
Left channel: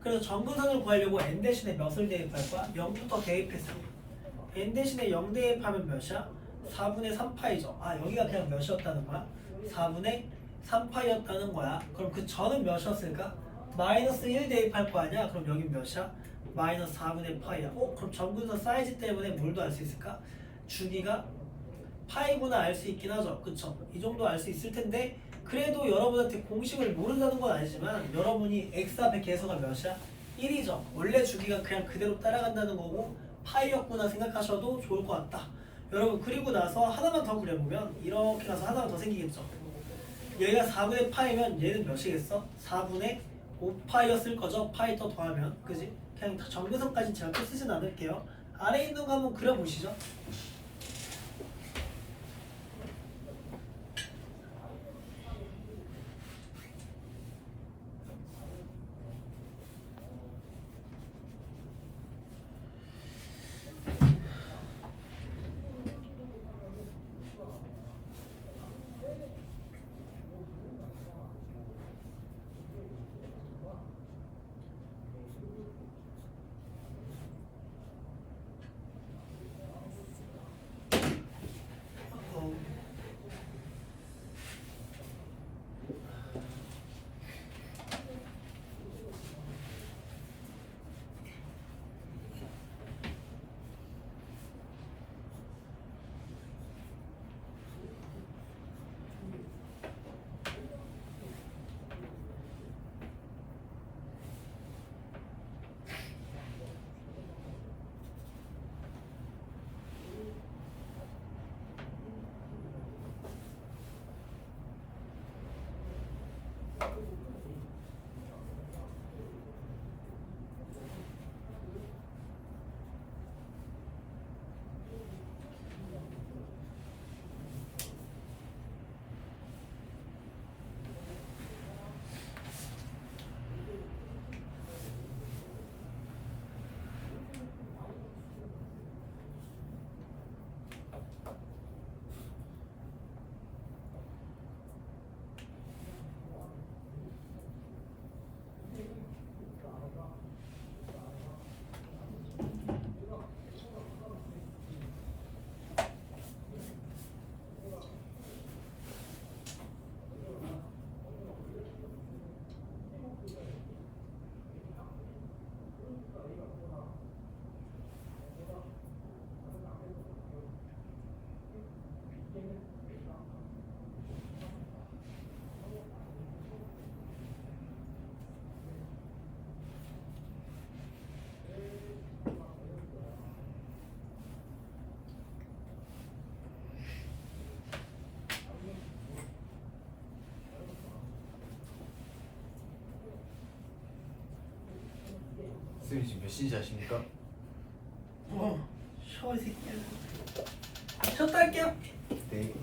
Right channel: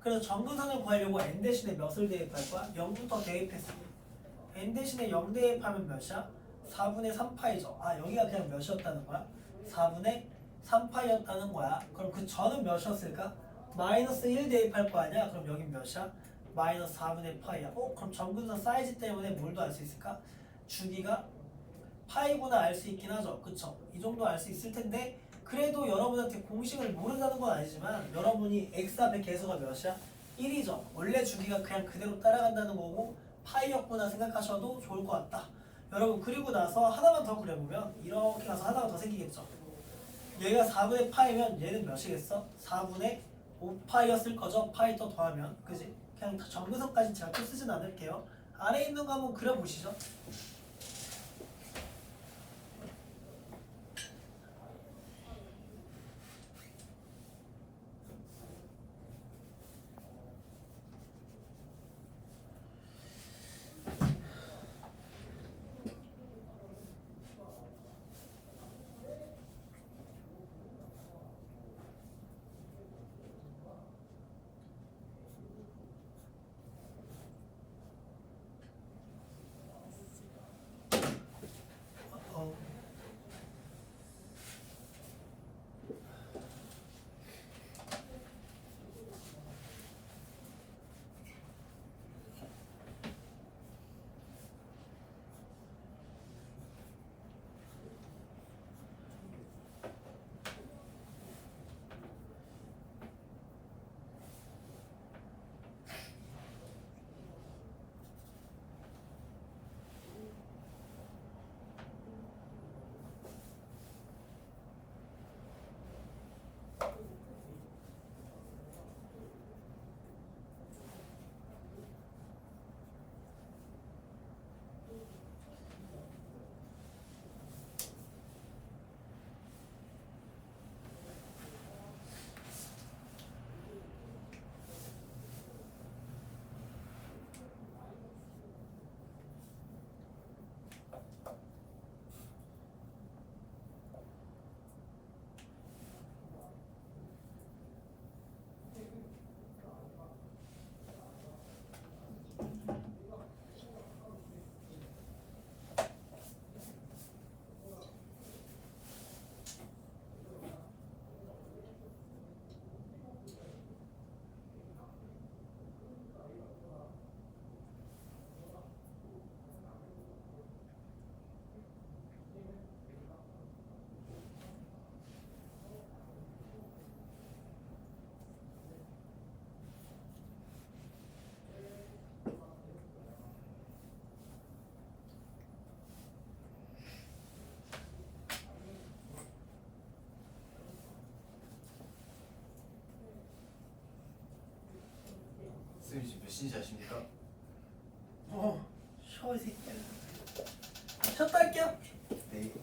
그래서 점근선을 구하려고 n 대신에 몇을 대입할 거야? 0부터 대입했어. n 대신에 0 대입하면 몇이야? 4분의 3파이죠. 아 여기가 그냥 몇이었다는 거야? 4분의 3파이였다는 거야. 그럼 그 전은 몇이었을까? 마이너스 1 대입할 거 아니야? 그럼 여긴 몇이야? 마이너스 4분의 파이야. 그럼 점근선 사이즈 때문에 뭘도 알 수 있을까? 주기가 파이구나 알 수 있긴 하죠. 그쵸? 이 정도 알 수 있을 텐데 그래도 여러분한테 공식을 모른다는 건 아니지만 여러분이 x 앞에 계수가 몇이야? 1이죠. 원래 주기가 그냥 그대로 따라간다는 거고 파이였구나 생각하셔도 좋을 것 같다. 여러분 그리고 나서 하나만 더 그려보면 이렇게 가서 하나만 더 생기겠죠. 얘가 4분의 파이면 얘는 몇이겠어? 4분의 5파이였을 거죠. 파이 더 더하면 그지? 그냥 점근선까지 제가 또 쓰진 않을게요. 아래 있는 거 한번 그려보시죠. 선생님 지금 몇 시인지 아십니까? 쉬어 이 새끼야. 쉬었다 할게요. 네.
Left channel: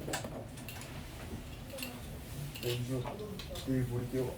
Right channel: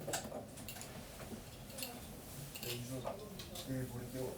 연주 내일 볼게요.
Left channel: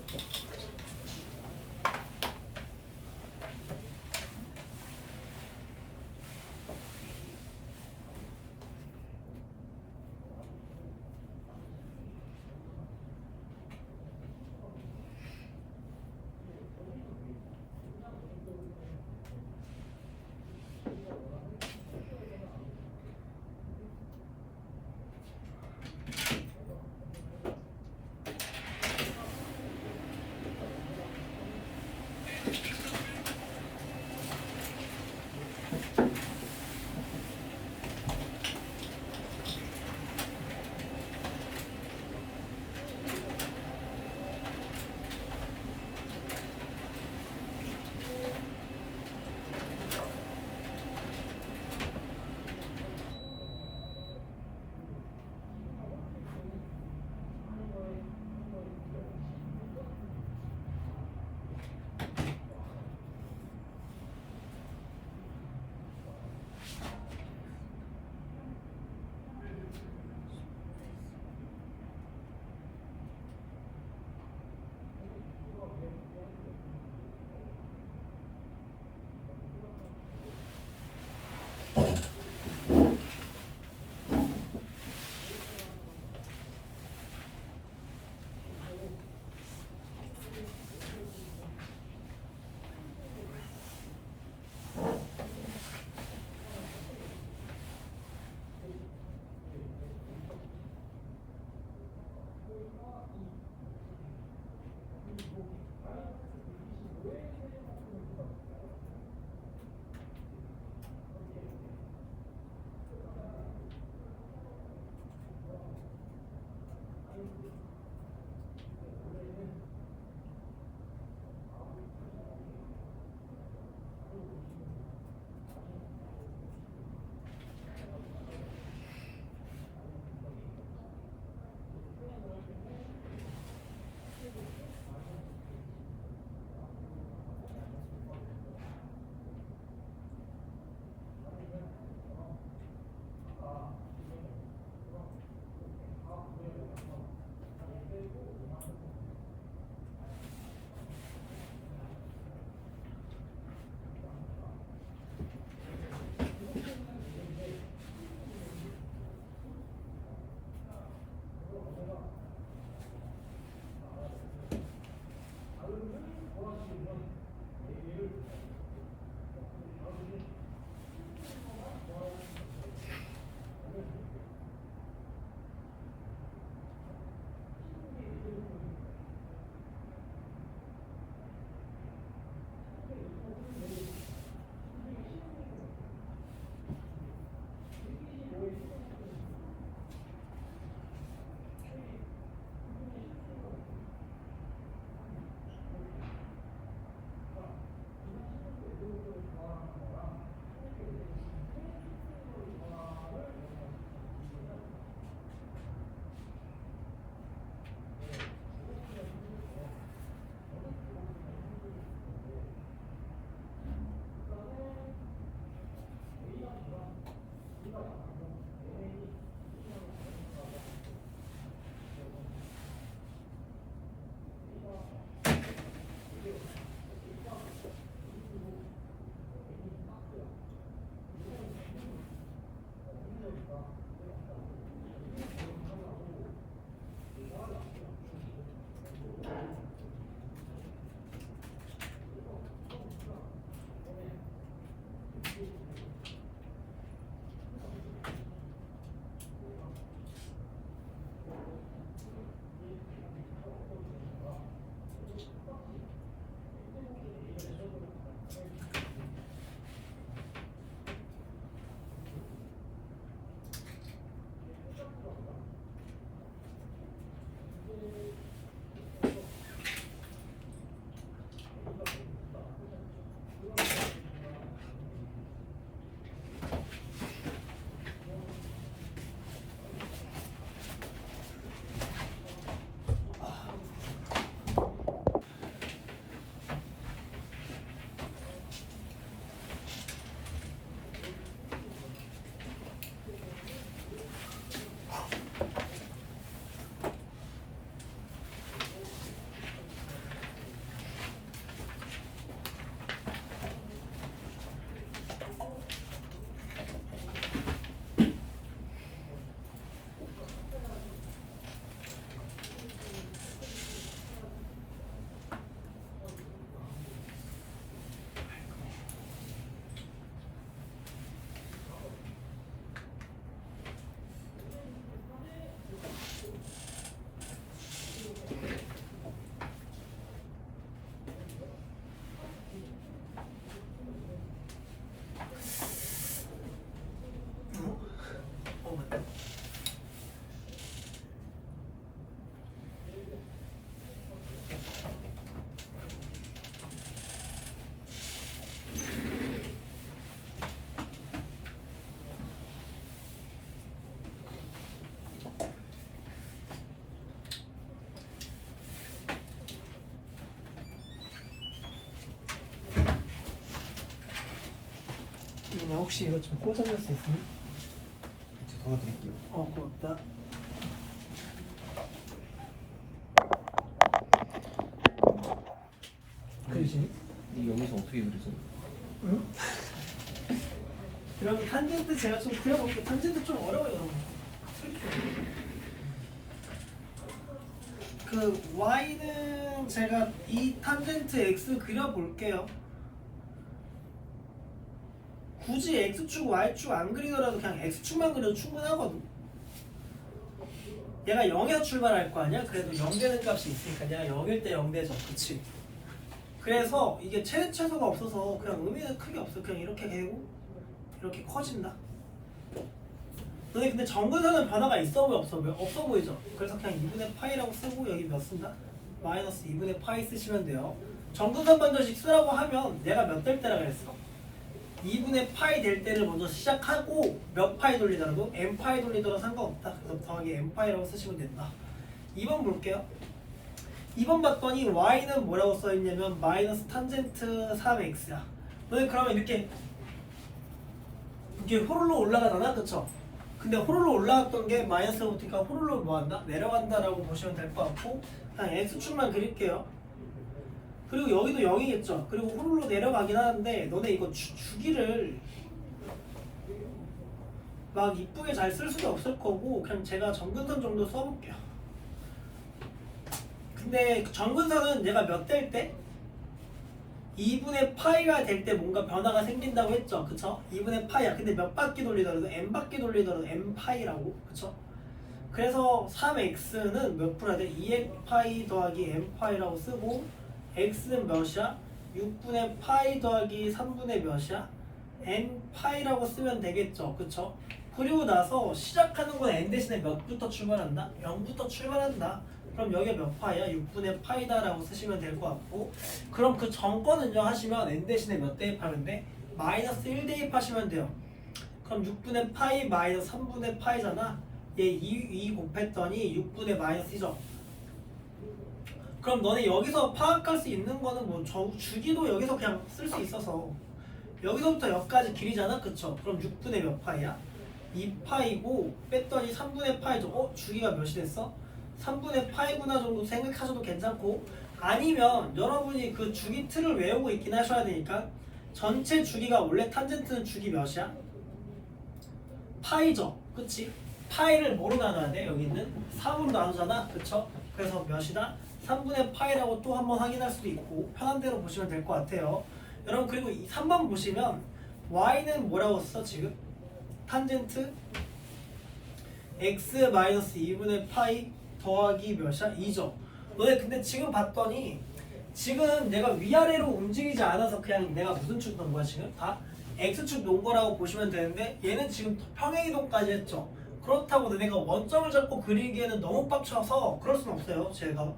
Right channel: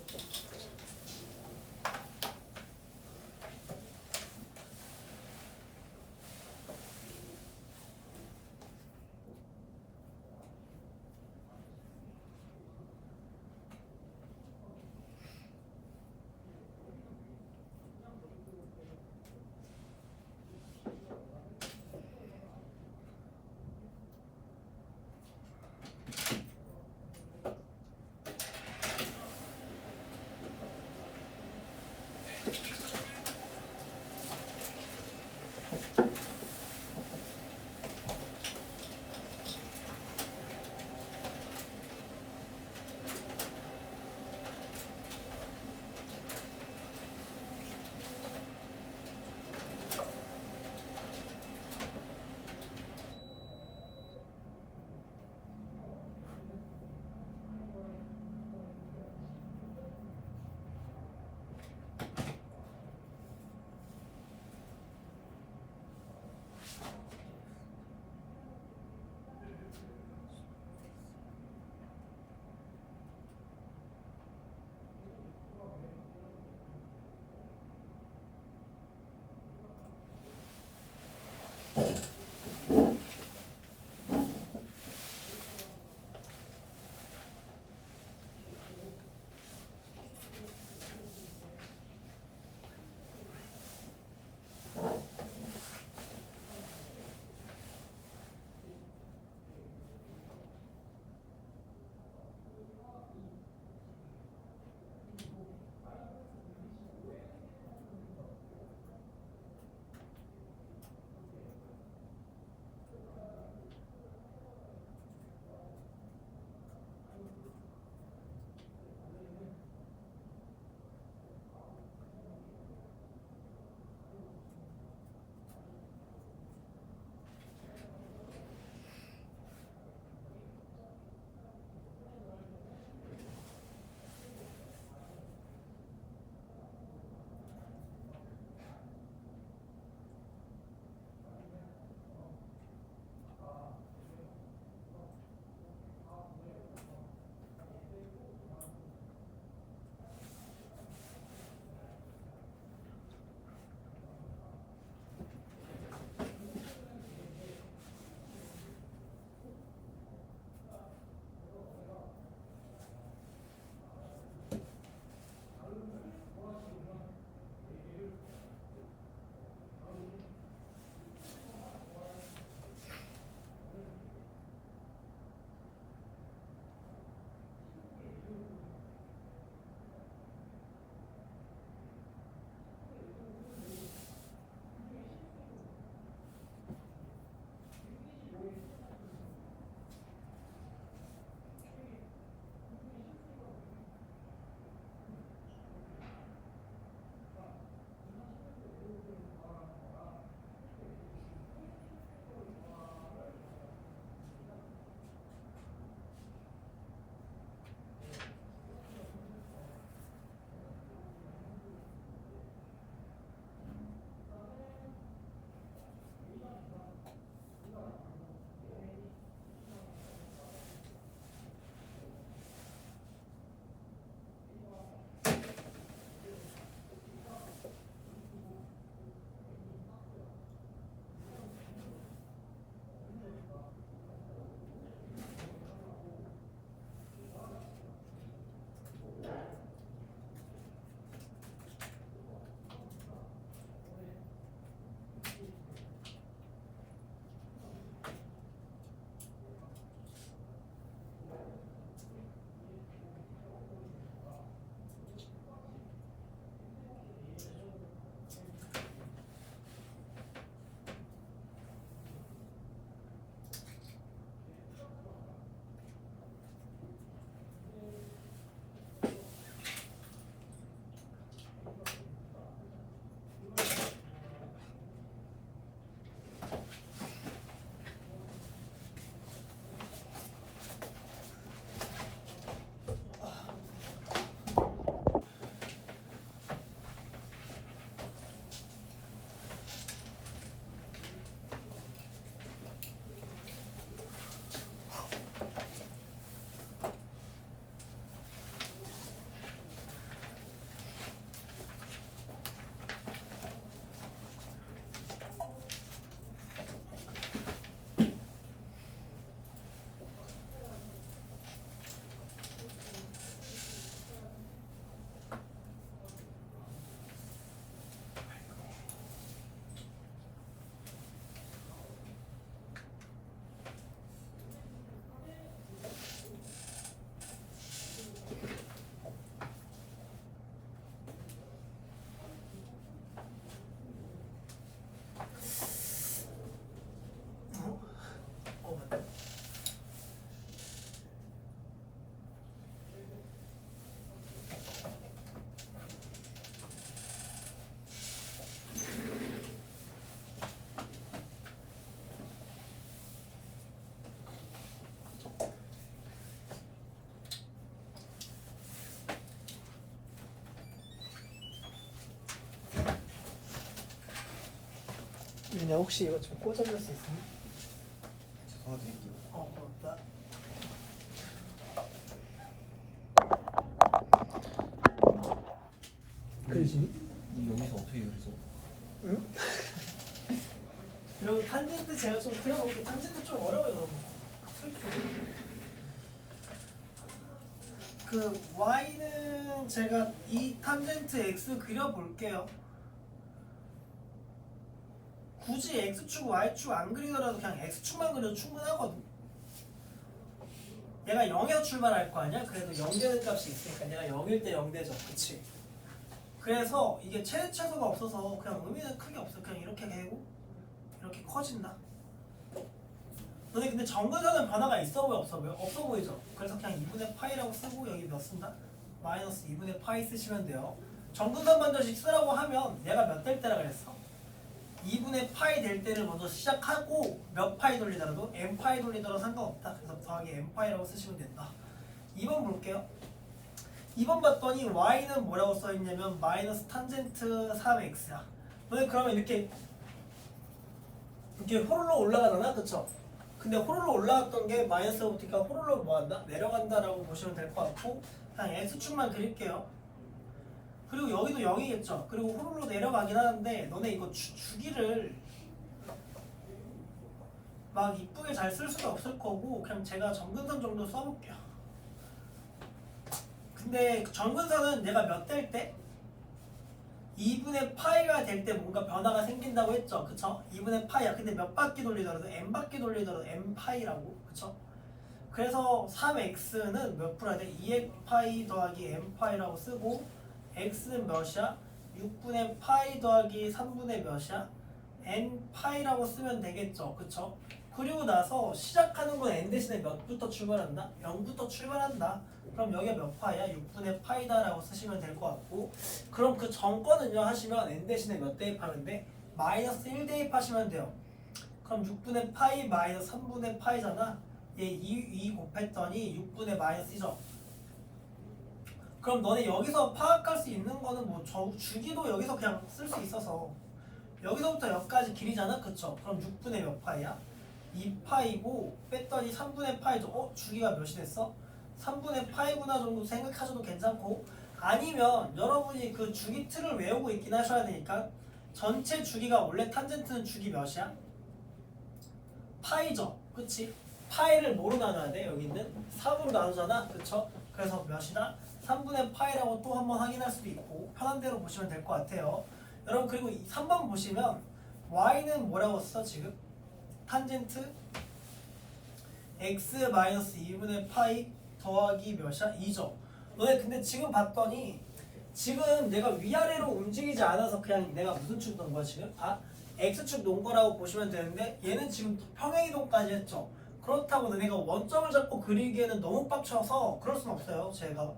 너 혹시 이거 좀 꽂아줄 수 있니? 도와드릴게요. 고맙다. 그지? 근데 여기서 어떻게 그리죠? 응? 그럼 탄젠트 제가 좀 그려볼게요. 탄젠트 좀 어려워요, 여러분. 그 y는 제가 이 탄젠트 x 그려볼게요. 굳이 x축, y축 안 그리더라도 그냥 x축만 그려도 충분하거든. 얘가 0에서 출발할 거 아니야? 그래도 0 되는 값이 있으니까 얘가 0일 때 0 되죠. 그치? 그래서 이게 최대 최소가 없어서 그냥 의미는 크게 없어. 그냥 이렇게 되고 이렇게 커진다. 근데 정근선은 변화가 있어 보여 없어 보여? 없어 보이죠? 그래서 그냥 2분의 파이라고 쓰고 여기 몇 쓴다? 마이너스 2분의 파이 쓰시면 돼요. 정근선 반전식 쓰라고 하면 내가 몇 될 때라 그랬어? 2분의 파이 될 때를 먼저 시작하고 몇 파이 돌리더라도 n 파이 돌리더라도 상관없다. 그래서 더하기 n 파이라고 쓰시면 된다. 2번 볼게요. 2번 봤더니 y는 뭐라고 써있냐면 마이너스 탄젠트 3x야. 너네 그러면 이렇게 호로로 올라가잖아, 그쵸? 근데 호로로 올라갔던 게 마이너스부터니까 호로로 뭐한다? 내려간다라고 보시면 될 것 같고 그냥 x축만 그릴게요. 그리고 여기도 0이겠죠. 그리고 호로로 내려가긴 하는데 너네 이거 주기를 막 이쁘게 잘 쓸 수도 없을 거고 그냥 제가 정근선 정도 써볼게요. 근데 정근선은 얘가 몇 될 때? 2분의 파이가 될 때 뭔가 변화가 생긴다고 했죠. 그쵸? 2분의 파이야. 근데 몇 바퀴 돌리더라도 n 바퀴 돌리더라도 n 파이라고. 그쵸? 그래서 3x는 몇 프로야 돼? 2x 파이 더하기 n 파이라고 쓰고 x는 몇이야? 6분의 파이 더하기 3분의 몇이야? n 파이라고 쓰면 되겠죠. 그쵸? 그리고 나서 시작하는 건 n 대신에 몇부터 출발한다? 0부터 출발한다. 그럼 여기가 몇 파이야? 6분의 파이다라고 쓰시면 될 것 같고 그럼 그 전거는요 하시면 n 대신에 몇 대입하면 돼? 마이너스 1 대입하시면 돼요. 그럼 6분의 파이 마이너스 3분의 파이잖아. 얘 2 곱했더니 6분의 마이너스 2죠. 그럼 너네 여기서 파악할 수 있는 거는 뭐 주기도 여기서 그냥 쓸 수 있어서 여기서부터 여기까지 길이잖아. 그쵸? 그럼 6분의 몇 파이야? 2파이고 뺐더니 3분의 파이죠. 주기가 몇이 됐어? 3분의 파이구나 정도 생각하셔도 괜찮고 아니면 여러분이 그 주기 틀을 외우고 있긴 하셔야 되니까 전체 주기가 원래 탄젠트는 주기 몇이야? 파이죠. 그치? 파이를 뭐로 나눠야 돼? 여기 있는 3으로 나누잖아. 그쵸? 그래서 몇이다? 3분의 파이라고 또 한번 확인할 수도 있고 편한 대로 보시면 될 것 같아요. 여러분 그리고 3번 보시면 y는 뭐라고 써 지금? 탄젠트 x-2분의 파이 더하기 몇이야? 2죠. 너네 근데 지금 봤더니 지금 내가 위아래로 움직이지 않아서 그냥 내가 무슨 축 넣은 거야 지금? 다 x축 놓은 거라고 보시면 되는데 얘는 지금 평행이동까지 했죠. 그렇다고 너네가 원점을 잡고 그리기에는 너무 빡쳐서 그럴 순 없어요 제가.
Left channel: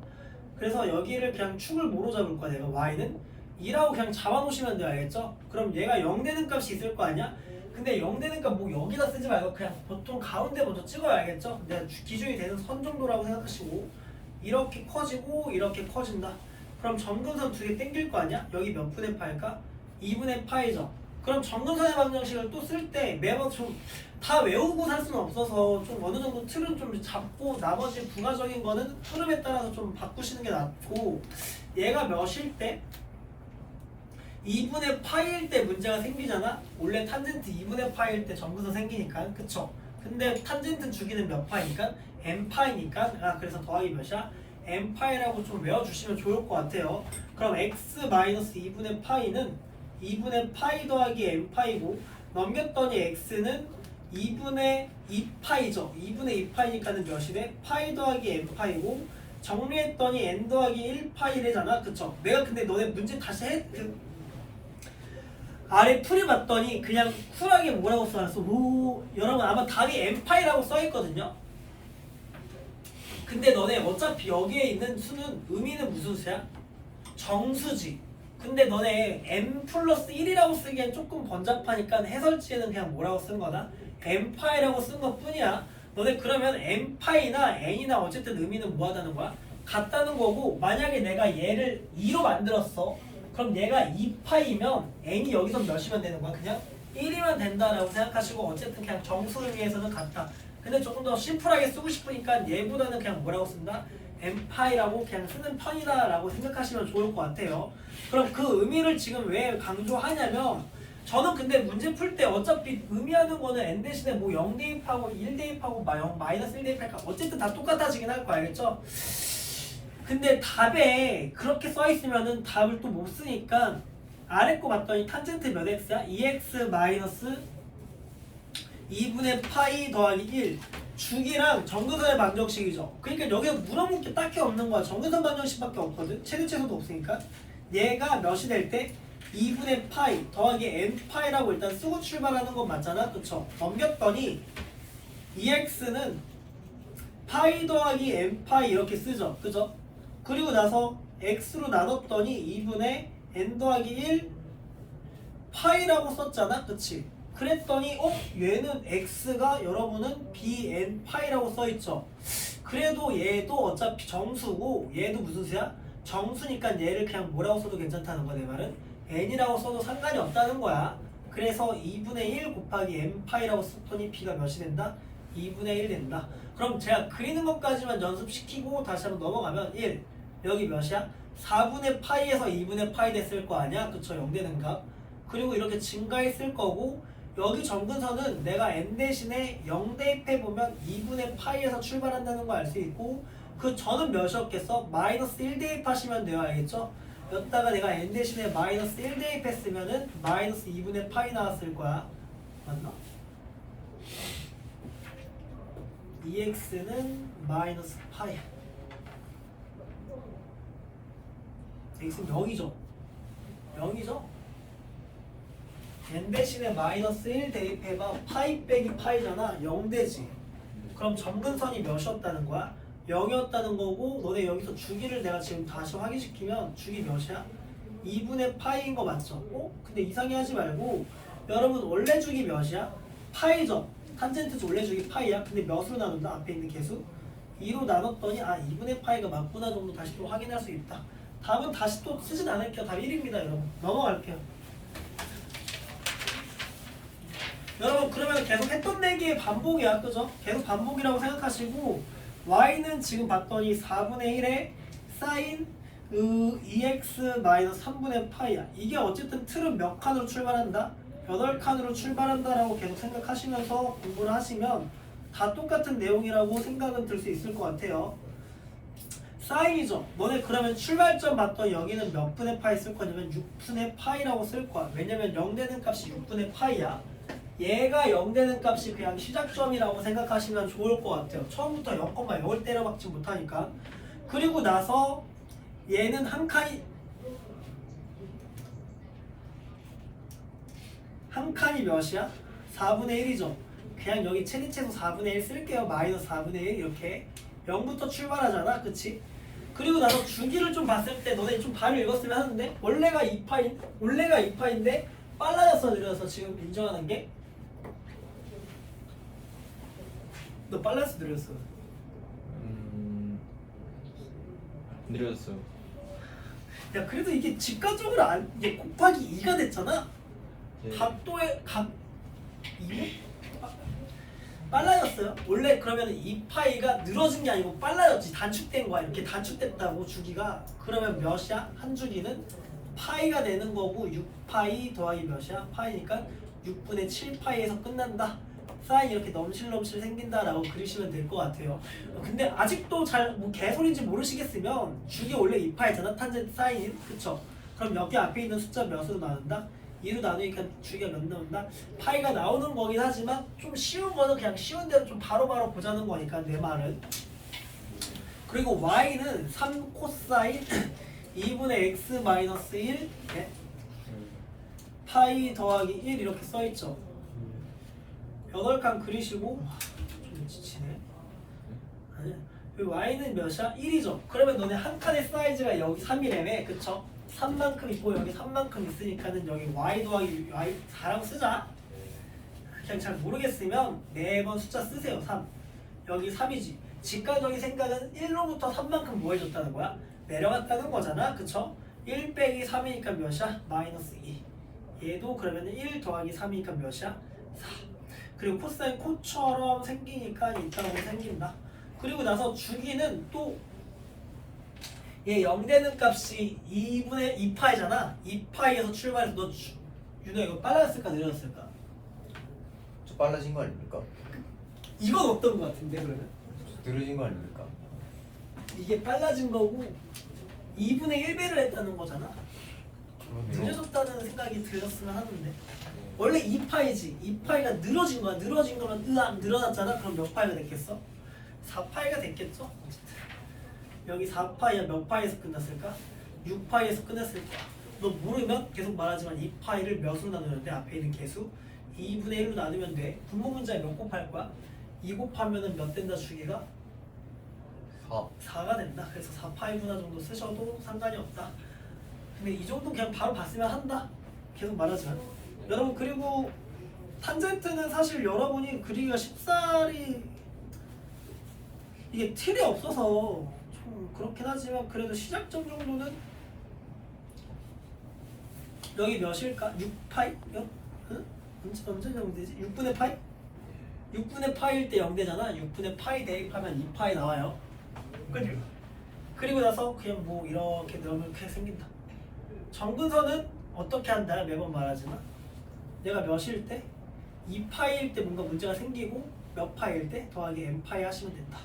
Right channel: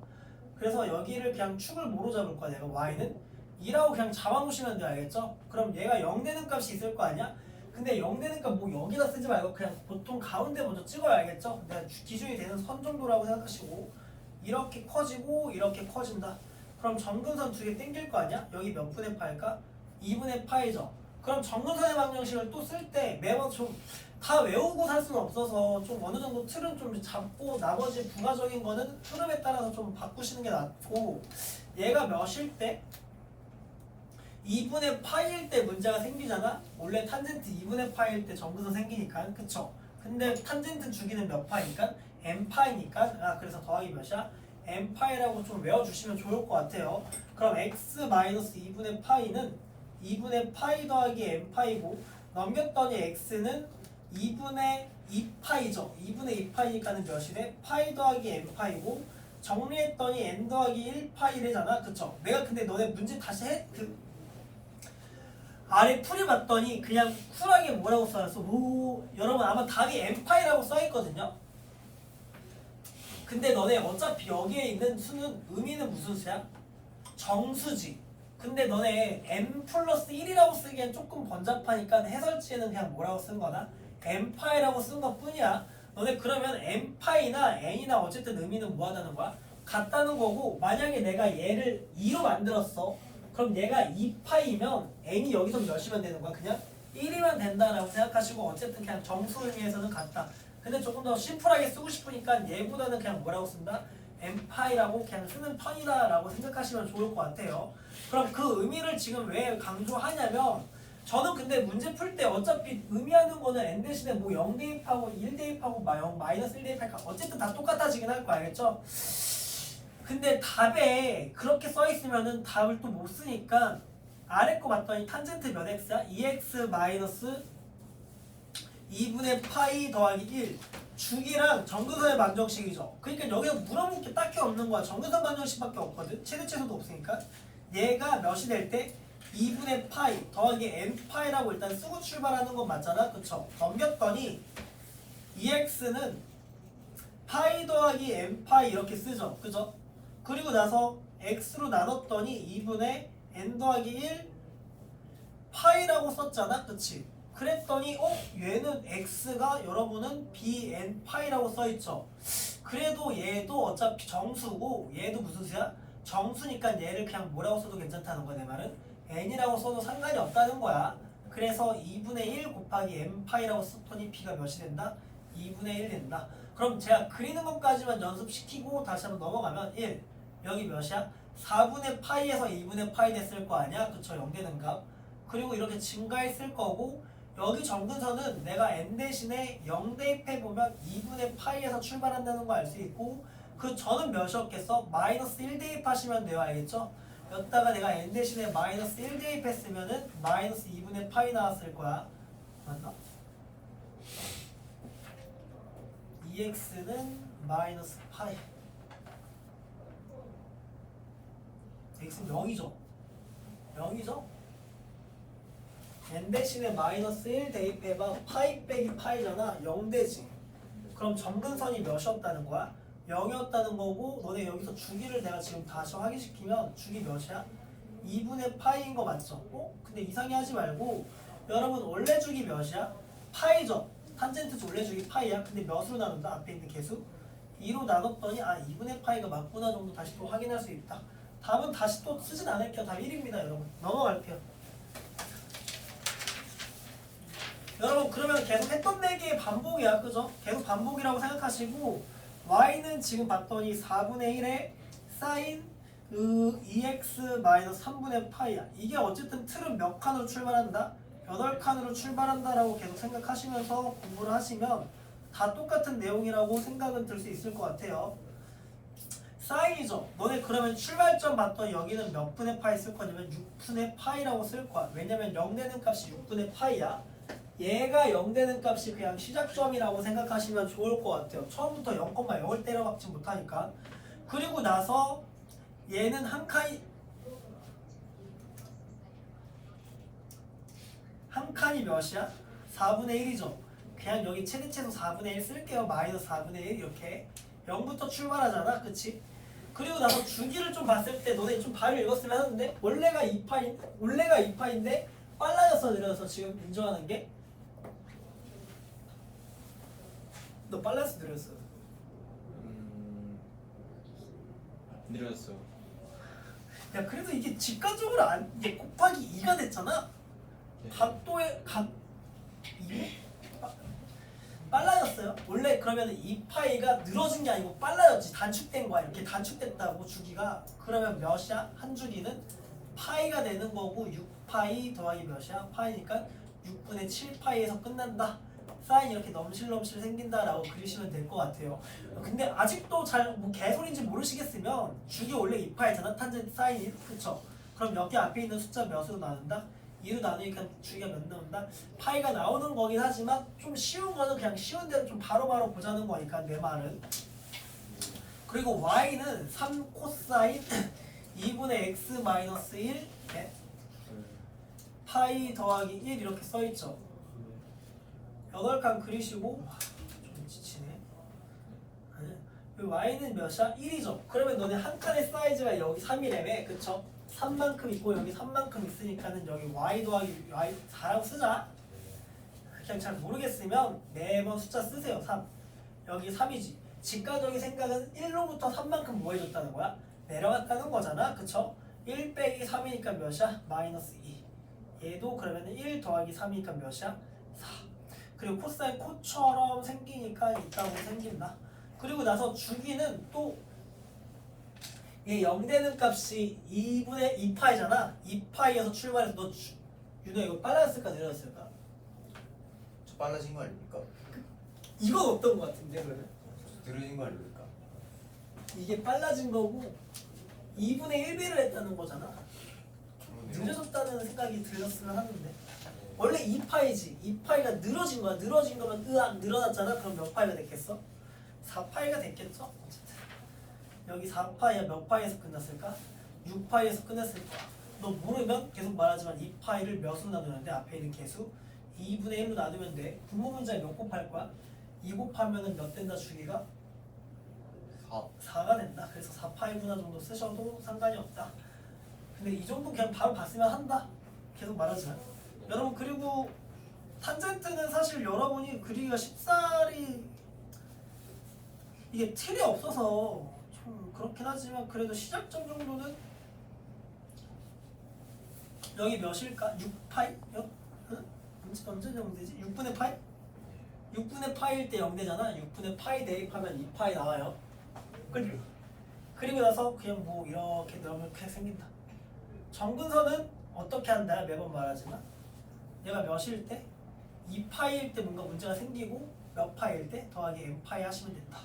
그래서 여기를 그냥 축을 뭐로 잡을 거야 내가 y는 2라고 그냥 잡아놓으시면 돼요. 알겠죠? 그럼 얘가 0 되는 값이 있을 거 아니야? 근데 0 되는 값 뭐 여기다 쓰지 말고 그냥 보통 가운데 먼저 찍어야 알겠죠? 내가 기준이 되는 선 정도라고 생각하시고 이렇게 커지고 이렇게 커진다. 그럼 정근선 두 개 땡길 거 아니야? 여기 몇 분의 파일까? 2분의 파이죠. 그럼 정근선의 방정식을 또 쓸 때 매번 좀 다 외우고 살 수는 없어서 좀 어느 정도 틀은 좀 잡고 나머지 부가적인 거는 흐름에 따라서 좀 바꾸시는 게 낫고 얘가 몇일 때? 2분의 파이일 때 문제가 생기잖아? 원래 탄젠트 2분의 파이일 때 정근선 생기니까 그쵸? 근데 탄젠트 주기는 몇 파이니까? n 파이니까 그래서 더하기 몇이야? n 파이라고 좀 외워주시면 좋을 것 같아요. 그럼 x-2분의 파이는 2분의 파이 더하기 n 파이고 넘겼더니 x는 2분의 2파이죠. 2분의 2파이니까는 몇이 돼? 파이 더하기 n 파이고 정리했더니 n 더하기 1파이 되잖아. 그쵸? 내가 근데 너네 문제 다시 아래 풀이 봤더니 그냥 쿨하게 뭐라고 써놨어? 여러분 아마 답이 n파이라고 써있거든요. 근데 너네 어차피 여기에 있는 수는 의미는 무슨 수야? 정수지. 근데 너네 n 플러스 1이라고 쓰기엔 조금 번잡하니까 해설지에는 그냥 뭐라고 쓴 거다? n파이라고 쓴 것 뿐이야. 너네 그러면 n파이나 n이나 어쨌든 의미는 뭐 하다는 거야? 같다는 거고 만약에 내가 얘를 2로 만들었어. 그럼 얘가 2파이면 n이 여기서 몇이면 되는 거야? 그냥 1이면 된다라고 생각하시고 어쨌든 그냥 정수 의미에서는 같다. 근데 조금 더 심플하게 쓰고 싶으니까 얘보다는 그냥 뭐라고 쓴다? n파이라고 그냥 쓰는 편이다라고 생각하시면 좋을 것 같아요. 그럼 그 의미를 지금 왜 강조하냐면 저는 근데 문제 풀 때 어차피 의미하는 거는 n 대신에 뭐 0 대입하고 1 대입하고 0 마이너스 1 대입할까 어쨌든 다 똑같아지긴 할 거 알겠죠? 근데 답에 그렇게 써 있으면은 답을 또 못 쓰니까 아래 거 봤더니 탄젠트 몇 x야? 2x 마이너스 2분의 파이 더하기 1 주기랑 정근선의 방정식이죠. 그러니까 여기에 물어볼 게 딱히 없는 거야. 정근선 방정식밖에 없거든. 최대치수도 없으니까 얘가 몇이 될 때 2분의 파이 더하기 n 파이라고 일단 쓰고 출발하는 건 맞잖아. 그쵸? 넘겼더니 2x는 파이 더하기 n 파이 이렇게 쓰죠. 그죠? 그리고 나서 x로 나눴더니 2분의 n 더하기 1 파이라고 썼잖아. 그치? 그랬더니 얘는 x가 여러분은 bn 파이라고 써있죠. 그래도 얘도 어차피 정수고 얘도 무슨 수야? 정수니까 얘를 그냥 뭐라고 써도 괜찮다는 거야. 내 말은 n이라고 써도 상관이 없다는 거야. 그래서 2분의 1 곱하기 n 파이라고 썼더니 b가 몇이 된다? 2분의 1 된다. 그럼 제가 그리는 것까지만 연습시키고 다시 한번 넘어가면 1 여기 몇이야? 4분의 파이에서 2분의 파이 됐을 거 아니야? 그쵸? 0 되는 값. 그리고 이렇게 증가했을 거고 여기 정근선은 내가 n 대신에 0 대입해보면 2분의 파이에서 출발한다는 거 알 수 있고 그 전은 몇이었겠어? 마이너스 1 대입하시면 돼요. 알겠죠? 여기다가 내가 n 대신에 마이너스 1 대입했으면은 마이너스 2분의 파이 나왔을 거야. 맞나? 2x는 마이너스 파이 x는 0이죠? 0이죠? n 대신에 마이너스 1 대입해봐. 파이 빼기 파이잖아. 0 되지. 그럼 정근선이 몇이었다는 거야? 0이었다는 거고 너네 여기서 주기를 내가 지금 다시 확인시키면 주기 몇이야? 2분의 파이인 거 맞죠? 근데 이상해 하지 말고 여러분 원래 주기 몇이야? 파이죠? 탄젠트 원래 주기 파이야? 근데 몇으로 나눈다? 앞에 있는 개수? 2로 나눴더니 2분의 파이가 맞구나 정도 다시 또 확인할 수 있다. 답은 다시 또 쓰진 않을게요. 답 1입니다 여러분. 넘어갈게요. 여러분 그러면 계속 했던 내기의 반복이야. 그죠? 계속 반복이라고 생각하시고 y는 지금 봤더니 4분의 1에 사인 2x-3분의 파이야. 이게 어쨌든 틀은 몇 칸으로 출발한다? 8칸으로 출발한다라고 계속 생각하시면서 공부를 하시면 다 똑같은 내용이라고 생각은 들 수 있을 것 같아요. 사인이죠. 너네 그러면 출발점 봤더니 여기는 몇 분의 파이 쓸 거냐면 6분의 파이라고 쓸 거야. 왜냐면 0 되는 값이 6분의 파이야. 얘가 0 되는 값이 그냥 시작점이라고 생각하시면 좋을 것 같아요. 처음부터 0,0을 때려박지 못하니까. 그리고 나서 얘는 한 칸이 몇이야? 4분의 1이죠. 그냥 여기 최대체수 4분의 1 쓸게요. 마이너스 4분의 1 이렇게 0부터 출발하잖아. 그치? 그리고 나서 주기를 좀 봤을 때 너네 좀 바로 읽었으면 하는데 원래가 2파인데 빨라졌어 느려서 지금 인정하는 게 너 빨랐어 느렸어? 느려졌어요. 야 그래도 이게 직관적으로 이게 곱하기 2가 됐잖아. 네. 각도의 각 2? 빨라졌어요. 원래 그러면 2파이가 늘어진 게 아니고 빨라졌지. 단축된 거야. 이렇게 단축됐다고 주기가. 그러면 몇이야? 한 주기는 파이가 되는 거고 6파이 더하기 몇이야? 파이니까 6분의 7파이에서 끝난다. 사인 이렇게 넘실넘실 생긴다라고 그리시면 될 것 같아요. 근데 아직도 잘 뭐 개소리인지 모르시겠으면 주기 원래 2파이잖아. 탄젠트 사인. 그쵸? 그럼 여기 앞에 있는 숫자 몇으로 나눈다? 2로 나누니까 주기가 몇 나온다? 파이가 나오는 거긴 하지만 좀 쉬운 거는 그냥 쉬운 대로 좀 바로바로 보자는 거니까 내 말은. 그리고 y는 3 코사인 2분의 x 마이너스 1 네? 파이 더하기 1 이렇게 써있죠. 8칸 그리시고 좀 지치네. 아니야. y는 몇이야? 1이죠. 그러면 너네 한 칸의 사이즈가 여기 3이래매. 그쵸? 3만큼 있고 여기 3만큼 있으니까는 여기 y 더하기 y 4라고 쓰자. 그냥 잘 모르겠으면 매번 숫자 쓰세요. 3. 여기 3이지. 직관적인 생각은 1로부터 3만큼 뭐 해줬다는 거야? 내려갔다는 거잖아. 그쵸? 1 빼기 3이니까 몇이야? 마이너스 2. 얘도 그러면 1 더하기 3이니까 몇이야? 4. 그리고 코사인 코처럼 생기니까 있다고 생긴다. 그리고 나서 주기는 또 얘 0 되는 값이 2분의 2파이잖아. 2파이에서 출발해서 너 윤호 이거 빨라졌을까 내려졌을까? 좀 빨라진 거 아닙니까? 이건 어떤 거 같은데 그러면? 느려진 거 아닙니까? 이게 빨라진 거고 2분의 1배를 했다는 거잖아. 그러네요. 늦어졌다는 생각이 들었으면 하는데 원래 2파이지. 2파이가 늘어진 거야. 늘어진 거면 으악 늘어났잖아. 그럼 몇 파이가 됐겠어? 4파이가 됐겠죠? 어쨌든 여기 4파이야 몇 파이에서 끝났을까? 6파이에서 끝났을 거야. 너 모르면 계속 말하지만 2파이를 몇으로 나누는데 앞에 있는 개수 2분의 1로 나누면 돼. 분모 문자에 몇 곱할 거야? 2 곱하면은 몇 된다 주기가? 4. 4가 된다. 그래서 4파이구나 정도 쓰셔도 상관이 없다. 근데 이 정도 그냥 바로 봤으면 한다. 계속 말하지만 여러분 그리고 탄젠트는 사실 여러분이 그리기가 쉽사리 이게 틀이 없어서 좀 그렇긴 하지만 그래도 시작점 정도는 여기 몇일까? 6파이? 몇? 응? 언제 정되지? 6분의 파이? 6분의 파이일 때 0되잖아. 6분의 파이 대입하면 2파이 나와요. 그죠? 그리고 나서 그냥 뭐 이렇게 넣으면 그렇게 생긴다. 정근선은 어떻게 한다? 매번 말하지만 내가 몇일 때? 2파이일 때 뭔가 문제가 생기고 몇 파이일 때? 더하기 n파이 하시면 된다.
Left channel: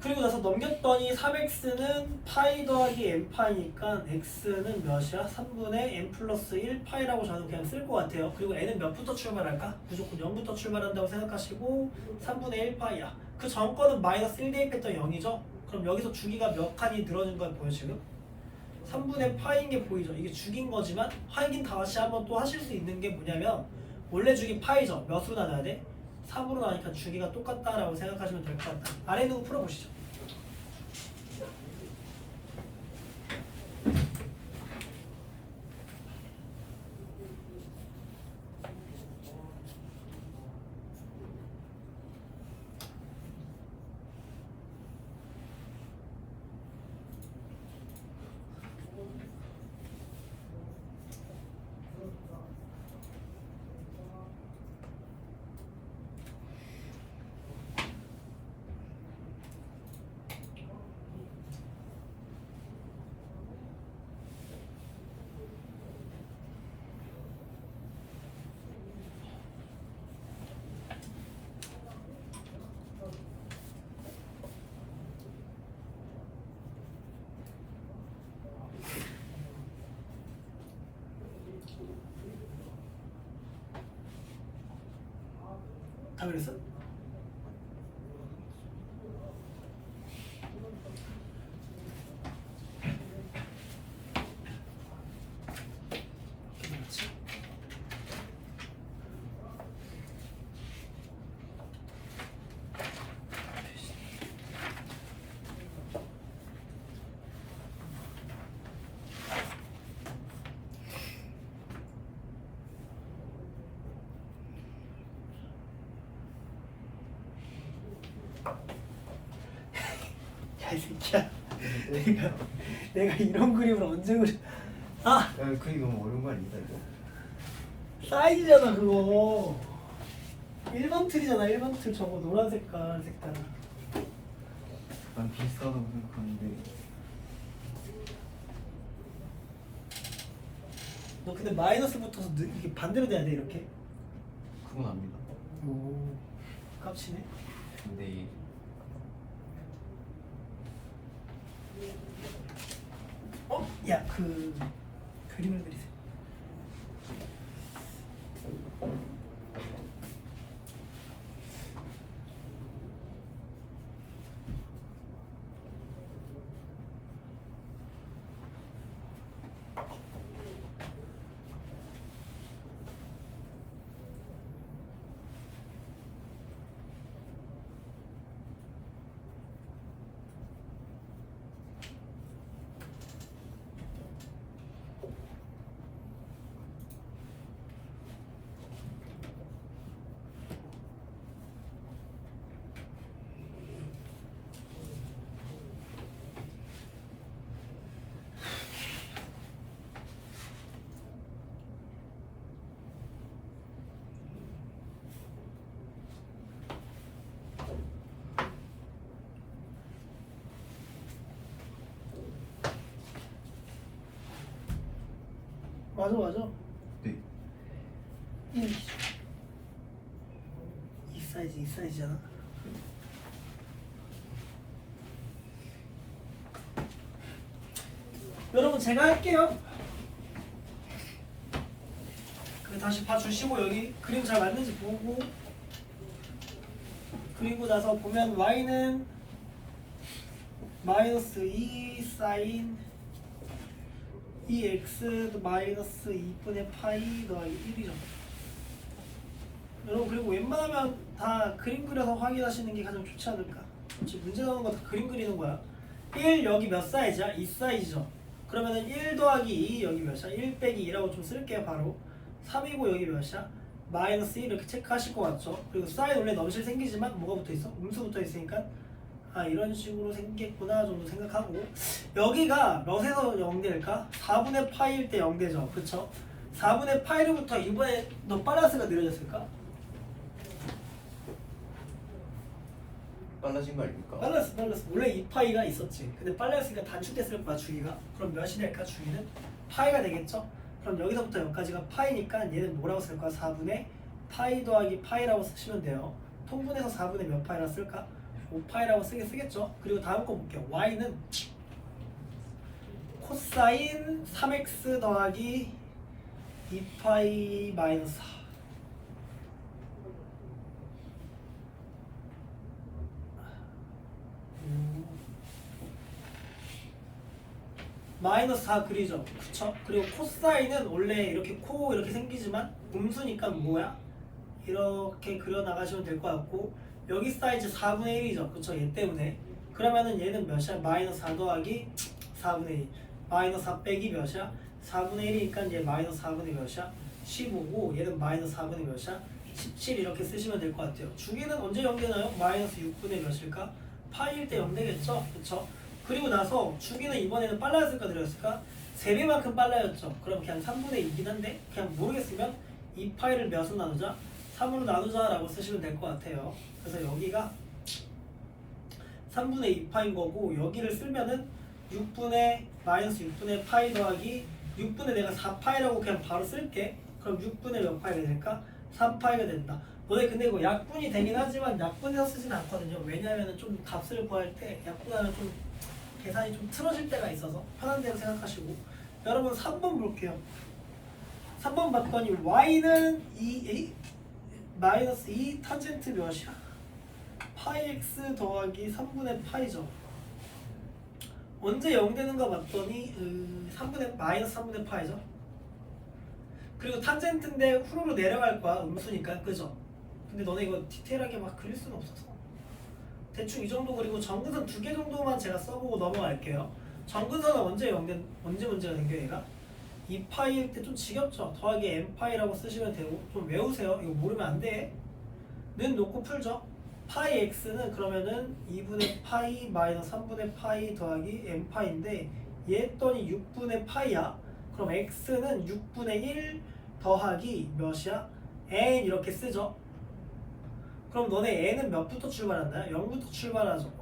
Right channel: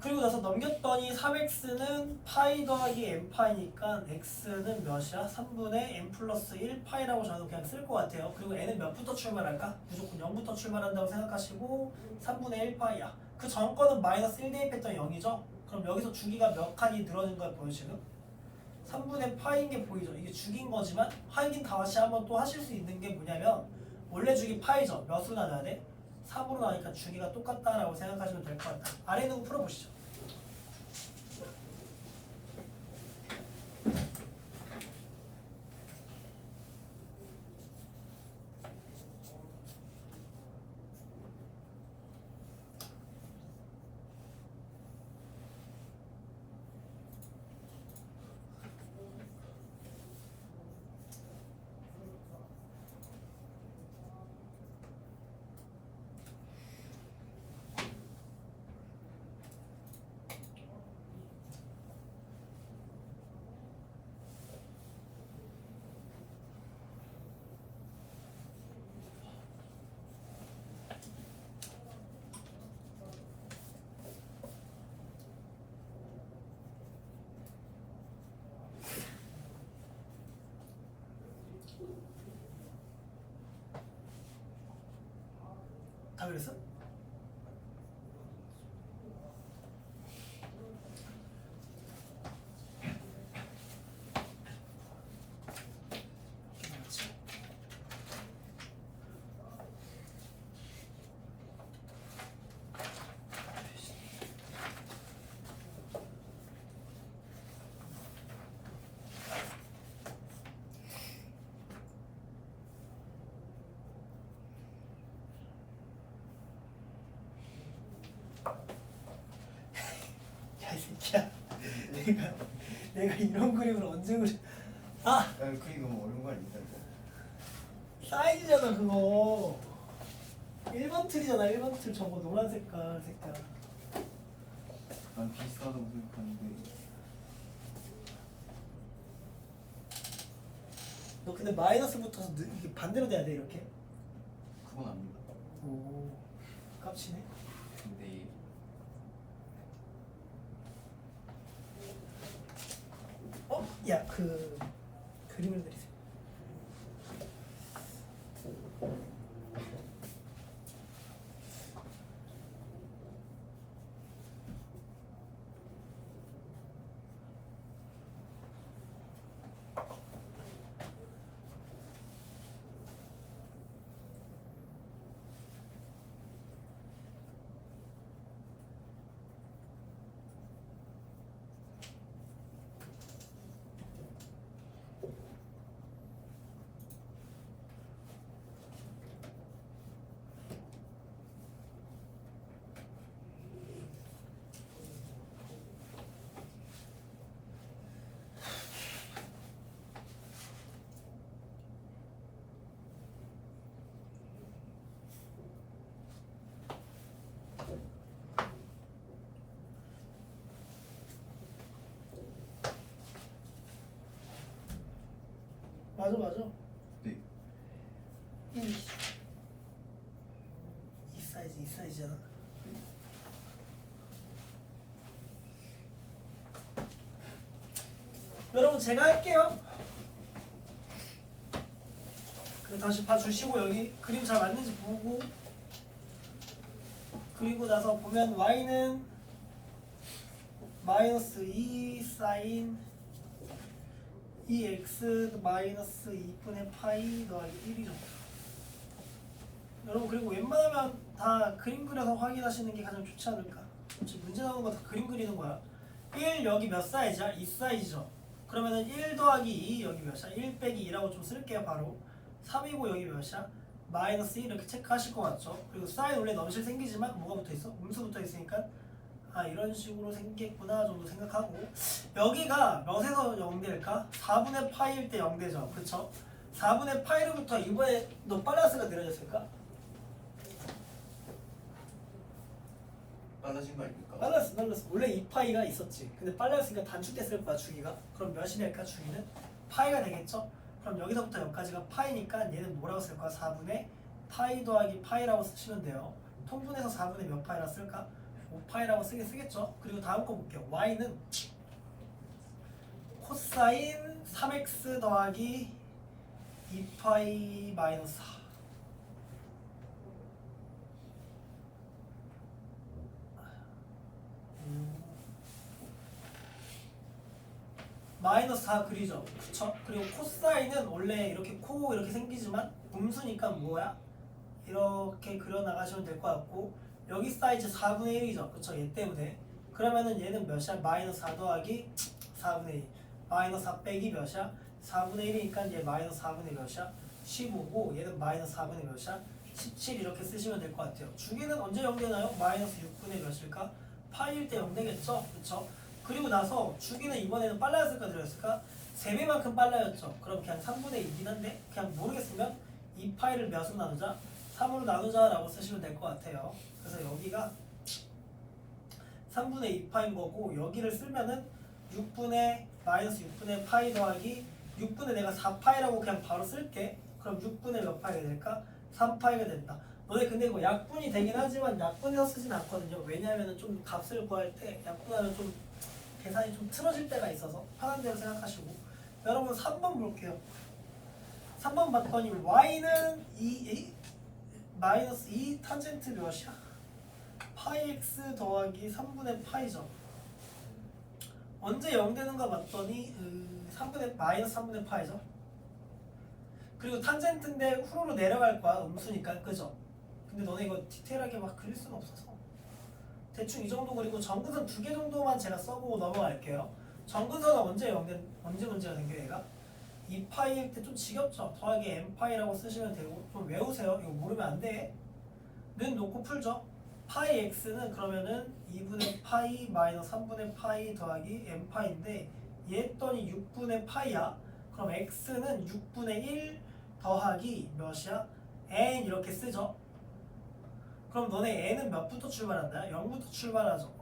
그리고 나서 넘겼더니 3x는 파이 더하기 n파이니까 x는 몇이야? 3분의 n 플러스 1파이라고 저는 그냥 쓸 것 같아요. 그리고 n은 몇부터 출발할까? 무조건 0부터 출발한다고 생각하시고 3분의 1파이야. 그 전 거는 마이너스 1 대입했던 0이죠? 그럼 여기서 주기가 몇 칸이 늘어진 걸 보여 지금? 3분의 파인 게 보이죠? 이게 주기인 거지만 확인 다시 한번 또 하실 수 있는 게 뭐냐면 원래 주기 파이죠? 몇으로 나눠야 돼? 3으로 나니까 주기가 똑같다라고 생각하시면 될 것 같다. 아래 있는 거 풀어보시죠. 다 그랬어? 야, 이 새끼야. 내가 이런 그림을 언제 그려? 아! 야, 그게 너무 어려운 거 아닙니까 이거? 사이즈잖아 그거. 1번 틀이잖아. 1번 틀 저거 노란 색깔. 난 비슷하다고 생각하는데. 너 근데 마이너스 붙어서 이게 반대로 돼야 돼 이렇게. 그건 압니다. 오. 깝치네. 근데 이 야, 그 그림을 그리세요. 맞아. 네. 1 이 사이즈잖아. 여러분 제가 할게요. 다시 봐주시고 여기 그림 잘 맞는지 보고, 그리고 나서 보면 y는 마이너스 2 사인 2x 마이너스 2분의 파이 더하기 1이죠. 여러분 그리고 웬만하면 다 그림 그려서 확인하시는 게 가장 좋지 않을까. 지금 문제 나오는 거 다 그림 그리는 거야. 1 여기 몇 사이즈야? 2 사이즈죠. 그러면은 1 더하기 2 여기 몇이야? 1 빼기 2라고 좀 쓸게요. 바로 3이고 여기 몇이야? 마이너스 1 이렇게 체크하실 것 같죠? 그리고 사인 원래 넘실 생기지만 뭐가 붙어 있어? 음수 붙어 있으니까 아 이런 식으로 생겼구나 정도 생각하고, 여기가 몇에서 0될까? 4분의 파이일 때 0되죠. 그쵸? 4분의 파이로부터 이번에 너 빨라스가 느려졌을까? 빨라진 거 아닙니까? 빨랐어. 원래 2파이가 있었지. 근데 빨랐으니까 단축됐을 거야 주기가. 그럼 몇이 될까? 주기는 파이가 되겠죠? 그럼 여기서부터 여기까지가 파이니까 얘는 뭐라고 쓸 거야? 4분의 파이 더하기 파이라고 쓰시면 돼요. 통분해서 4분의 몇 파이라 쓸까? 5파이라고 쓰겠죠? 그리고 다음 거 볼게요. y는 코사인 3x 더하기 2파이 마이너스 4. 마이너스 4 그리죠. 그쵸? 그리고 코사인은 원래 이렇게 코 이렇게 생기지만 음수니까 뭐야? 이렇게 그려 나가시면 될 것 같고, 여기 사이즈 4분의 1이죠. 그쵸? 얘 때문에. 그러면은 얘는 몇이야? 마이너스 4 더하기 4분의 1. 마이너스 4 빼기 몇이야? 4분의 1이니까 얘 마이너스 4분의 몇이야? 15고 얘는 마이너스 4분의 몇이야? 17 이렇게 쓰시면 될 것 같아요. 주기는 언제 0되나요? 마이너스 6분의 몇일까? 파이일 때 0되겠죠? 그쵸? 그리고 나서 주기는 이번에는 빨라졌을까 느렸을까? 3배만큼 빨라졌죠. 그럼 그냥 3분의 2긴 한데 그냥 모르겠으면 2파이를 몇으로 나누자? 3으로 나누자 라고 쓰시면 될 것 같아요. 그래서 여기가 3분의 2파인 거고, 여기를 쓰면은 6분의 마이너스 6분의 파이 더하기 6분의 내가 4파이라고 그냥 바로 쓸게. 그럼 6분의 몇 파이가 될까? 3파이가 된다. 너네 근데 이거 약분이 되긴 하지만 약분해서 쓰진 않거든요. 왜냐하면 좀 값을 구할 때 약분하면 좀 계산이 좀 틀어질 때가 있어서 편한 대로 생각하시고. 여러분 3번 볼게요. 3번 봤더니 y는 마이너스 2 탄젠트 몇이야? 파이 x 더하기 3분의 파이죠. 언제 0 되는가 봤더니 마이너스 3분의 파이죠. 그리고 탄젠트인데 후루로 내려갈 거야. 음수니까. 그죠? 근데 너네 이거 디테일하게 막 그릴 수는 없어서 대충 이 정도 그리고 정근선 2개 정도만 제가 써보고 넘어갈게요. 정근선은 언제 문제가 생겨 얘가? 2파이일 때 좀 지겹죠? 더하기 n파이라고 쓰시면 되고, 좀 외우세요. 이거 모르면 안 돼. 는 놓고 풀죠. 파이 x는 그러면은 2분의 파이 마이너스 3분의 파이 더하기 n파이인데 얘 했더니 6분의 파이야. 그럼 x는 6분의 1 더하기 몇이야? n 이렇게 쓰죠. 그럼 너네 n은 몇부터 출발한다? 0부터 출발하죠.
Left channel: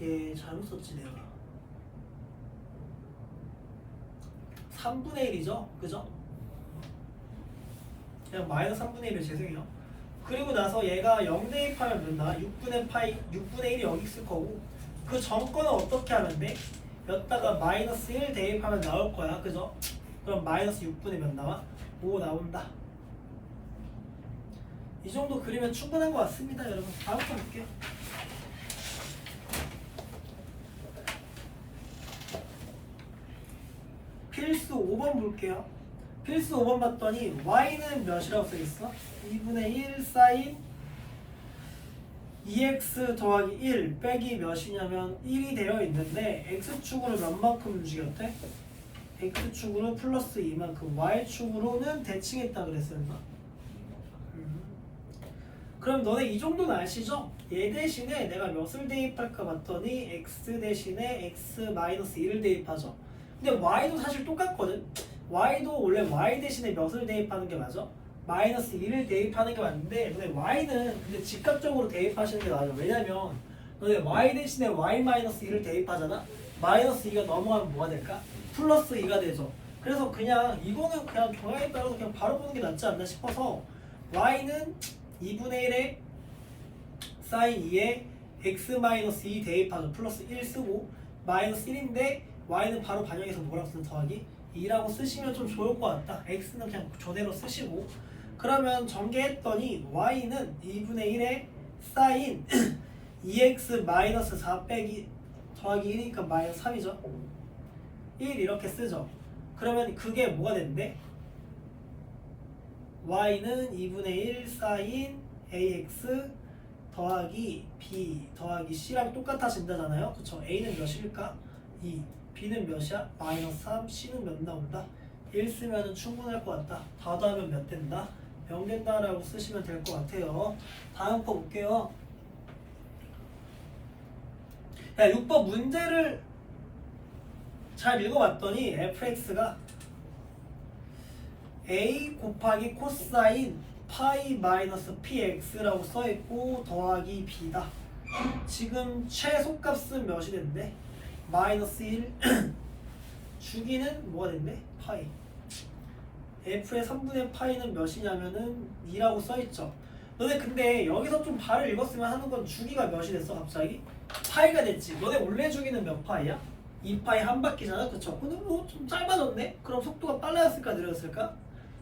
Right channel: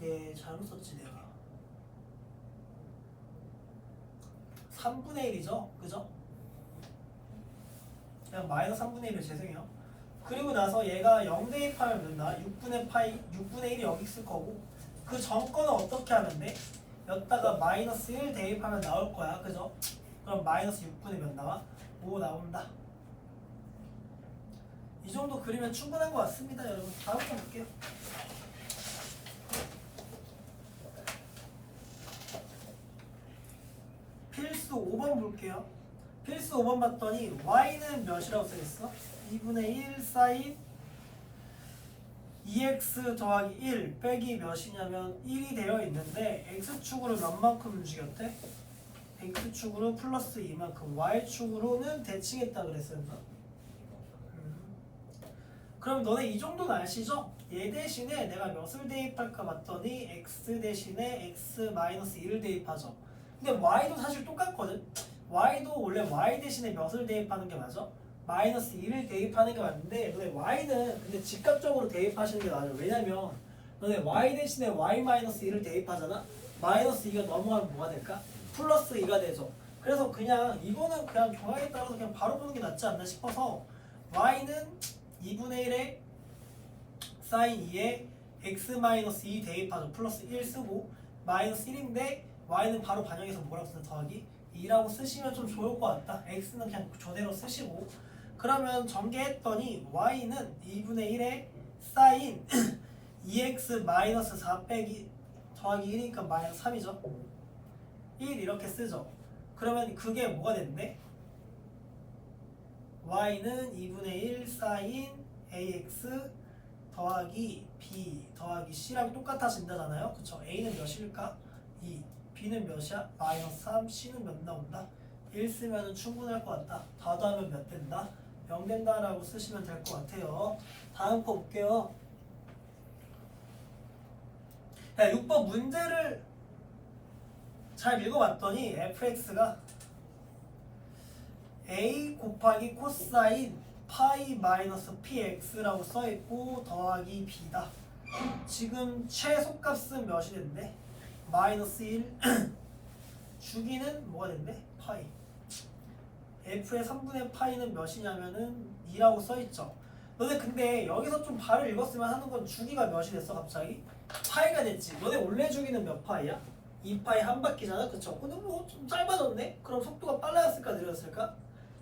얘 잘못 썼지 내가. 3분의 1이죠? 그죠? 그냥 마이너스 3분의 1을 죄송해요. 그리고 나서 얘가 0 대입하면 된다. 6분의 1이 여기 있을 거고, 그 정권은 어떻게 하면 돼? 여기다가 마이너스 1 대입하면 나올 거야. 그죠? 그럼 마이너스 6분의 몇 나와? 5 나온다. 이 정도 그리면 충분한 것 같습니다. 여러분 다음부터 볼게요. 필수 5번 볼게요. 필수 5번 봤더니 y는 몇이라고 써있어? 2분의 1 사인 2x 더하기 1 빼기 몇이냐면 1이 되어 있는데 x축으로 몇만큼 움직였대? x축으로 플러스 2만큼, y축으로는 대칭했다 그랬었나? 그럼 너네 이 정도는 아시죠? 얘 대신에 내가 몇을 대입할까 봤더니 x 대신에 x 마이너스 1을 대입하죠. 근데 y도 사실 똑같거든. y도 원래 y 대신에 몇을 대입하는 게 맞아? 마이너스 1을 대입하는 게 맞는데, 너네 y는 근데 직접적으로 대입하시는 게 맞아. 왜냐면 너네 y 대신에 y 마이너스 1을 대입하잖아. 마이너스 2가 넘어가면 뭐가 될까? 플러스 2가 되죠. 그래서 그냥 이거는 그냥 종합에 따라서 그냥 바로 보는 게 낫지 않나 싶어서 y는 2분의 1에 사인 2에 x-2 대입하죠. 플러스 1 쓰고 마이너스 1인데 y는 바로 반영해서 뭐라고 쓰는 더하기 2라고 쓰시면 좀 좋을 것 같다. x는 그냥 저대로 쓰시고 그러면 전개했더니 y는 2분의 1에 사인 2x-4 빼기 더하기 1이니까 마이너스 3이죠. 1 이렇게 쓰죠. 그러면 그게 뭐가 된대? y는 2분의 1 사인 ax 더하기 b 더하기 c랑 똑같아진다잖아요. 그쵸? a는 몇일까? 2. b는 몇이야? 마이너스 3. c는 몇 나온다? 1 쓰면 충분할 것 같다. 다 더하면 몇 된다? 0 된다라고 쓰시면 될 것 같아요. 다음 거 볼게요. 야, 6번 문제를 잘 읽어봤더니 fx가 a 곱하기 코사인 파이 마이너스 px라고 써있고 더하기 b다. 지금 최소값은 몇이 된대? 마이너스 1 주기는 뭐가 된대? 파이. f의 3분의 파이는 몇이냐면은 2라고 써있죠. 너네 근데 여기서 좀 발을 읽었으면 하는 건 주기가 몇이 됐어 갑자기? 파이가 됐지. 너네 원래 주기는 몇 파이야? 2파이 한 바퀴잖아. 그쵸? 근데 뭐 좀 짧아졌네? 그럼 속도가 빨라졌을까 느렸을까?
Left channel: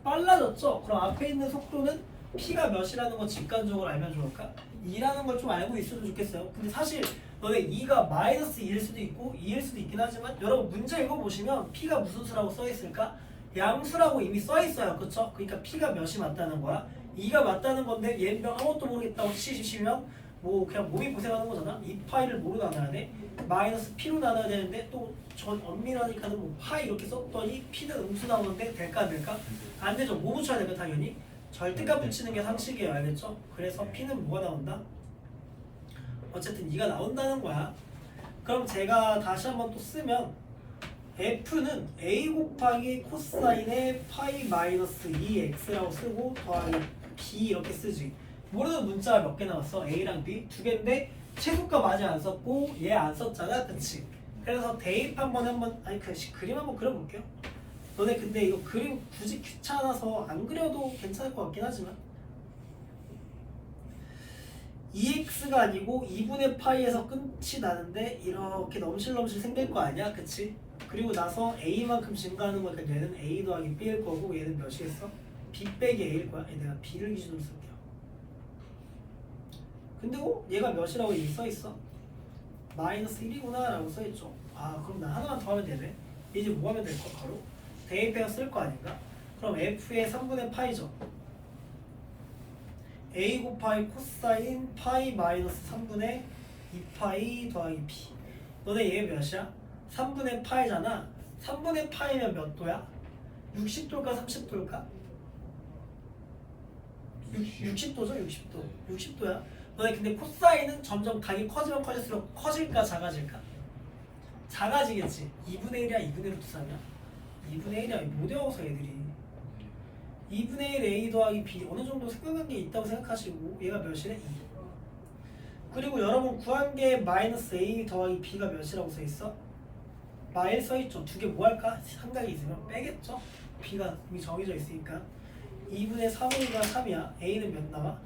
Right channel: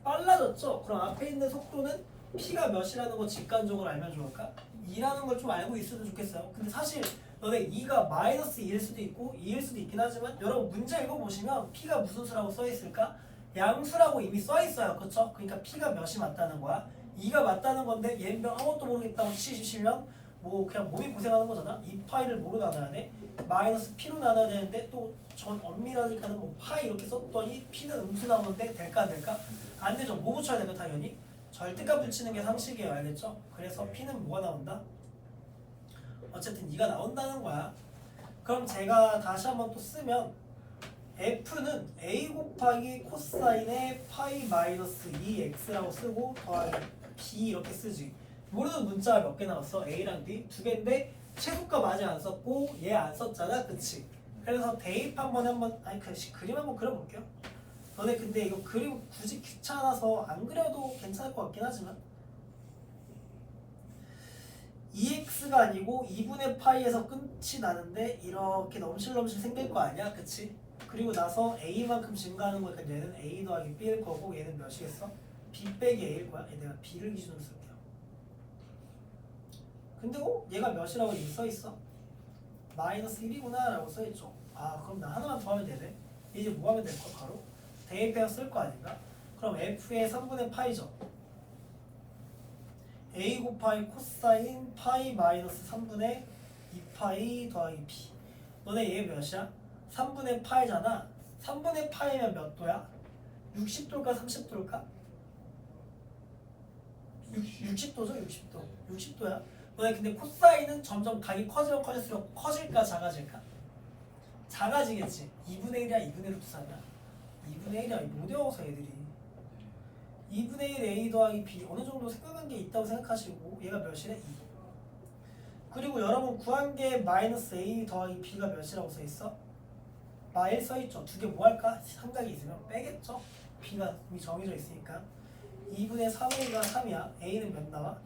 빨라졌죠? 그럼 앞에 있는 속도는 p가 몇이라는 거 직관적으로 알면 좋을까? 2라는 걸 좀 알고 있으면 좋겠어요. 근데 사실 너네 2가 마이너스 2일 수도 있고 2일 수도 있긴 하지만 여러분 문제 읽어보시면 p가 무슨 수라고 써있을까? 양수라고 이미 써있어요. 그쵸? 그러니까 p가 몇이 맞다는 거야. 2가 맞다는 건데 얘는 아무것도 모르겠다고 치시면 뭐 그냥 몸이 고생하는 거잖아. 2파이를 뭐로 나눠야 돼? 마이너스 p로 나눠야 되는데 또 전 엄밀하니까는 뭐 파이 이렇게 썼더니 p는 음수 나오는데 될까 안 될까? 안 되죠. 뭐 붙여야 될까 당연히? 절대값 붙이는 게 상식이에요. 알겠죠? 그래서 p는 뭐가 나온다? 어쨌든 2가 나온다는 거야. 그럼 제가 다시 한번 또 쓰면 f는 a 곱하기 코사인의 파이 마이너스 2x라고 쓰고 더하기 b 이렇게 쓰지. 모르는 문자가 몇 개 나왔어? a랑 b 두 개인데 최소값 아직 안 썼고 얘 안 썼잖아. 그치? 그래서 대입 한번 아니 그림 한번 그려볼게요. 너네 근데 이거 그림 굳이 귀찮아서 안 그려도 괜찮을 것 같긴 하지만 2x가 아니고 2분의 파이에서 끝이 나는데 이렇게 넘실넘실 생길 거 아니야? 그치? 그리고 나서 a만큼 증가하는 거니까 얘는 a 더하기 b일 거고 얘는 몇이겠어? b 빼기 a일 거야. 내가 b를 기준으로 쓸게요. 근데 얘가 몇이라고 여기 써있어? 마이너스 1이구나 라고 써있죠. 아 그럼 나 하나만 더 하면 되네. 이제 뭐 하면 될까? 바로 대입해서 쓸 거 아닌가? 그럼 f의 3분의 파이죠. a 곱하기 코사인 파이 마이너스 3분의 2파이 더하기 b. 너네 얘 몇이야? 3분의 파이잖아. 3분의 파이면 몇 도야? 60도일까 30도일까? 60도죠? 60도. 60도야. 너네 근데 코사인은 점점 각이 커지면 커질수록 커질까 작아질까? 작아지겠지. 2분의 1이야 2분의 1로 두사냐? 2분의 1이야. 못 외워서 애들이 2분의 1 a 더하기 b 어느 정도 생각한 게 있다고 생각하시고 얘가 몇이래? 2. 그리고 여러분 구한 게 마이너스 a 더하기 b가 몇이라고 써있어? 마일 써있죠. 두 개 뭐 할까? 삼각이 있으면 빼겠죠? b가 이미 정해져 있으니까 2분의 3a가 3이야. a는 몇 나와?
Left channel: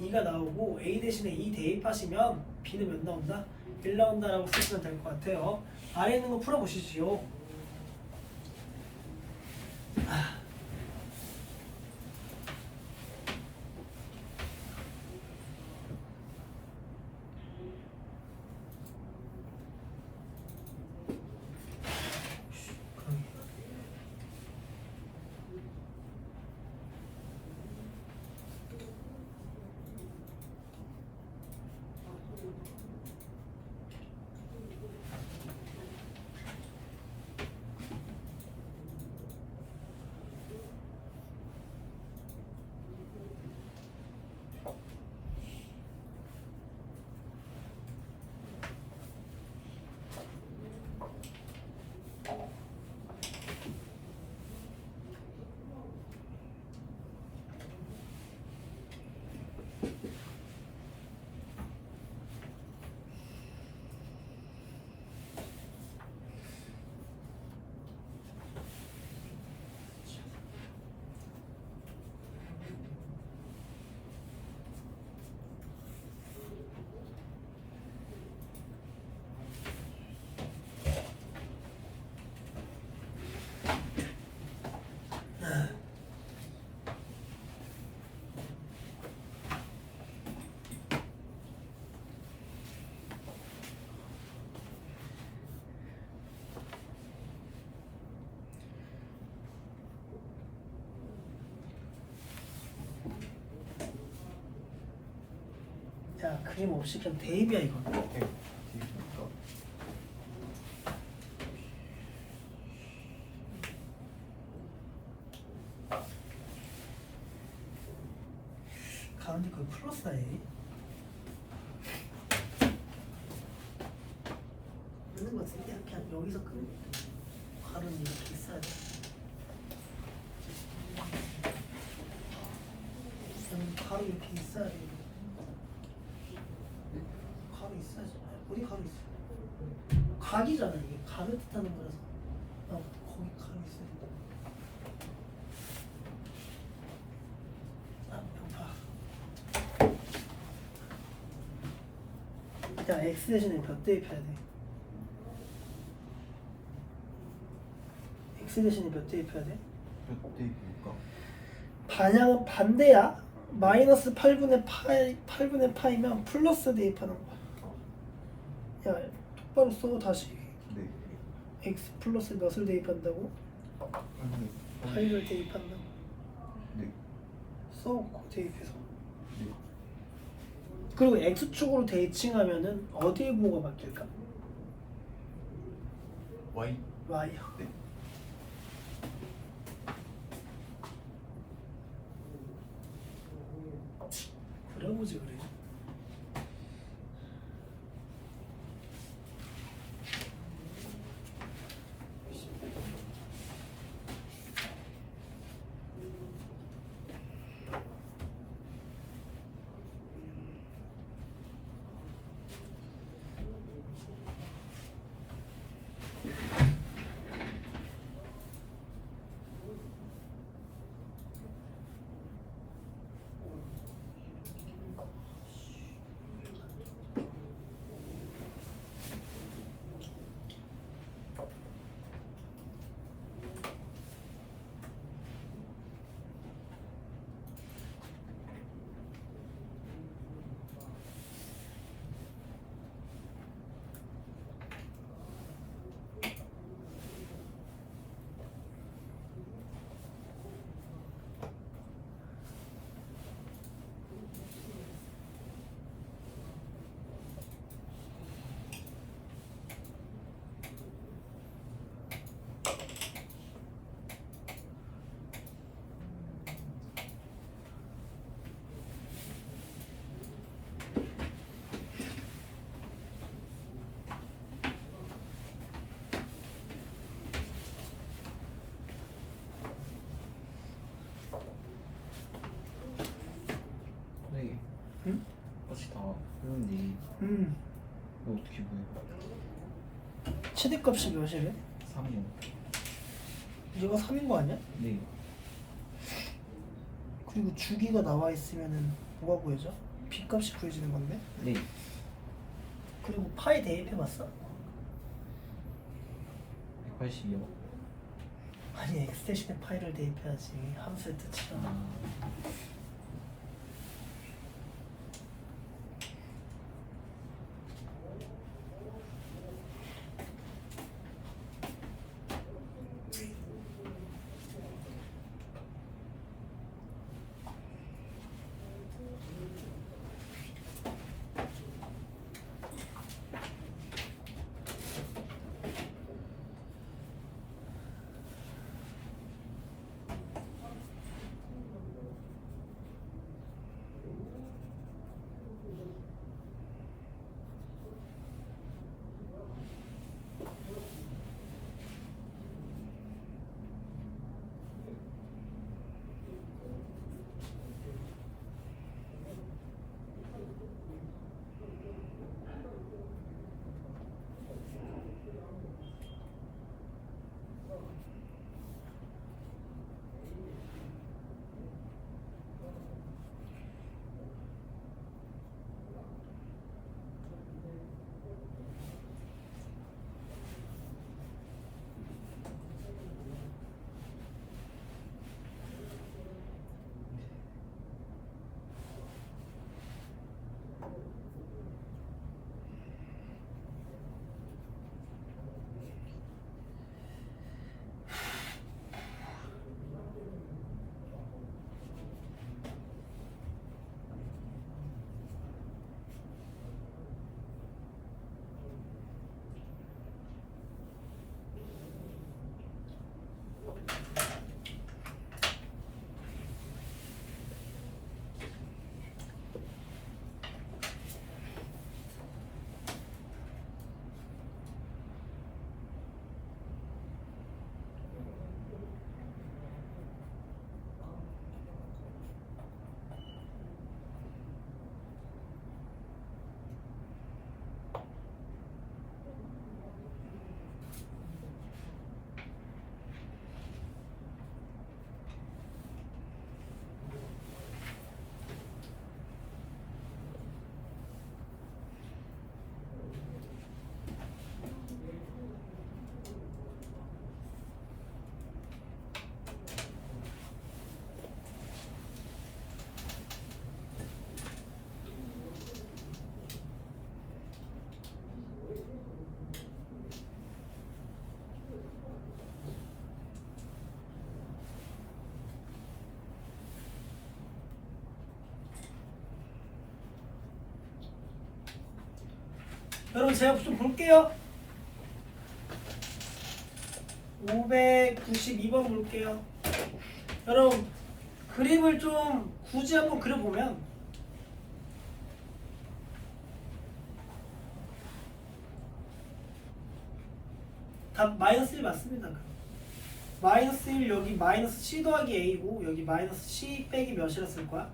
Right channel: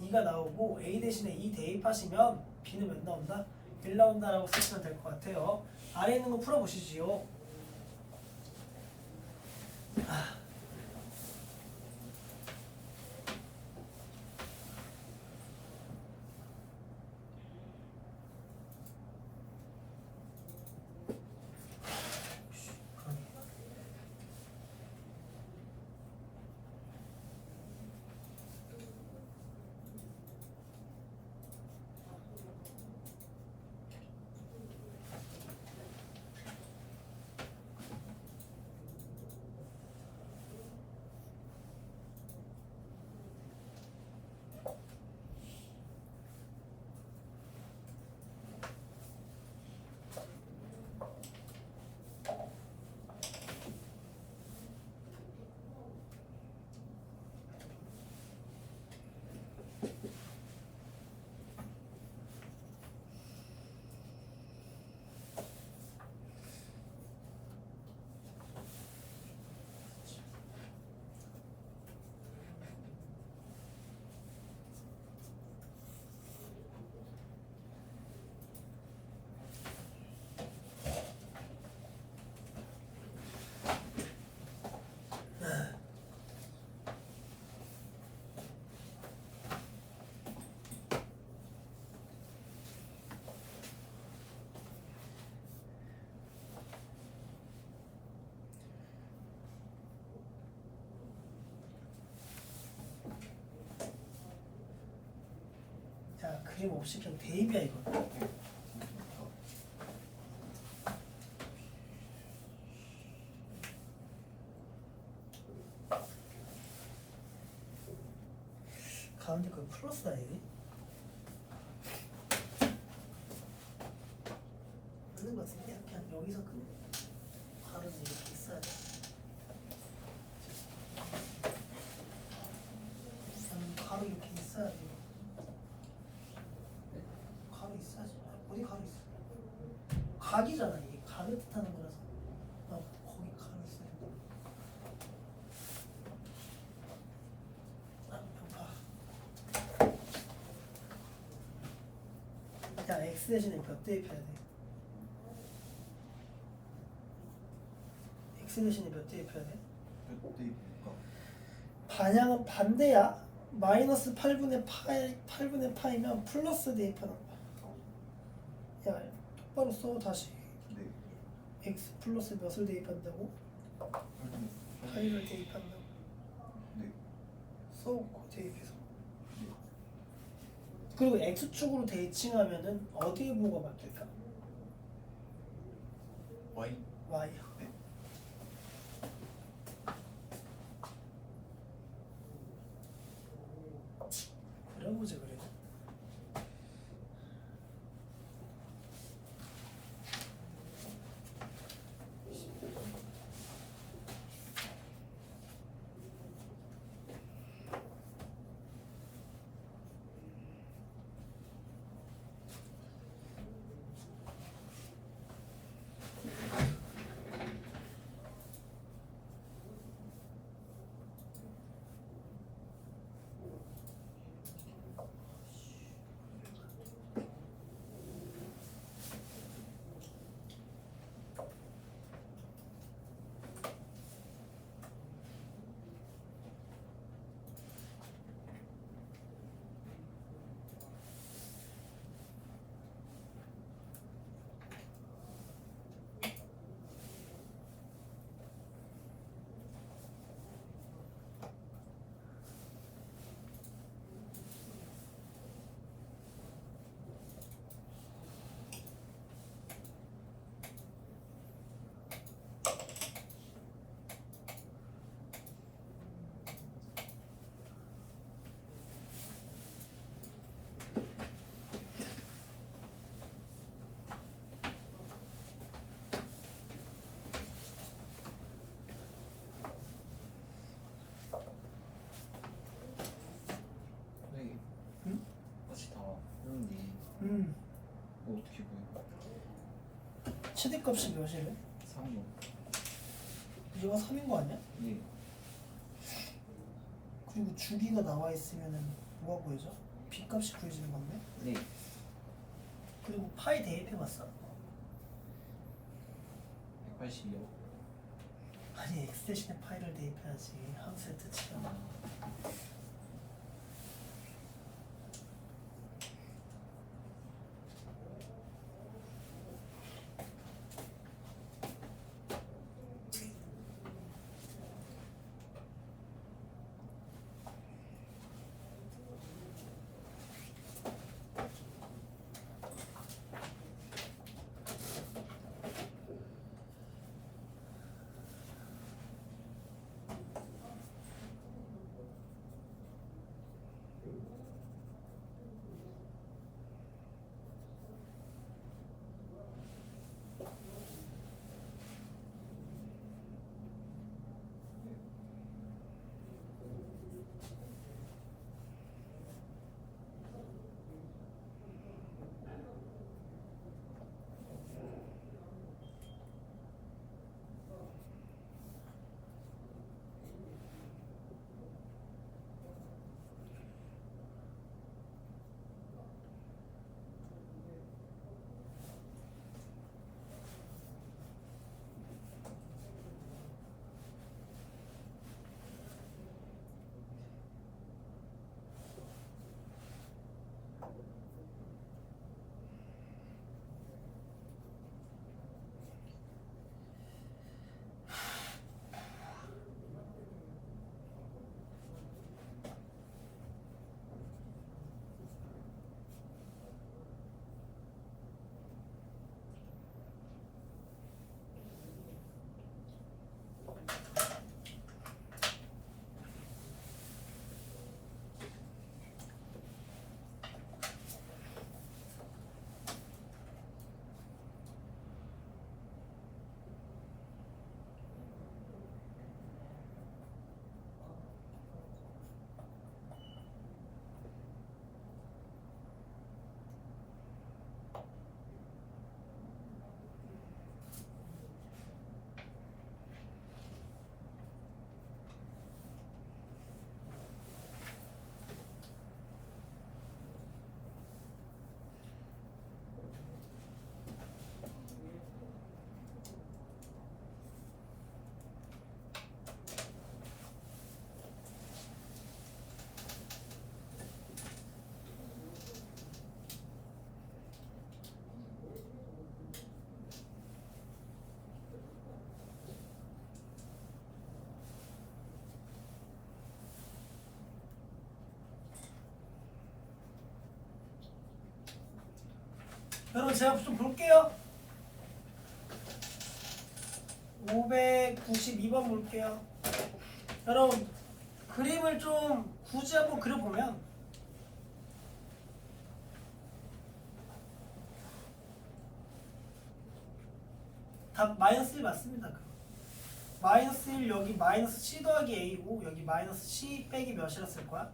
2가 나오고 a 대신에 2 대입하시면 b는 몇 나온다? 1 나온다라고 쓰시면 될 것 같아요. 아래 있는 거 풀어보시지요. 야 그림 없이 그냥 대입이야 이건. 오케이. 가운데 그 플러스다 얘. 있는 거 같은데 그냥 여기서 큰 가루는 이렇게 있어야 돼. 가루 이렇게 있어야 돼. 가루 있어야지. 어디 가루 있어? 각이잖아 이게. 각을 뜻하는 거라서. 거기 가루 있어야 돼. 배고파. 야 x 대신에 몇 대입해야 돼? x 대신에 몇 대입해야 돼? 몇 대입일까? 반향은 반대야. 마이너스 8분의 파이면 플러스 대입하는 거야. 야 똑바로 써 다시. 네. x 플러스 몇을 대입한다고? 8을 대입한다고. 네. 써 대입해서. 네. 그리고 x축으로 대칭하면은 어디에 부호가 바뀔까? Y. y야. 네. 그려보지 그래. 네. 응? 꽃이 다 했는데 이거 어떻게 보여? 최대값이 몇이래? 3년. 이거 3인 거 아니야? 네. 그리고 주기가 나와 있으면은 뭐가 구해져? b값이 구해지는 건데? 네. 그리고 파이 대입해봤어? 180이요. 아니 x 대신에 파이를 대입해야지. 함수의 뜻이잖아. 여러분 제가 좀 볼게요. 592번 볼게요. 여러분 그림을 좀 굳이 한번 그려보면 답 -1 맞습니다. 마이너스 1 여기 마이너스 C 더하기 A고 여기 마이너스 C 빼기 몇이랬을 거야?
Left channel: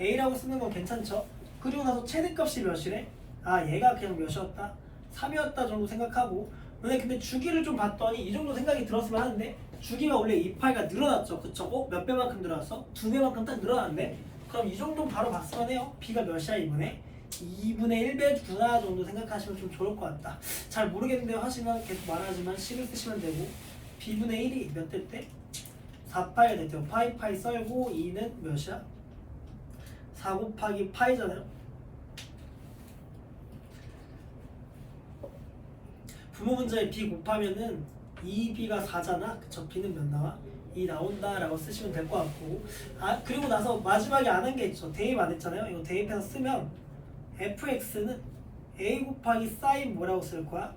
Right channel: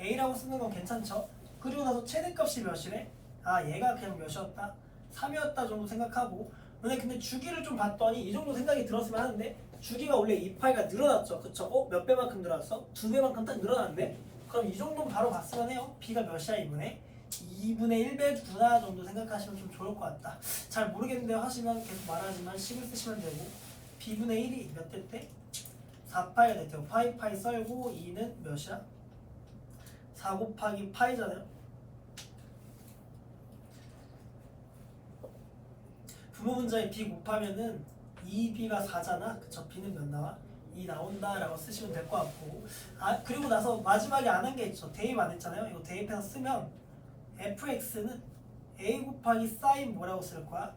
A라고 쓰는 건 괜찮죠? 그리고 나서 최대값이 몇이래? 아 얘가 그냥 몇이었다? 3이었다 정도 생각하고 근데 주기를 좀 봤더니 이 정도 생각이 들었으면 하는데 주기가 원래 2파이가 늘어났죠 그쵸? 몇 배만큼 늘어났어? 2배만큼 딱 늘어났는데 그럼 이 정도는 바로 봤으면 해요. B가 몇이야 이분에? 2분의 1배구나 정도 생각하시면 좀 좋을 것 같다. 잘 모르겠는데요 하시면 계속 말하지만 식을 쓰시면 되고 B분의 1이 몇 대 때? 4파이가 됐대요. 파이 썰고 2는 몇이야? 4 곱하기 파이잖아요. 부모 문제에 B 곱하면은 2B가 4잖아. 그쵸? B는 몇 나와? 2 나온다 라고 쓰시면 될 것 같고 아 그리고 나서 마지막에 안 한 게 있죠. 대입 안 했잖아요. 이거 대입해서 쓰면 fx는 a 곱하기 사인 뭐라고 쓸 거야?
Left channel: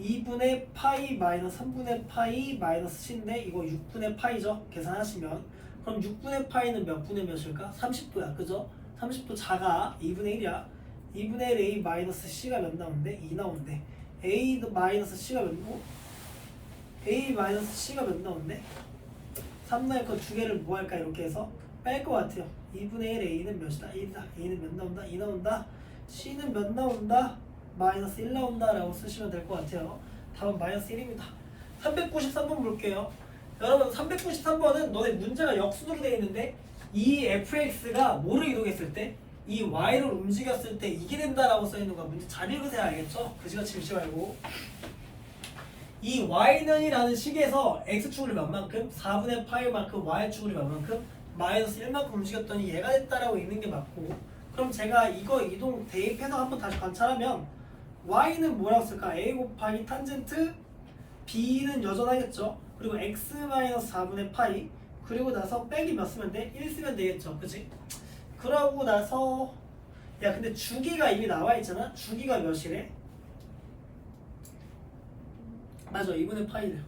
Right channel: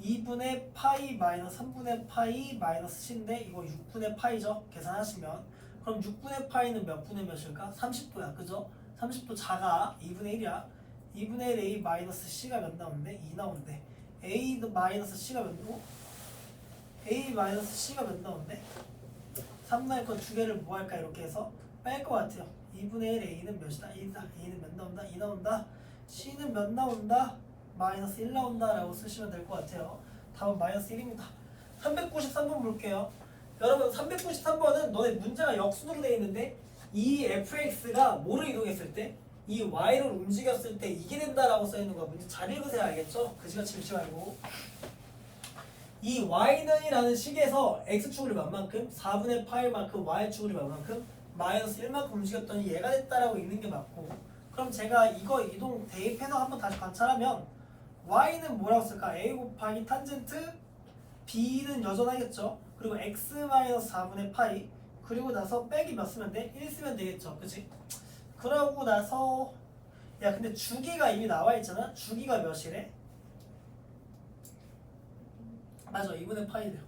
2분의 파이 마이너스 3분의 파이 마이너스 c인데 이거 6분의 파이죠? 계산하시면 그럼 6분의 파이는 몇 분의 몇일까? 30도야 그죠? 30도 작아 2분의 1이야 2분의 1 a 마이너스 c가 몇 나오는데? 2 나오는데 a 마이너스 c가 몇 나오? a 마이너스 c가 몇 나오는데? 3 나올 거 두 개를 뭐 할까 이렇게 해서 뺄 것 같아요 2분의 1 a는 몇이다? 1이다 a는 몇 나온다? 2 나온다 c는 몇 나온다? 마이너스 1 나온다 라고 쓰시면 될 것 같아요. 답은 마이너스 1입니다. 393번 볼게요. 여러분 393번은 너네 문제가 역순으로 되어 있는데 이 fx가 뭐를 이동했을 때 이 y를 움직였을 때 이게 된다라고 써 있는 거야. 문제 잘 읽으세요 알겠죠? 그지같이 읽지 말고 이 y는 이라는 식에서 x축을 몇 만큼? 4분의 파이만큼 y축을 몇 만큼? 마이너스 1만큼 움직였더니 얘가 됐다라고 읽는 게 맞고 그럼 제가 이거 이동 대입해서 한번 다시 관찰하면 y는 뭐라고 쓸까? a 곱하기 탄젠트 b는 여전하겠죠. 그리고 x-4분의 파이 그리고 나서 빼기 몇 쓰면 돼? 1 쓰면 되겠죠. 그치? 그러고 나서 야 근데 주기가 이미 나와 있잖아. 주기가 몇이래? 맞아 2분의 파이래요.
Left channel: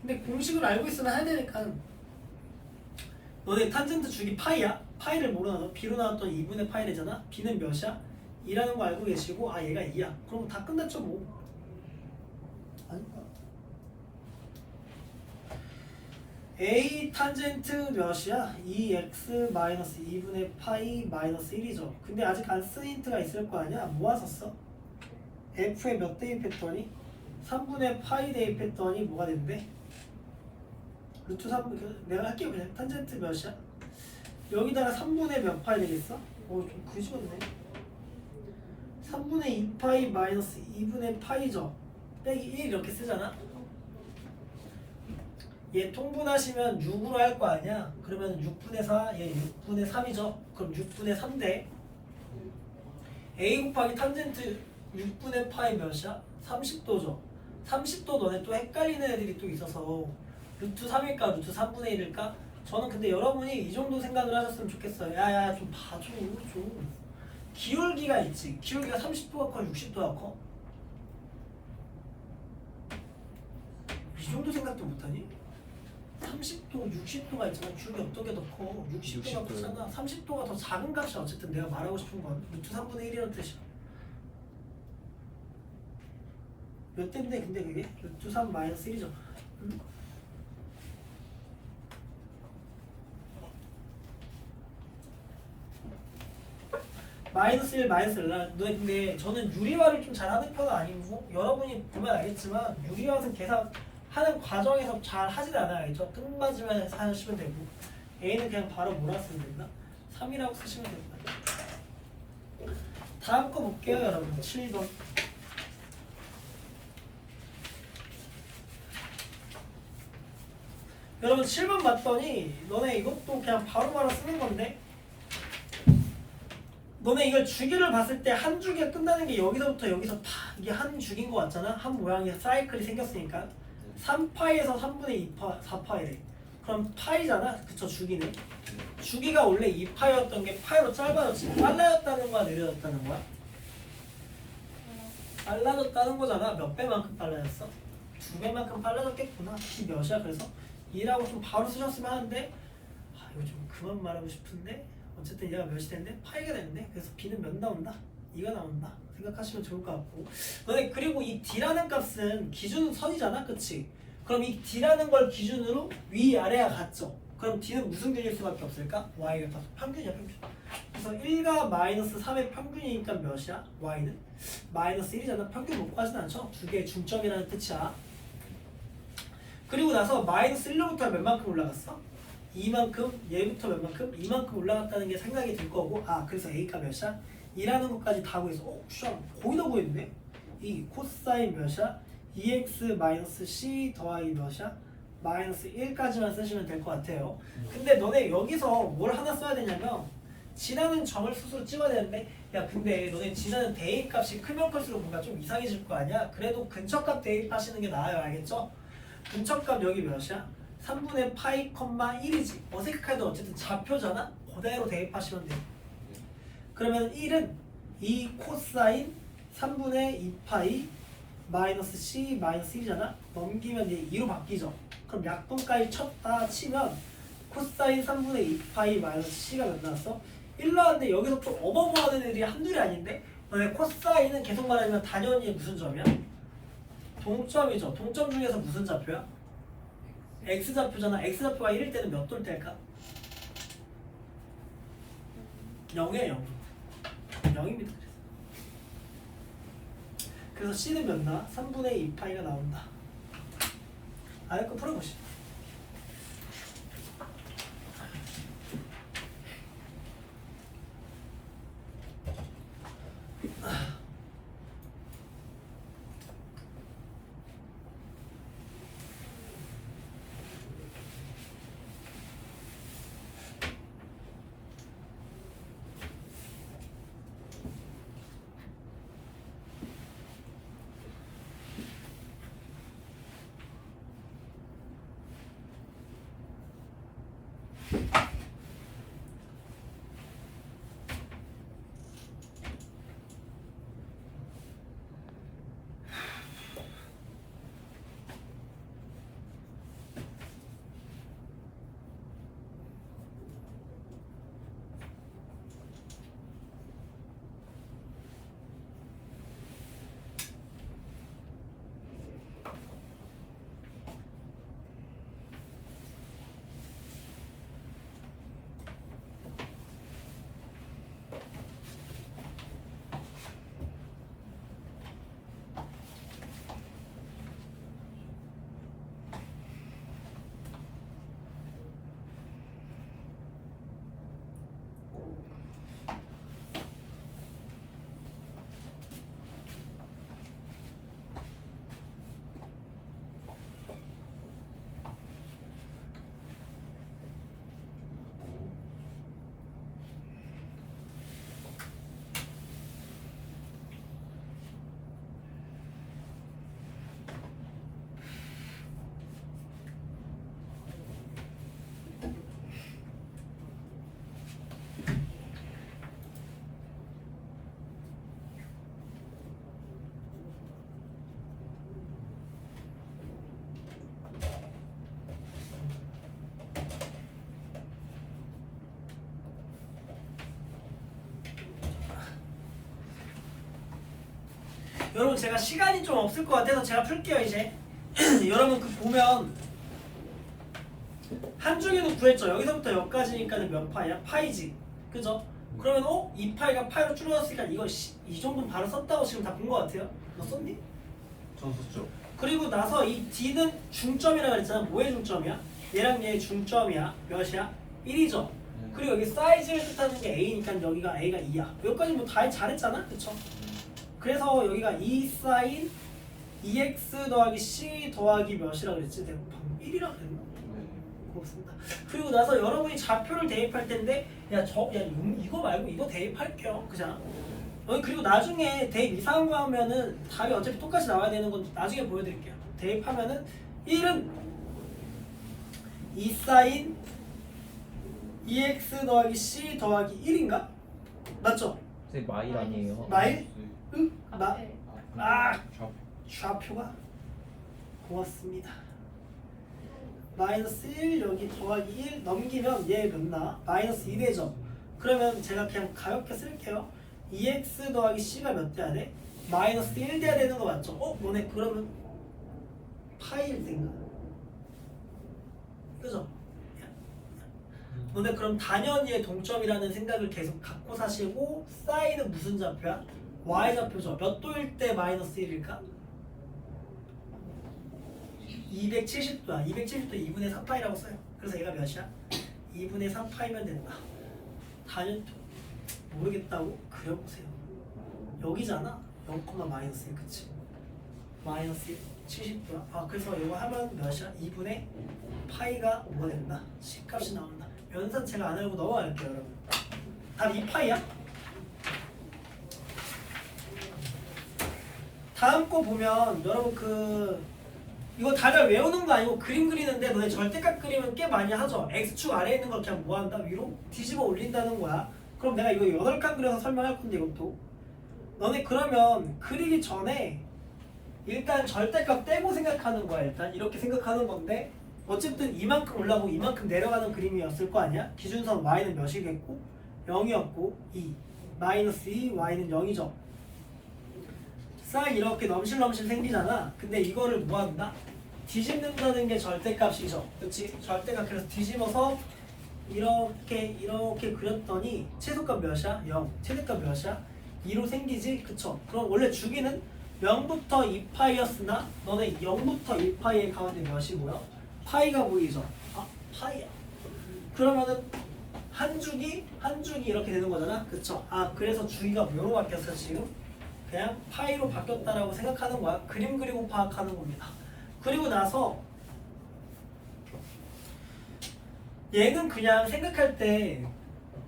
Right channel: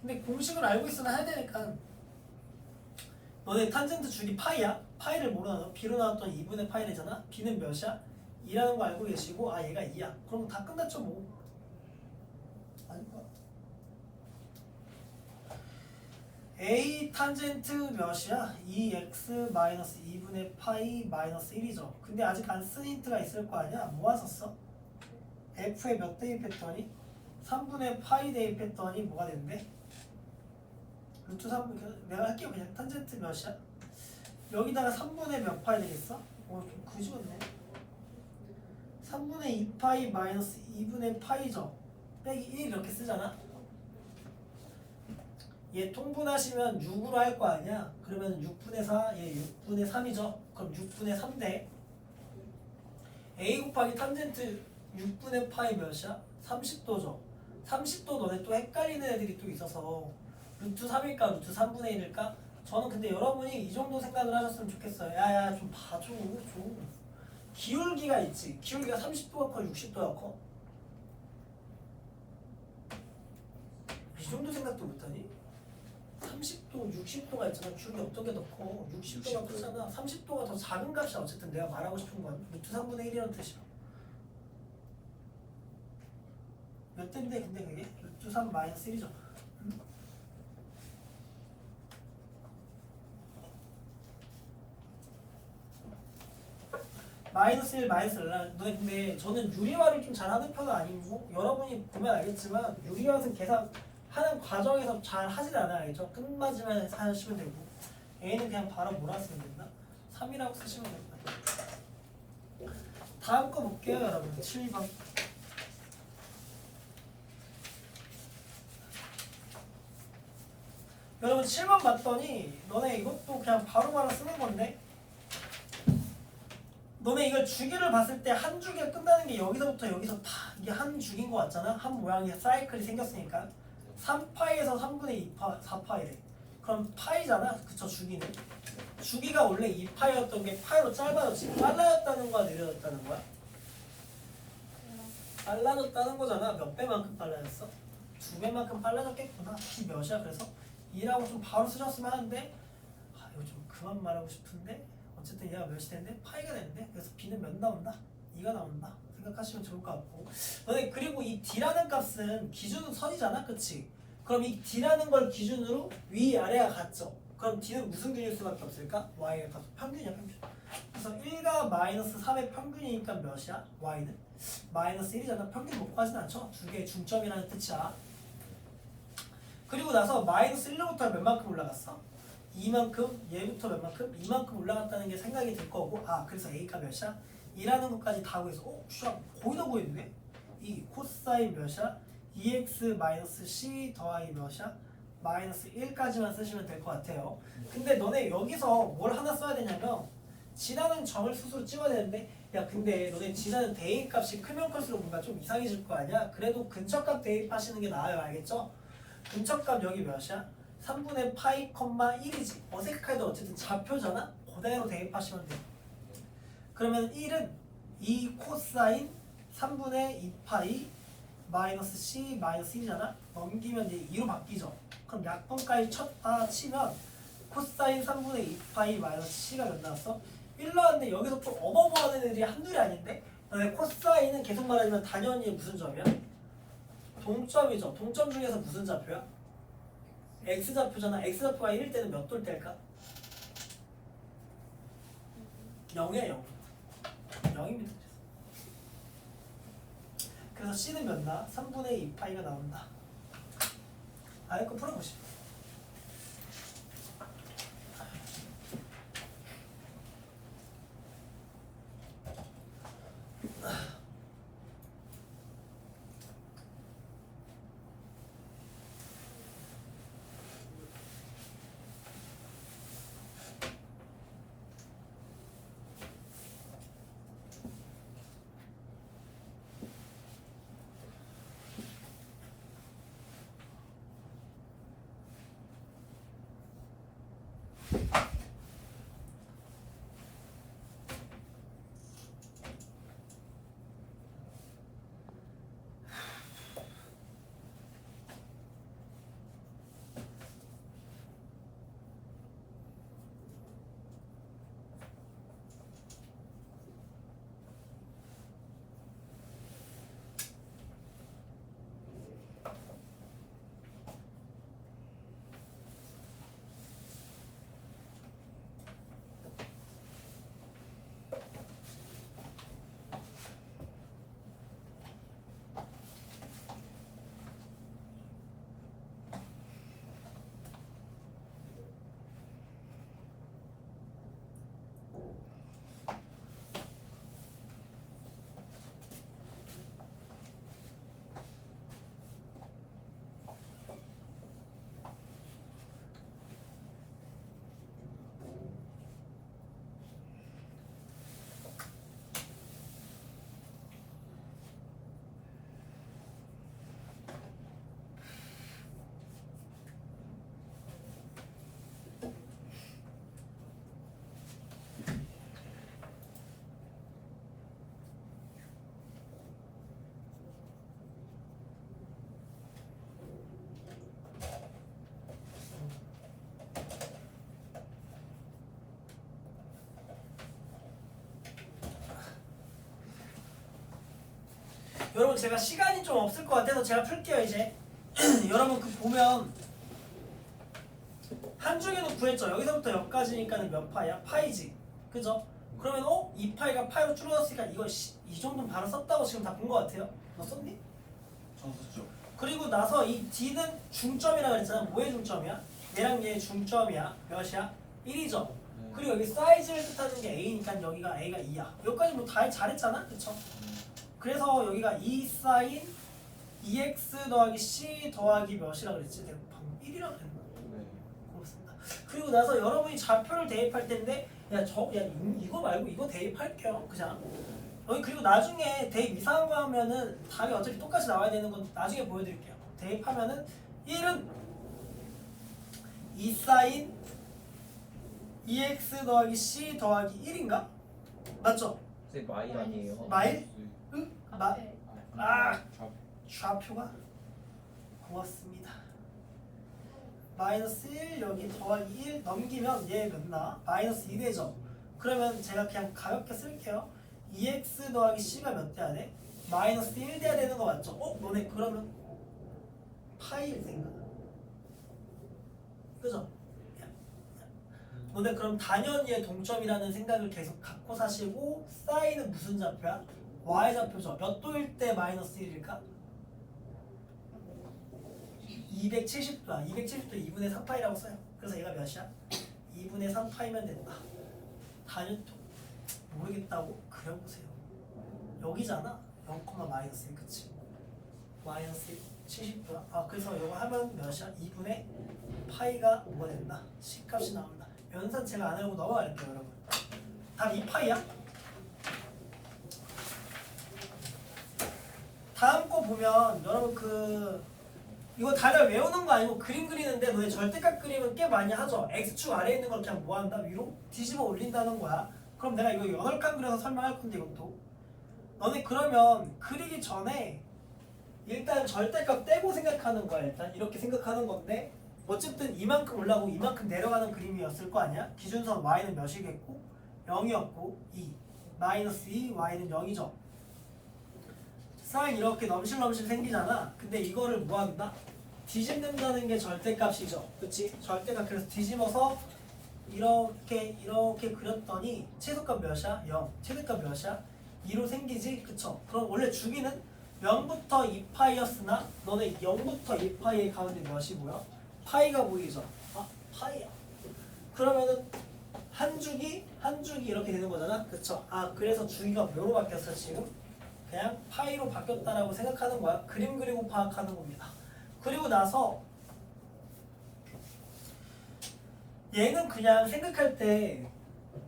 근데 공식을 알고 있으면 해야 되니까 너네 탄젠트 주기 파이야? 파이를 뭐로 나눠? b로 나왔더니 2분의 파이래잖아? b는 몇이야? 2라는 거 알고 계시고 아 얘가 2야. 그럼 다 끝났죠 뭐. 아닌가? a 탄젠트 몇이야? 2x 마이너스 2분의 파이 마이너스 1이죠. 근데 아직 안 쓴 힌트가 있을 거 아니야? 뭐 썼어? f에 몇 대입했더니 3분의 파이 대입했더니 뭐가 된대? 루트 3 내가 할게요 그냥. 탄젠트 몇이야? 여기다가 3분의 몇 파이 되겠어? 좀 그지같네. 3분의 2파이 마이너스 2분의 파이죠. 빼기 1 이렇게 쓰잖아. 얘 통분하시면 6으로 할 거 아니야. 그러면 6분의 4, 얘 6분의 3이죠. 그럼 6분의 3대 a 곱하기 탄젠트 6분의 파이 몇이야? 30도죠. 30도 너네 또 헷갈리는 애들이 또 있어서 루트 3일까 루트 3분의 1일까? 저는 근데 여러분이 이 정도 생각을 하셨으면 좋겠어요. 야야 좀 봐줘 좀. 기울기가 있지. 기울기가 30도가 커 60도가 커? 이 정도 생각도 못하니? 30도 60도가 있잖아. 기울기 어떻게 더 커? 60도가 크잖아. 30도가 더 작은 값이 어쨌든 내가 말하고 싶은 건 루트 3분의 1이라는 뜻이야. 몇 대인데 근데 그게? 루트 3 마이너스 1이죠. 마이너스 1 마이너스 1 너네 근데 저는 유리화를 좀 잘하는 편은 아니고 여러분이 보면 알겠지만 유리화는 계산하는 과정에서 잘 하진 않아요. 알죠? 끝마지막에 하시면 되고 A는 그냥 바로 뭐라 쓰면 된다? 3이라고 쓰시면 됩니다. 다음 거 볼게요 여러분. 7번 여러분 7번 봤더니 너네 이것도 그냥 바로바로 쓰는 건데 너네 이걸 주기를 봤을 때 한 주기가 끝나는 게 여기서부터 여기서 다 이게 한 주기인 것 같잖아? 한 모양의 사이클이 생겼으니까 3파이에서 3분의 2파, 4파이래. 그럼 파이잖아? 그쵸 주기는 주기가 원래 2파이였던 게 파이로 짧아졌지. 빨라졌다는 거야? 느려졌다는 거야? 빨라졌다는 거잖아. 몇 배만큼 빨라졌어? 2배만큼 빨라졌겠구나. b 몇이야? 그래서 2라고 좀 바로 쓰셨으면 하는데 이거 좀 그만 말하고 싶은데 어쨌든 얘가 몇이 됐는데 파이가 됐는데 그래서 b는 몇 나온다? 2가 나온다 생각하시면 좋을 것 같고 너네 그리고 이 d라는 값은 기준은 선이잖아 그치? 그럼 이 d라는 걸 기준으로 위아래가 같죠? 그럼 d는 무슨 균일 수밖에 없을까? y의 값 평균이야 평균 그래서 1과 마이너스 3의 평균이니까 몇이야? y는? 마이너스 1이잖아 평균 못 가진 않죠? 두 개의 중점이라는 뜻이야 그리고 나서 마이너스 1로부터 몇만큼 올라갔어? 이만큼 얘부터 몇만큼? 이만큼 올라갔다는 게 생각이 들 거고 그래서 a가 몇이야? 2라는 것까지 다 구해서 슈아 거의 다 구했네? 이 코사인 몇이야? 2x-c 더하기 몇이야? 마이너스 1까지만 쓰시면 될 것 같아요 근데 너네 여기서 뭘 하나 써야 되냐면 지나는 점을 스스로 찍어야 되는데 야 근데 너네 지나는 대입값이 크면 클수록 뭔가 좀 이상해질 거 아니야? 그래도 근처값 대입하시는 게 나아요 알겠죠? 근처값 여기 몇이야? 3분의 파이, 1이지 어색해도 어쨌든 좌표잖아? 그대로 대입하시면 돼요 그러면 1은 2 코사인 3분의 2파이 마이너스 c 마이너스 1이잖아? 넘기면 이제 2로 바뀌죠 그럼 약분까지 쳤다 치면 코사인 3분의 2파이 마이너스 c가 몇 나왔어? 1 나왔는데 여기서 좀 어버버하는 애들이 한둘이 아닌데 너네 코사인은 계속 말하지만 단연히 무슨 점이야? 동점이죠 동점 중에서 무슨 좌표야? x좌표잖아 x좌표가 1일 때는 몇 돌 때일까? 0이야 0 0입니다 그래서 c는 몇 나? 3분의 2파이가 나온다 아래 거 풀어보시죠 여러분 제가 시간이 좀 없을 것 같아서 제가 풀게요 이제 여러분 그 보면 한중에도 구했죠 여기서부터 여기까지니까 몇 파이야? 파이지 그죠? 그러면 2파이가 파이로 줄어들었으니까 이거 이 정도는 바로 썼다고 지금 다 본 것 같아요 너 썼니? 저 썼죠. 그리고 나서 이 D는 중점이라고 그랬잖아 뭐의 중점이야? 얘랑 얘의 중점이야 몇이야? 1이죠 그리고 여기 사이즈를 뜻하는 게 A니까 여기가 A가 2야 여기까지 뭐 다 잘했잖아 그쵸? 그래서 여기가 2 사인 2x 더하기 c 더하기 몇이라고 그랬지? 내가 방금 1이라고 그랬나? 고맙습니다. 그리고 나서 여러분이 좌표를 대입할 텐데 이거 말고 이거 대입할게요. 그잖아? 그리고 나중에 대입 이상한 거 하면은 답이 어차피 똑같이 나와야 되는 건 나중에 보여드릴게요. 대입하면은 1은 2 사인 2x 더하기 c 더하기 1인가? 맞죠? 선생님 마일 아니에요? 마일? 응? 좌표가 고맙습니다. 마이너스 1 여기 더하기 1 넘기면 얘 몇나? 마이너스 2 되죠. 그러면 제가 그냥 가볍게 쓸게요. 2x 더하기 c가 몇 돼야 돼? 마이너스 1 돼야 되는 거 맞죠? 너네 그러면 파이를 생각. 그죠? 너네 그럼 당연히의 동점이라는 생각을 계속 갖고 사시고 사인은 무슨 좌표야? y 좌표죠. 몇 도일 때 마이너스 1일까? 270도야. 270도 2분의 4파이라고 써요. 그래서 얘가 몇이야? 2분의 3파이면 된다. 단연토 모르겠다고? 그려보세요. 여기잖아. 0, 마이너스 1 그치? 마이너스 1 70도야. 그래서 이거 하면 몇이야? 2분의 파이가 5가 된다. C값이 나온다. 연산 제가 안 하려고 넘어갈게요 여러분. 답 2파이야? 다음 거 보면 여러분 이거 다들 외우는 거 아니고 그림 그리는데 너네 절대값 그림은 꽤 많이 하죠. X축 아래에 있는 걸 그냥 뭐 한다? 위로 뒤집어 올린다는 거야. 그럼 내가 이거 8칸 그려서 설명할 건데 이것도 너네 그러면 그리기 전에 일단 절대값 떼고 생각하는 거야. 일단 이렇게 생각하는 건데 어쨌든 이만큼 올라가고 이만큼 내려가는 그림이었을 거 아니야? 기준선 y는 몇이겠고 0이었고 2 마이너스 2 y는 0이죠. 싹 이렇게 넘실넘실 생기잖아. 근데 이거를 뭐 한다? 뒤집는다는 게 절대값이죠. 그치? 절대값. 그래서 뒤집어서 이렇게 그렸더니 최소값 몇이야? 0. 최대값 몇이야? 2로 생기지? 그쵸? 그럼 원래 주기는 0부터 2파이였으나 너네 0부터 1파이의 가운데 몇이 뭐야? 파이가 보이죠? 파이야. 그러면은 한 주기 이렇게 되는 거잖아. 그쵸? 그래서 주기가 뭐로 바뀌었어 지금? 그냥 파이로 바뀌었다라고 생각하는 거야. 그림 그리고 파악하는 겁니다. 그리고 나서 얘는 그냥 생각할 때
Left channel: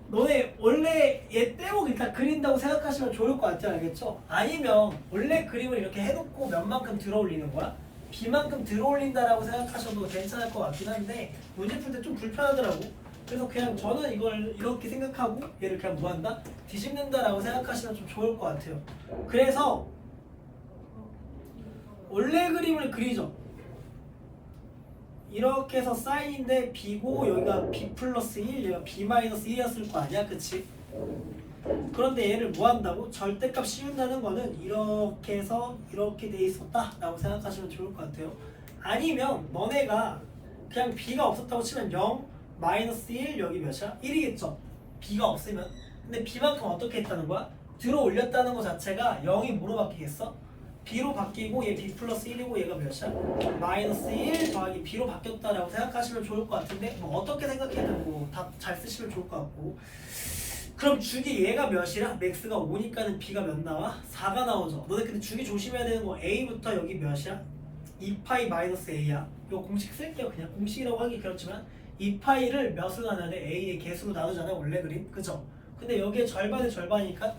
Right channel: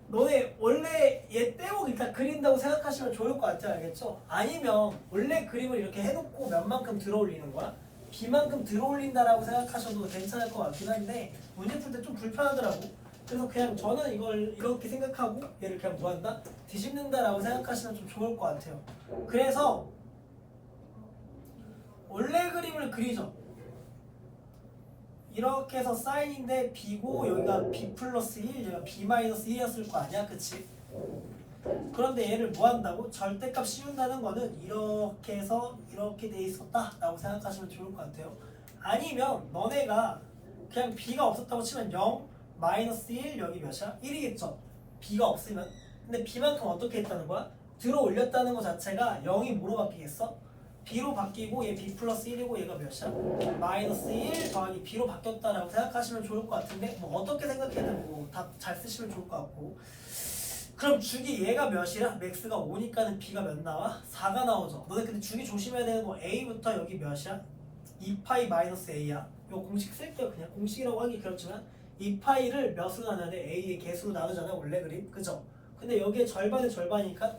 너네 원래 얘 떼고 일단 그린다고 생각하시면 좋을 것 같아요. 알겠죠? 아니면 원래 그림을 이렇게 해놓고 몇만큼 들어올리는 거야? B만큼 들어올린다라고 생각하셔도 괜찮을 것 같긴 한데 문제 풀 때 좀 불편하더라고. 그래서 그냥 저는 이걸 이렇게 생각하고 얘를 그냥 뭐 한다? 뒤집는다라고 생각하시면 좀 좋을 것 같아요. 그래서 원래 그림을 그리죠. 이렇게 해서 사인인데 B고 여기가 B 플러스 1, 여기가 B 마이너스 1이었을 거 아니야? 그치? 그런데 얘를 뭐 한다고? 절대값 씌운다는 거는 이렇게 해서 이렇게 돼 있었다 라고 생각하시면 좋을 것 같아요. 아니면 너네가 그냥 B가 없었다고 치면 0, 마이너스 1, 여기 몇이야? 1이겠죠? B가 없으면. 근데 B만큼 어떻게 했다는 거야? 들어 올렸다는 거 자체가 0이 뭐로 바뀌겠어? B로 바뀌고 얘 B 플러스 1이고 얘가 몇이야? 마이너스 1 더하기 B로 바뀌었다라고 생각하시면 좋을 것 같은데 뭐 어떻게 생각해도 뭐 다 잘 쓰시면 좋을 것 같고. 그럼 주기 얘가 몇이야? 맥스가 5니까는 B가 몇 나와? 4가 나오죠. 너네 근데 주기 조심해야 되는 거 A부터 여기 몇이야? 2파이 마이너스 A야. 이거 공식 쓸게요. 그냥 공식이라고 하기 그렇지만 2파이를 몇으로 나누는데 A의 개수로 나누잖아 원래 그림. 그죠? 근데 여기에 절반의 절반이니까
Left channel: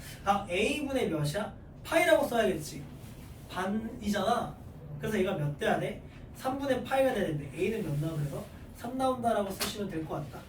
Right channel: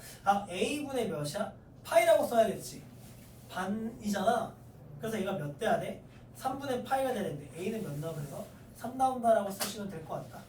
A분의 몇이야? 파이라고 써야겠지. 반이잖아. 그래서 얘가 몇 돼야 돼? 3분의 파이가 돼야 되는데 A는 몇 나와? 그래서 3 나온다라고 쓰시면 될 것 같다.